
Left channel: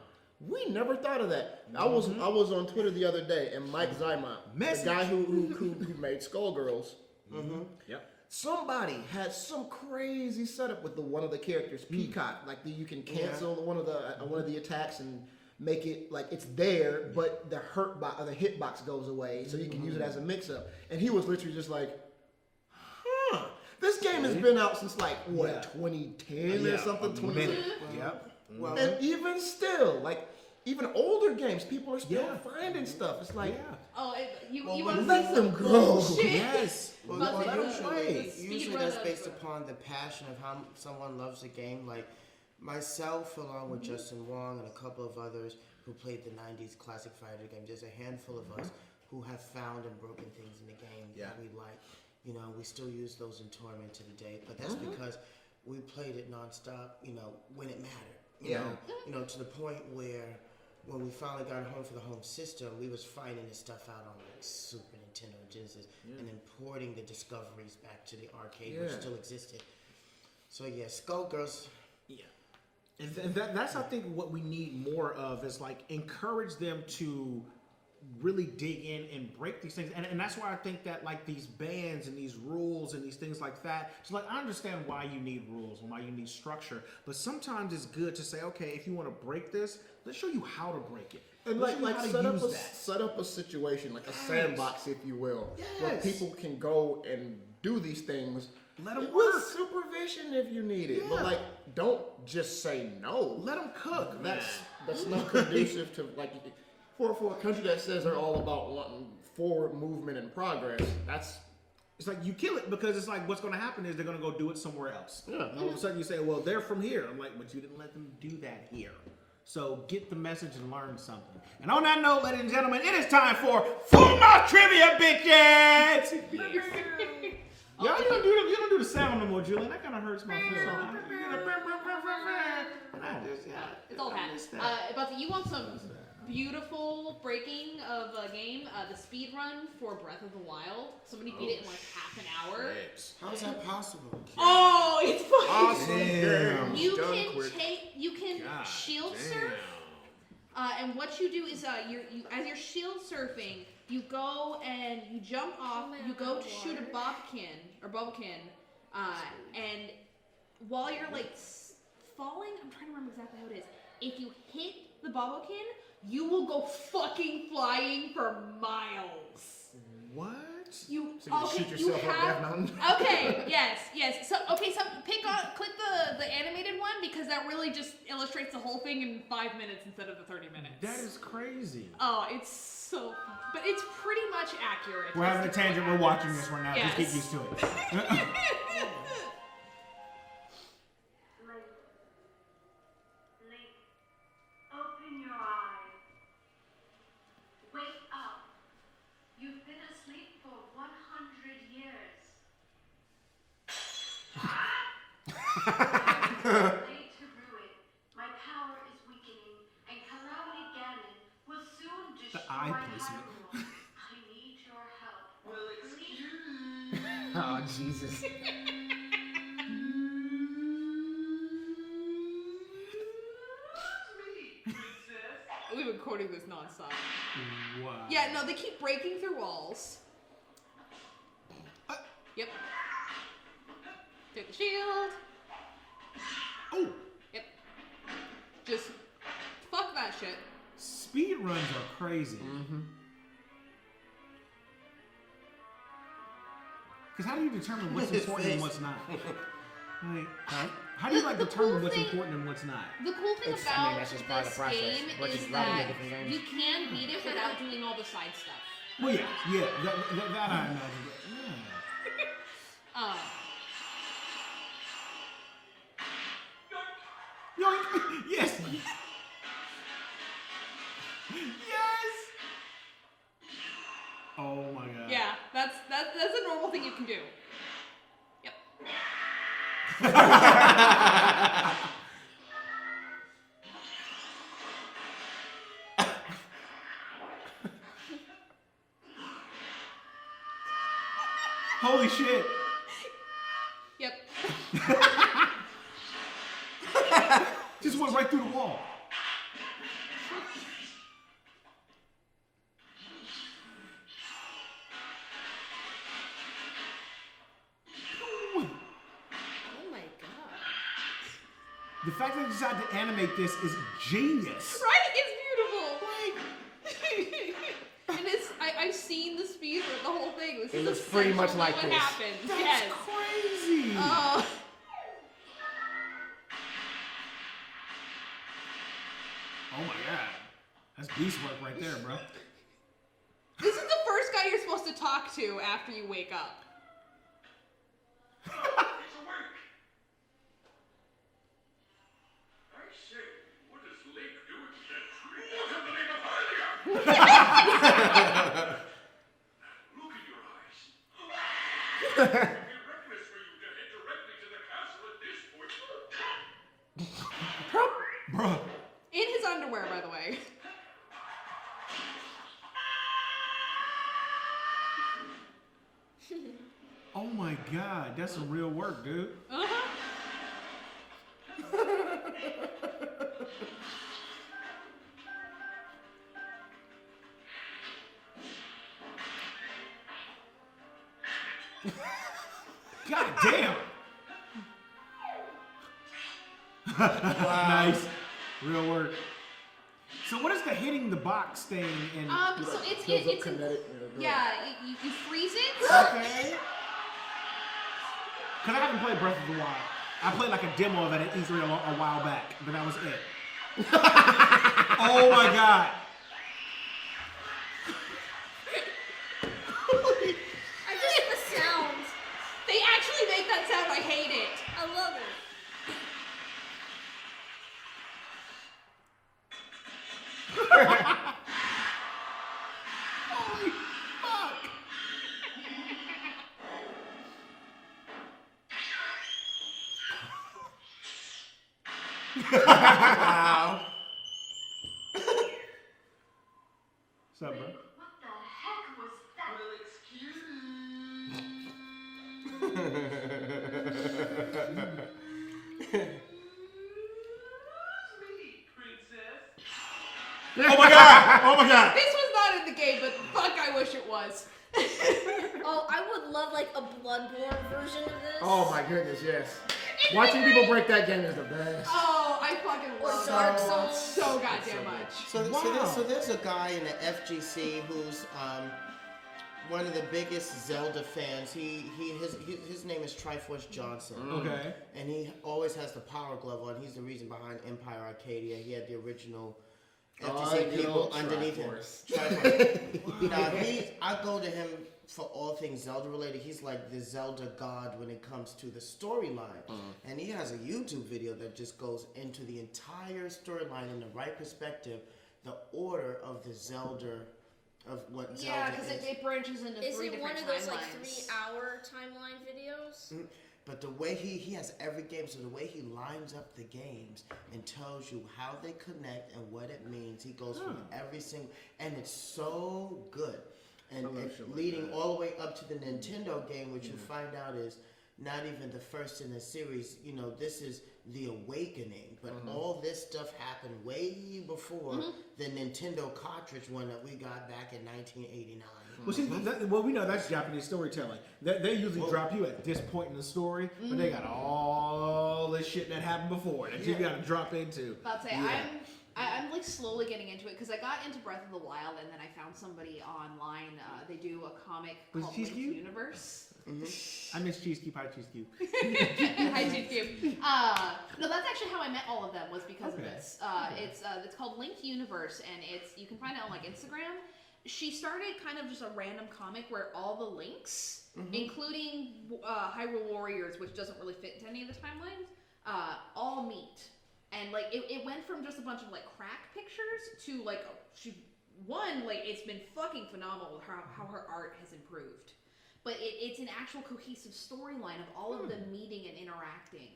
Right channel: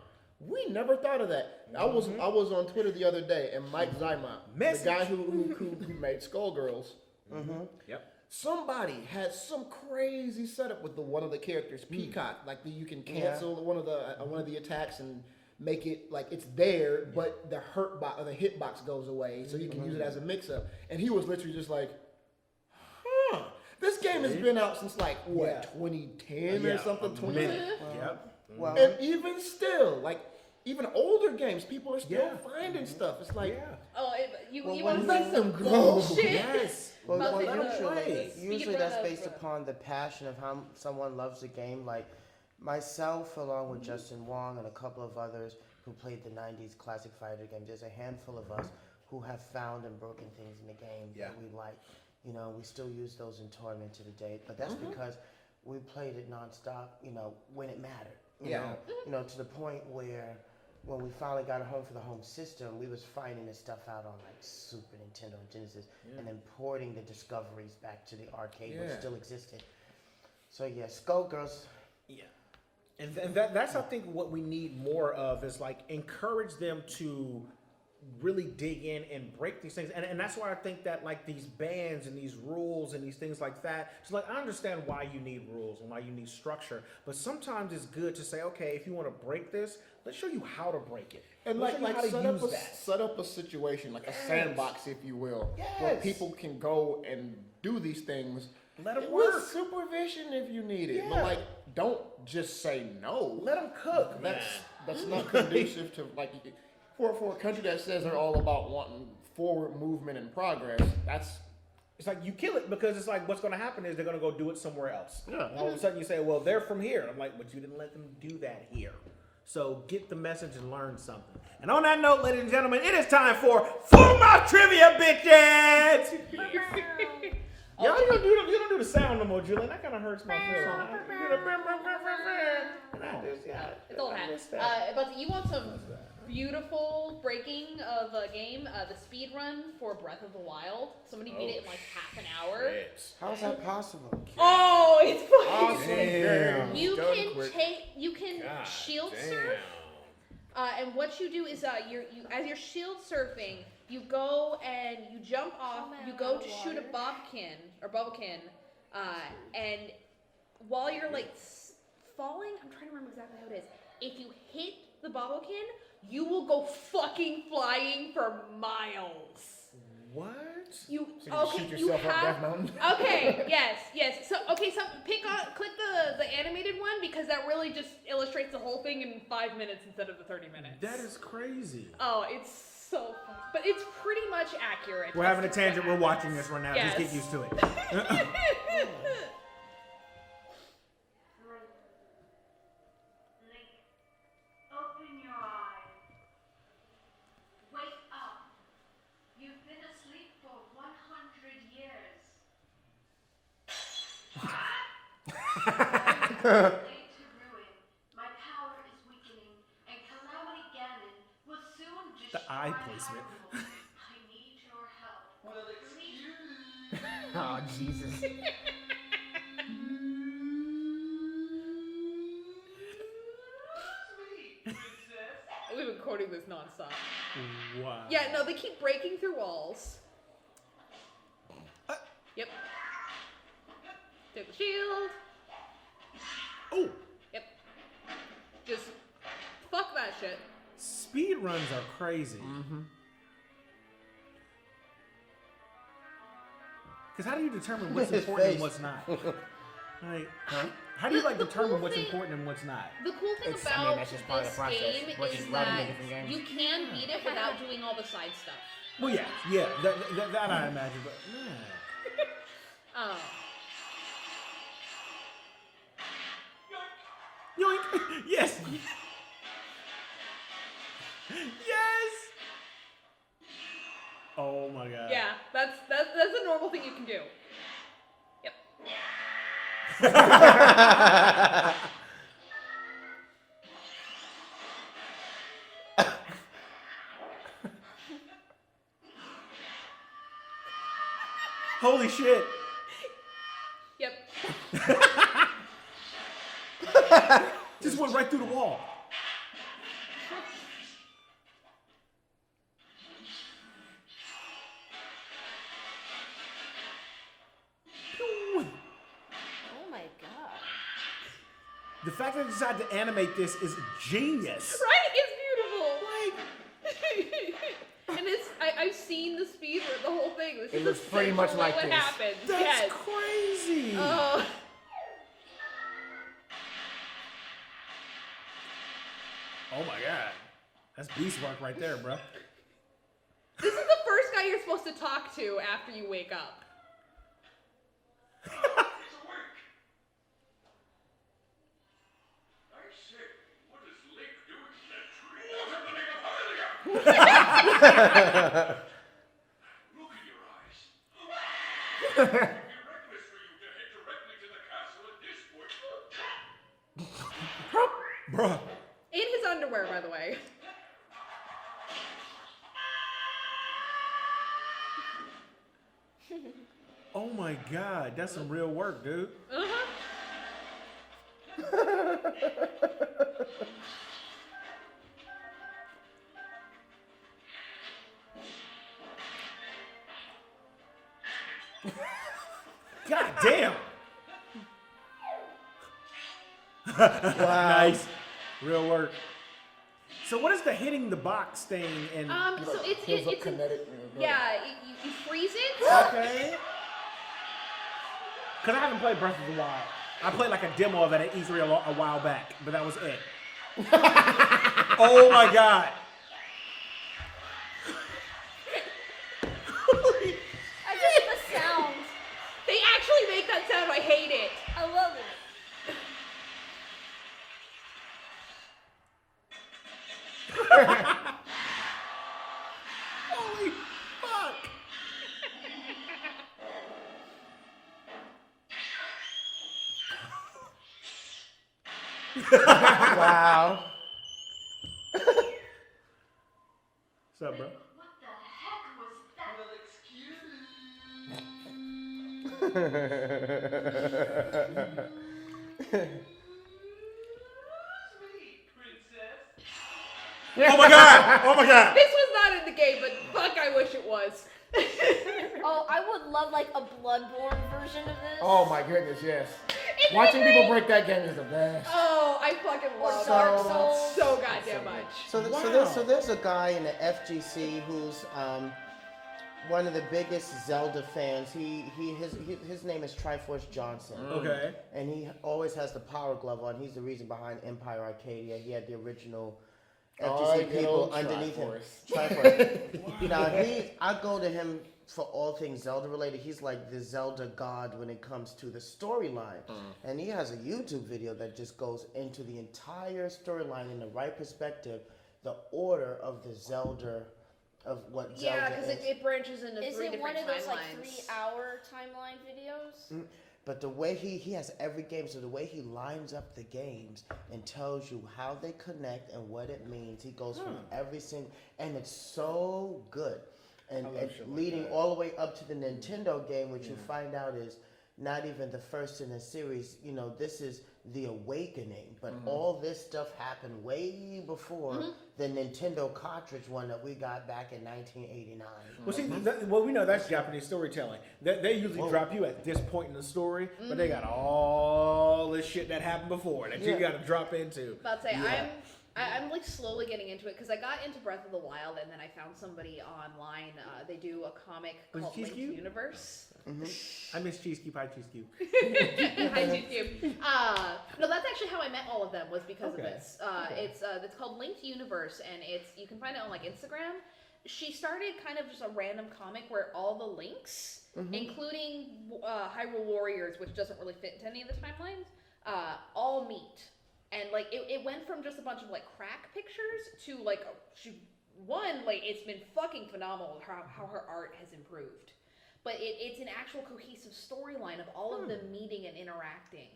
we never thought of that. I was on Twitter the other day, and Mike Zymont, the guy who made Skullgirls, Yep. somebody had some crazy setup with one of the characters, Peacock. Like you can cancel one of the attacks and make it like it's there, but the the hitbox goes away, so you can use it as a mix-up. And he was literally just like, this game has been out since like what, 2010 or something, 20. Yep. Well, And even still, like even older games, people are still finding stuff. It's like, Oh, you want to let see them some go. bullshit? Yes. Well, About well, the speed usually run that's of- based upon the passion of how someone loves the game. Like myself, along with Justin Wong and a couple of others who played the 90s classic fighter game, there's a handful of us who have found and broken things in the game that we like. You know, we still use those in tournament to the day, but that's because we played it nonstop, you know, when it mattered. You know, to the point where when we finally got home for the home system, we was finding this stuff out on like Super Nintendo and Genesis, and then porting the discoveries back to the arcade, which still existed. So yeah, Skullgirls. Yeah. And that's I think what we need more of is like encourage them to really dig in and break these things. And that's why I think that like these bans and these rules and these things like that, it's like I understand why you need rules and why you need structure, but sometimes it's good to say, okay, if you want to break this, let's show you how to break it. And Let's show you how to set up a situation, like a sandbox, if you will, where Yes. people can go and do these things. Let them with work. supervision if you need it. Yeah. But like, don't just say no. Let them cook. That's not conducive to like for a country that says they're all about wanting forward movement and progress. It's like you kill it because it's like what's going to happen is they're going to go do it somewhere else. Yeah. And all of a sudden you say, well, they're from here. I'm like, but you didn't let them do that here. So get the message and learn something. And on that note, ladies and gentlemen, it is time for Full Mouth Trivia, bitches! Y'all, you don't do the sound no more, Julian. That kind of hurts my feelings. It's old hat. But you want some beautiful breaking of a game, the speed run for Breath of the Wild. Somebody beat it in like half an hour. How is that possible? Oh, it's fucking Awesome. You can shield surf. And what you do is you as you're shield surfing, you go and you jump off. You go to shoot a bobbkin, and while you're like falling, I'm trying to remember exactly how it is. If you hit the bobbkin, you will go fucking flying for miles. What? So you shoot yourself up Death Mountain? Okay, yes. So click the animated one because that really just illustrates the whole thing in 5 minutes instead of the 30 minutes. That is crazy. Oh, it's So funny. But it's pretty much accurate. We're having a tangent. We're watching this right now. Yes. Just get used to it. Link, open your eyes. Wake up. You've been asleep for 100 years. Laid to ruin. My power is weakening, and Calamity Ganon will soon destroy eye placement. Hyrule. I need your help. Oh, Jesus. We've been quoting this nonstop. Wow. Yeah, no, they keep breaking through walls. Yep. Take the shield. Oh, Yep. Just fuck that shit. speed runs are crazy. Because how do you determine what's His important and face. what's not? Like, Huh? how do you like The determine cool what's thing- important and what's not? The cool thing It's- I mean, about that's just part of this the process. game Once is you run into that different games. you can beat it without doing all the side stuff. Well, yeah, that I imagine. But, yeah. Yoink! Yes! Yes! Oh my god. Yeah, that's a normal thing you can do. Yep. Holy shit! Yep. Just went right through the wall. Oh my god. The fact that I decided to animate this is genius. Right? It's beautiful. And it's I've seen the speed for the whole thing. This It is looks pretty much essentially like what this. happens. That's Yes. crazy. Oh. Oh my god. That's beast work right there, bro. This is the first guy you're supposed to talk to after you wake up. Look in your eyes. It would be reckless for you to head directly to the castle at this point. Bruh. In his underwear, by the way. Oh my god, that's some real work, dude. Uh-huh. God damn. Nice. Real work. So what is the hitting the box thing and So it's Feels it's kinetic. yeah, you freeze it. okay? Cause I haven't played Breath of the Wild. I played like a demo of it at E3 a while back, but that was it. Oh my god. I just the sounds. They actually make that sound. I hate it. I love it. Holy fuck. Wow. What's up, bro? What the heck was that? Oh my god! Oh my god! This was not in the game, but fuck, I wish it was. Oh, I would love like a Bloodborne version of this. Oh my goodness, yes. Watching people break that game is the best. Oh, I fucking love Dark it Souls. so goddamn much. So, Wow. so there's a guy in the FGC who's one of the biggest Zelda fans. His name is Triforce Johnson. Okay. And he always has the Power Glove on. He's the reason behind Empire Arcadia. He had the original after Oh, see good people old underneath him. Triforce. Triforce. Now I go to him for all things Zelda related. He's like the Zelda god when it comes to the storyline. And he has a YouTube video that just goes into the entire storyline in the right perspective, the order of the Zelda, of what Zelda Yeah, because is. it branches into Is three it one different of those like timelines. 3-hour timeline videos? But the way he has every game, so the way he lines up the games and tells you how they connect and what it means, he goes from every single, and it's so good. And shit like leading that. all the way up to the Nintendo game, which you find out is not even the first in the series. You know, this is the Awakening, but all this stuff happened way before the Nintendo cartridge one that we got back in 1989. Well, see, we know that's Japanese storytelling. They usually drop you at this point in the story, but they got all this shit that happened before that you got to drop into. But I'd say I'm like slowly getting into it because I got into Breath of the Wild and then I found somebody online. They do a comic Was called Cheese Linked Cube? Universe. I miss Cheese Cube, hi Cheese Cube. Hi, Cheese Cube. No, that's actually how I met all of them was because of Okay. this. It's called Linked Universe and you can find it on like Instagram. She started kind of just a random comic where all the links, including Hyrule Warriors, which doesn't really fit into any of the timelines, all meet. And like it went from just a bunch of like crack pictures to like it's been fucking phenomenal how her art has improved. But it's an actual cohesive storyline of all of them meeting and interacting.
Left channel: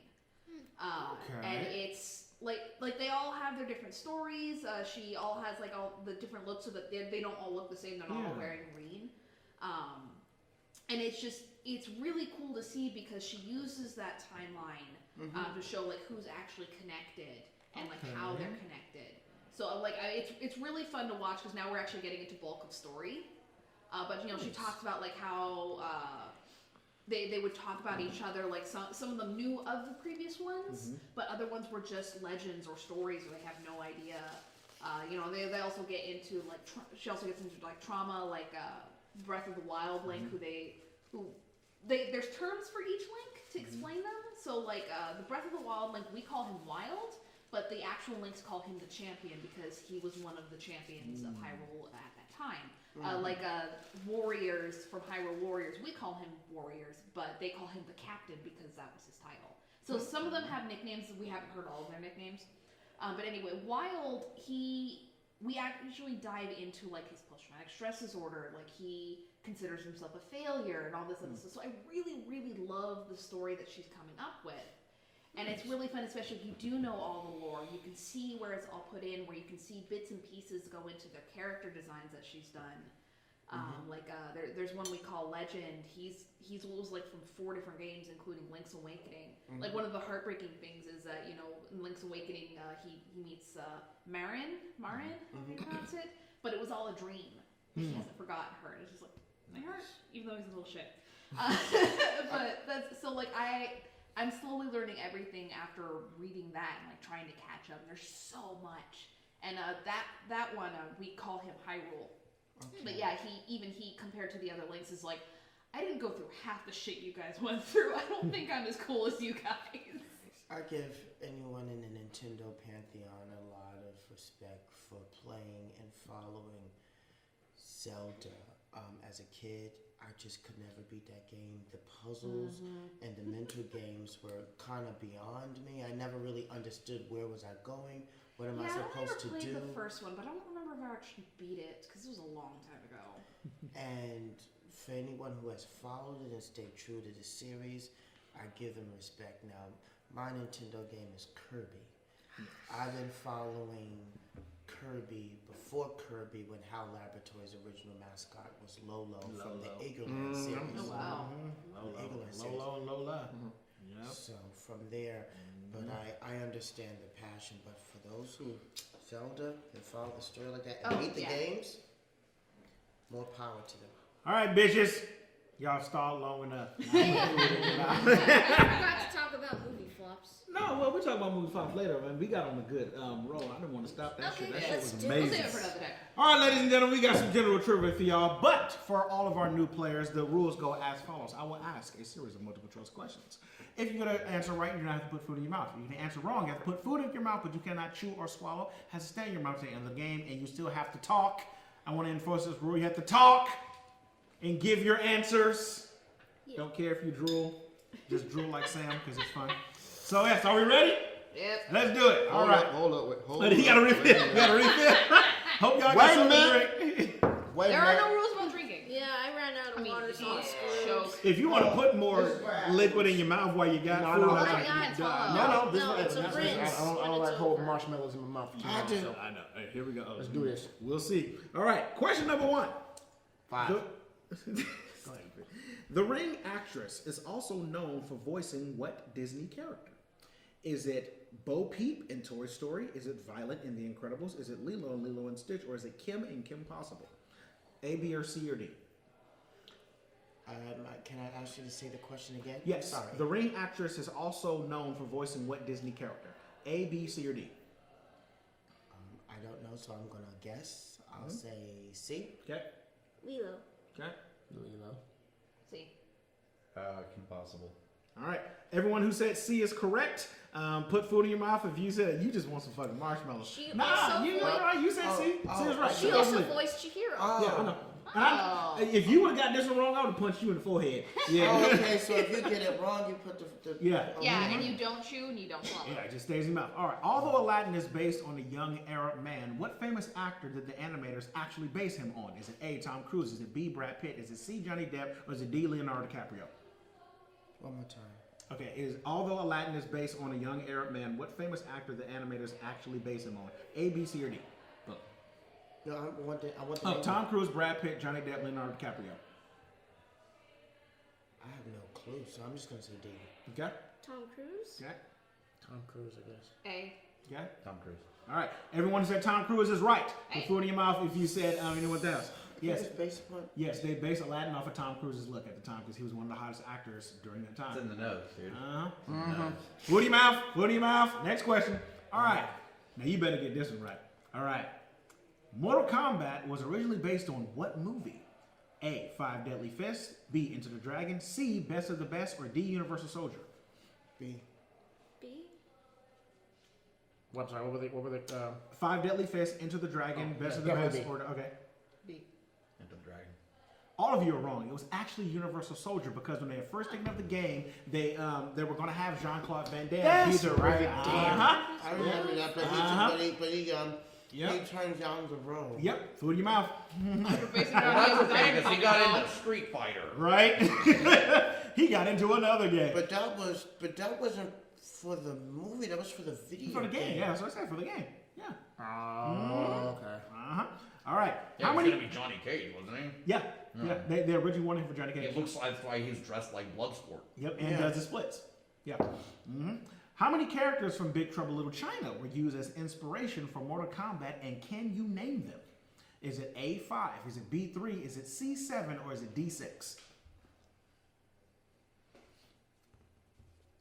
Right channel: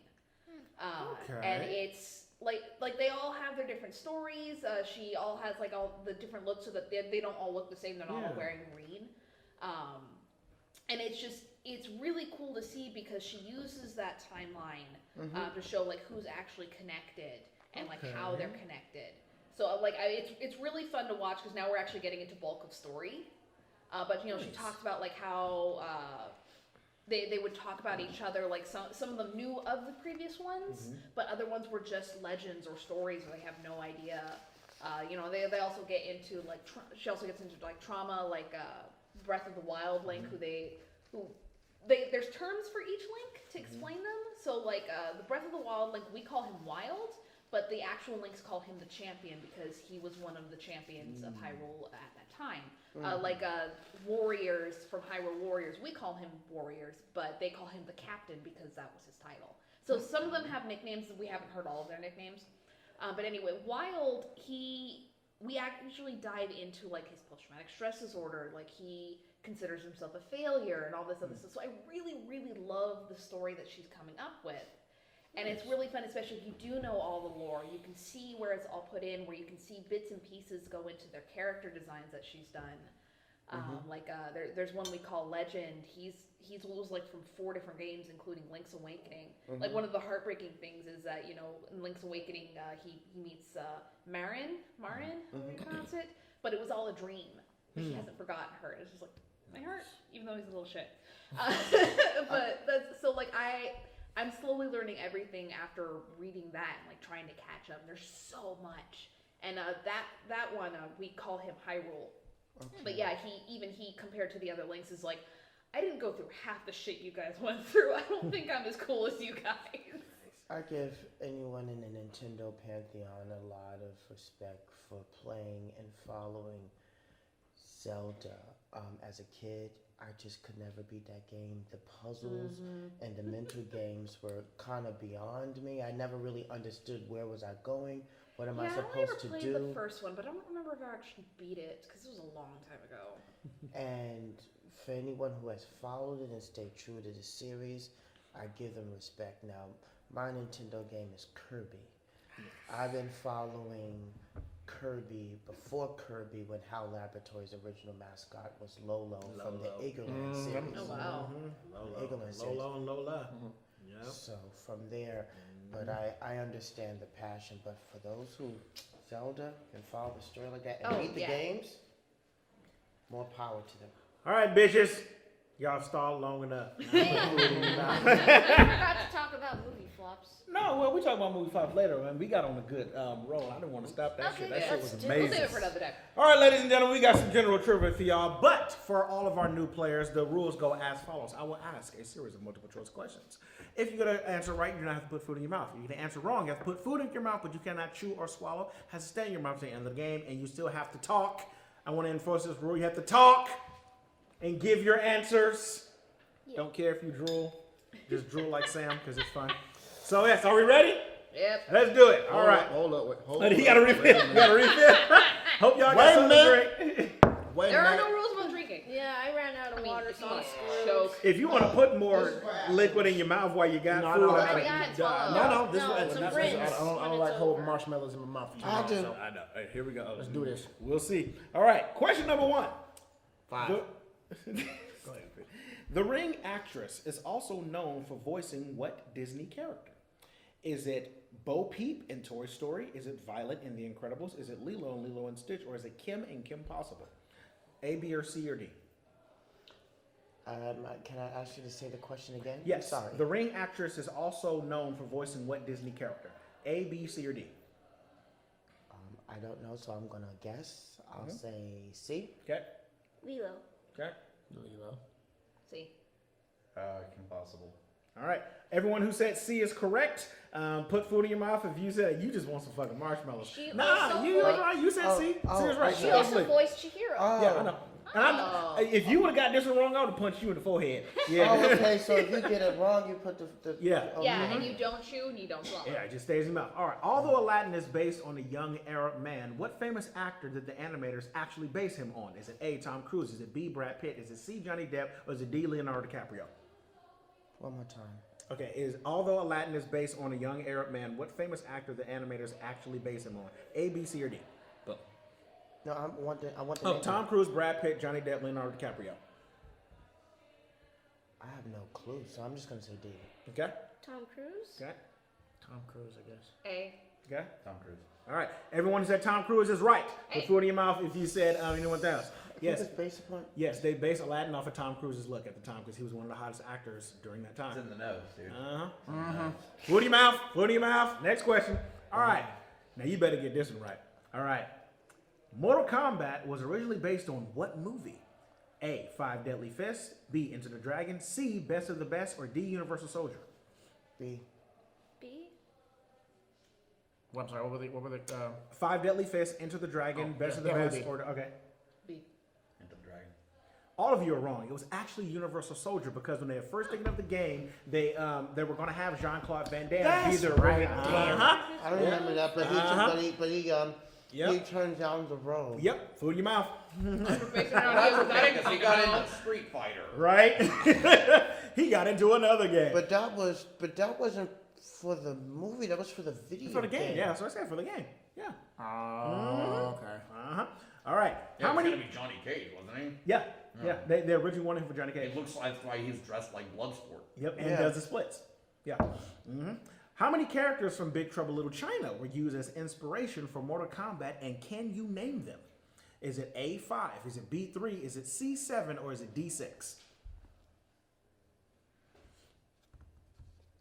And it's like they all have their different stories. She all has like all the different looks so that they don't all look the same. They're not all wearing green. And it's really cool to see because she uses that timeline to show like who's actually connected and like how they're connected. So like it's really fun to watch because now we're actually getting into bulk of story. But you know, she talks about like how they would talk about each other, like some of them knew of the previous ones, but other ones were just legends or stories where they have no idea. You know, they also get into like she also gets into like trauma, like Breath of the Wild Link, there's terms for each link to explain them. So like the Breath of the Wild Link, we call him Wild, but the actual links call him the champion because he was one of the champions of Hyrule at that time. Warriors from Hyrule Warriors, we call him Warriors, but they call him the captain because that was his title. So some of them have nicknames. We haven't heard all of their nicknames. But anyway, Wild, we actually dive into like his post-traumatic stress disorder. Like he considers himself a failure and all this other stuff. So I really, really love the story that she's coming up with. And it's really fun, especially if you do know all the lore. You can see where it's all put in, where you can see bits and pieces go into their character designs that she's done. There's one we call Legend. He's was like from 4 different games, including Link's Awakening. Like one of the heartbreaking things is that in Link's Awakening he meets Marin, how do you pronounce it? But it was all a dream. He hasn't forgotten her. It's just like my heart, even though he's a little shit. But that's so like I'm slowly learning everything after reading that and like trying to catch up. There's so much, and that one we call him Hyrule. Okay. But yeah, he compared to the other links is like, I didn't go through half the shit you guys went through. I don't think I'm as cool as you guys. I give anyone in the Nintendo pantheon a lot of respect for playing and following Zelda. As a kid, I just could never beat that game. The puzzles and the mental games were kind of beyond me. I never really understood where was I going. What am I supposed to do? I never played the first one, but I don't remember if I actually beat it because it was a long time ago. And for anyone who has followed it and stayed true to the series, I give them respect. Now, my Nintendo game is Kirby. I've been following Kirby before Kirby when HAL Laboratories' original mascot was Lolo from the EGRT series. Oh wow. The EGRT series. Lolo and Lola. Yeah. So from there, but I understand the passion. But for those who Zelda and follow the story like that and beat the games, more power to them. All right, bitches. Y'all stalled long enough. We have to talk about movie flops. No, well, we're talking about movie flops later, man. We got on a good roll. I didn't want to stop that shit. That shit was amazing. We'll save it for another day. All right, ladies and gentlemen, we got some general trivia for y'all. But for all of our new players, the rules go as follows. I will ask a series of multiple choice questions. If you get an answer right, you don't have to put food in your mouth. If you get an answer wrong, you have to put food in your mouth, but you cannot chew or swallow. It has to stay in your mouth to the end of the game, and you still have to talk. I want to enforce this rule. You have to talk and give your answers. Don't care if you drool. Just drool like Sam, because it's fun. So, yes, are we ready? Yep. Let's do it. All right. Hold up. You got to refill. You got to refill. Hope y'all got something to drink. There are no rules about drinking. Yeah, I ran out of water, if so you I want to screwed. choke. If you want to put more liquid in your mouth while you got food, no, I no, think yeah, you it's can die. hollow. No, this No, is it's a that's rinse I don't when like it's holding over. marshmallows in my mouth. For too I long, do. so I know. Hey, here we go. let's do this. We'll see. All right. Question number 1. 5. Go ahead. The Ring actress is also known for voicing what Disney character? Is it Bo Peep in Toy Story? Is it Violet in The Incredibles? Is it Lilo in Lilo and Stitch? Or is it Kim in Kim Possible? A, B, or C, or D? Can I ask you to say the question again? Yes. Sorry. The Ring actress is also known for voicing what Disney character? A, B, C, or D? I don't know, so I'm gonna guess. I'll say C. Okay. Lilo. Okay. See. Kim Possible. All right. Everyone who said C is correct. Put food in your mouth. If you said you just want some fucking marshmallows. She Nah, also you said C. C is right. She also voiced Chihiro. Yeah, I know. If you would have got this one wrong, I would have punched you in the forehead. Yeah. Oh, okay, so if you get it wrong, you put the Yeah. Yeah, and you don't chew and you don't swallow. Yeah, it just stays in your mouth. All right. Although Aladdin is based on a young Arab man, what famous actor did the animators actually base him on? Is it A, Tom Cruise? Is it B, Brad Pitt? Is it C, Johnny Depp? Or is it D, Leonardo DiCaprio? One more time. Okay. Although Aladdin is based on a young Arab man, what famous actor the animators actually base him on? A, B, C, or D? Boom. No, I want the Oh, name. Tom Cruise, Brad Pitt, Johnny Depp, Leonardo DiCaprio. I have no clue, so I'm just gonna say D. Okay. Tom Cruise. Okay. Tom Cruise, I guess. A. Okay. Tom Cruise. All right. Everyone who said Tom Cruise is right. Hey. Put food in your mouth if you said, you know what that is. Yes. It's based upon. Yes, they based Aladdin off of Tom Cruise's look at the time because he was one of the hottest actors during that It's time. in the nose, dude. Food in your mouth. Food in your mouth. Next question. All right. Now you better get this one right. All right. Mortal Kombat was originally based on what movie? A, 5 Deadly Fists. B, Enter the Dragon. C, Best of the Best. Or D, Universal Soldier. B. B. What, I'm sorry, what were the 5 Deadly Fists, Enter the Dragon, Best of the definitely Best. B. Or okay. B. Enter the Dragon. All of you are wrong. It was actually Universal Soldier because when they were first taking up the game, they were going to have Jean-Claude Van Damme That's be the right. Uh-huh. I remember that, but he turned down the road. Yep. Food in your mouth. Basing it on his Because he got out. into Street Fighter. Right? He got into another game. But that wasn't for the movie. That was for the video. For the game, yeah. That's what I said. For the game, yeah. okay. Uh-huh. All right. Yeah, How it was many? gonna be Johnny Cage, wasn't he? Yeah, yeah. They originally wanted him for Johnny Cage. It looks like that's why he's dressed like Bloodsport. Yep, and Yeah. does the splits. Yeah. How many characters from Big Trouble Little China were used as inspiration for Mortal Kombat, and can you name them? Is it A5? Is it B3? Is it C7? Or is it D6?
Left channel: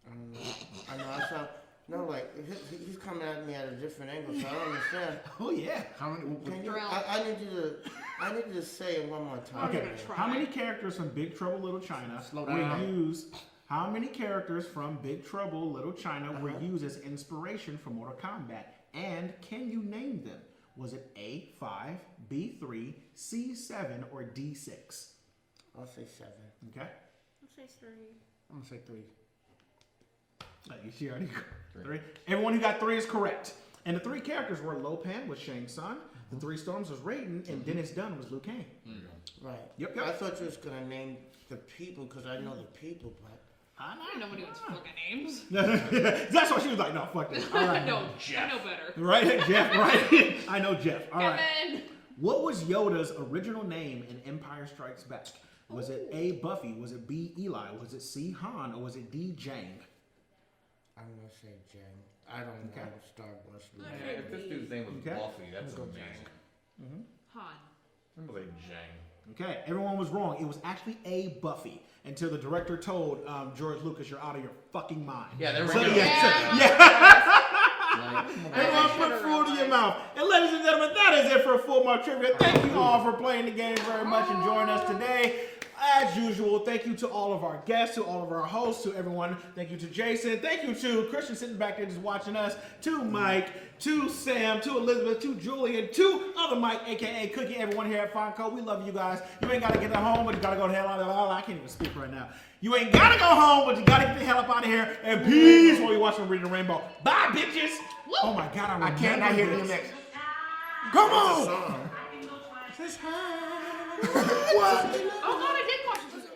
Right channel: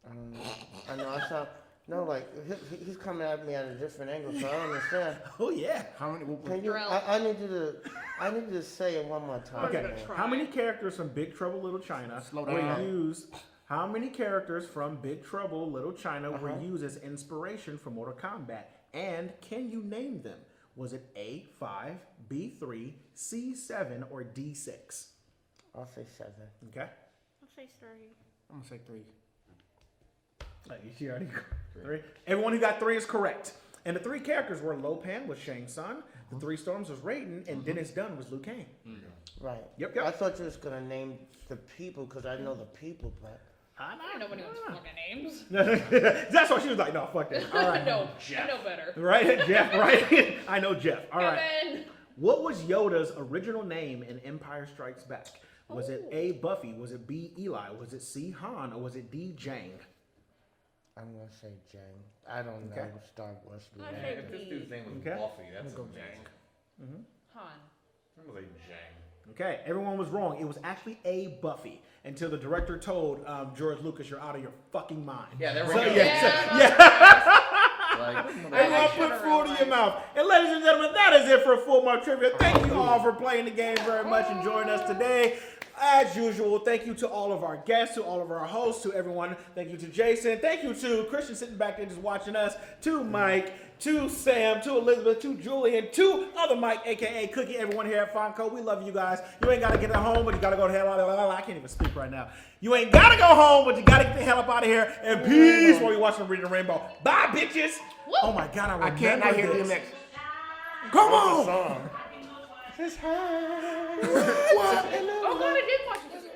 I know. I saw. No, like he's coming at me at a different angle, so I don't understand. Oh yeah. How many? Can you, Jarrell. I need you to say it one more time. Okay. gonna try. How many characters from Big Trouble Little China Slow were down. used? How many characters from Big Trouble Little China were used as inspiration for Mortal Kombat? And can you name them? Was it A5, B3, C7, or D6? I'll say 7. Okay. I'll say 3. I'm gonna say 3. You already got 3. Everyone who got 3 is correct. And the 3 characters were Lopan was Shang Tsung, the 3 Storms was Raiden, and Dennis Dunn was Liu Kang. Right. Yep. I thought you was gonna name the people because I know the people, but. I don't know anyone's fucking names. That's why she was like, no, fuck this. All right. No, Jeff. I know better. Right, Jeff, right? I know Jeff. All right. Kevin. What was Yoda's original name in Empire Strikes Back? Was it A, Buffy? Was it B, Eli? Was it C, Han? Or was it D, Jang? I'm gonna say Jang. I don't know what Star Wars means. Yeah, if this dude's name was Okay. Buffy, that's a Jang. Han. I'm gonna say Jang. Okay, everyone was wrong. It was actually A, Buffy. Until the director told George Lucas, you're out of your fucking mind. Yeah, they were So, gonna- Everyone put food in your mouth. And ladies and gentlemen, that is it for Full Mark Trivia. Thank you all for playing the game very much and joining us today. As usual, thank you to all of our guests, to all of our hosts, to everyone. Thank you to Jason. Thank you to Christian sitting back there just watching us, to Mike, to Sam, to Elizabeth, to Julian, to other Mike, aka Cookie, everyone here at Fonco. We love you guys. You ain't gotta get at home, but you gotta go to hell. I can't even speak right now. You ain't gotta go home, but you gotta get the hell up out of here. And peace while you watching Reading the Rainbow. Bye, bitches. Woo. Oh my God, I can't not hear this. DMX. Come on! Oh God, I did watch this.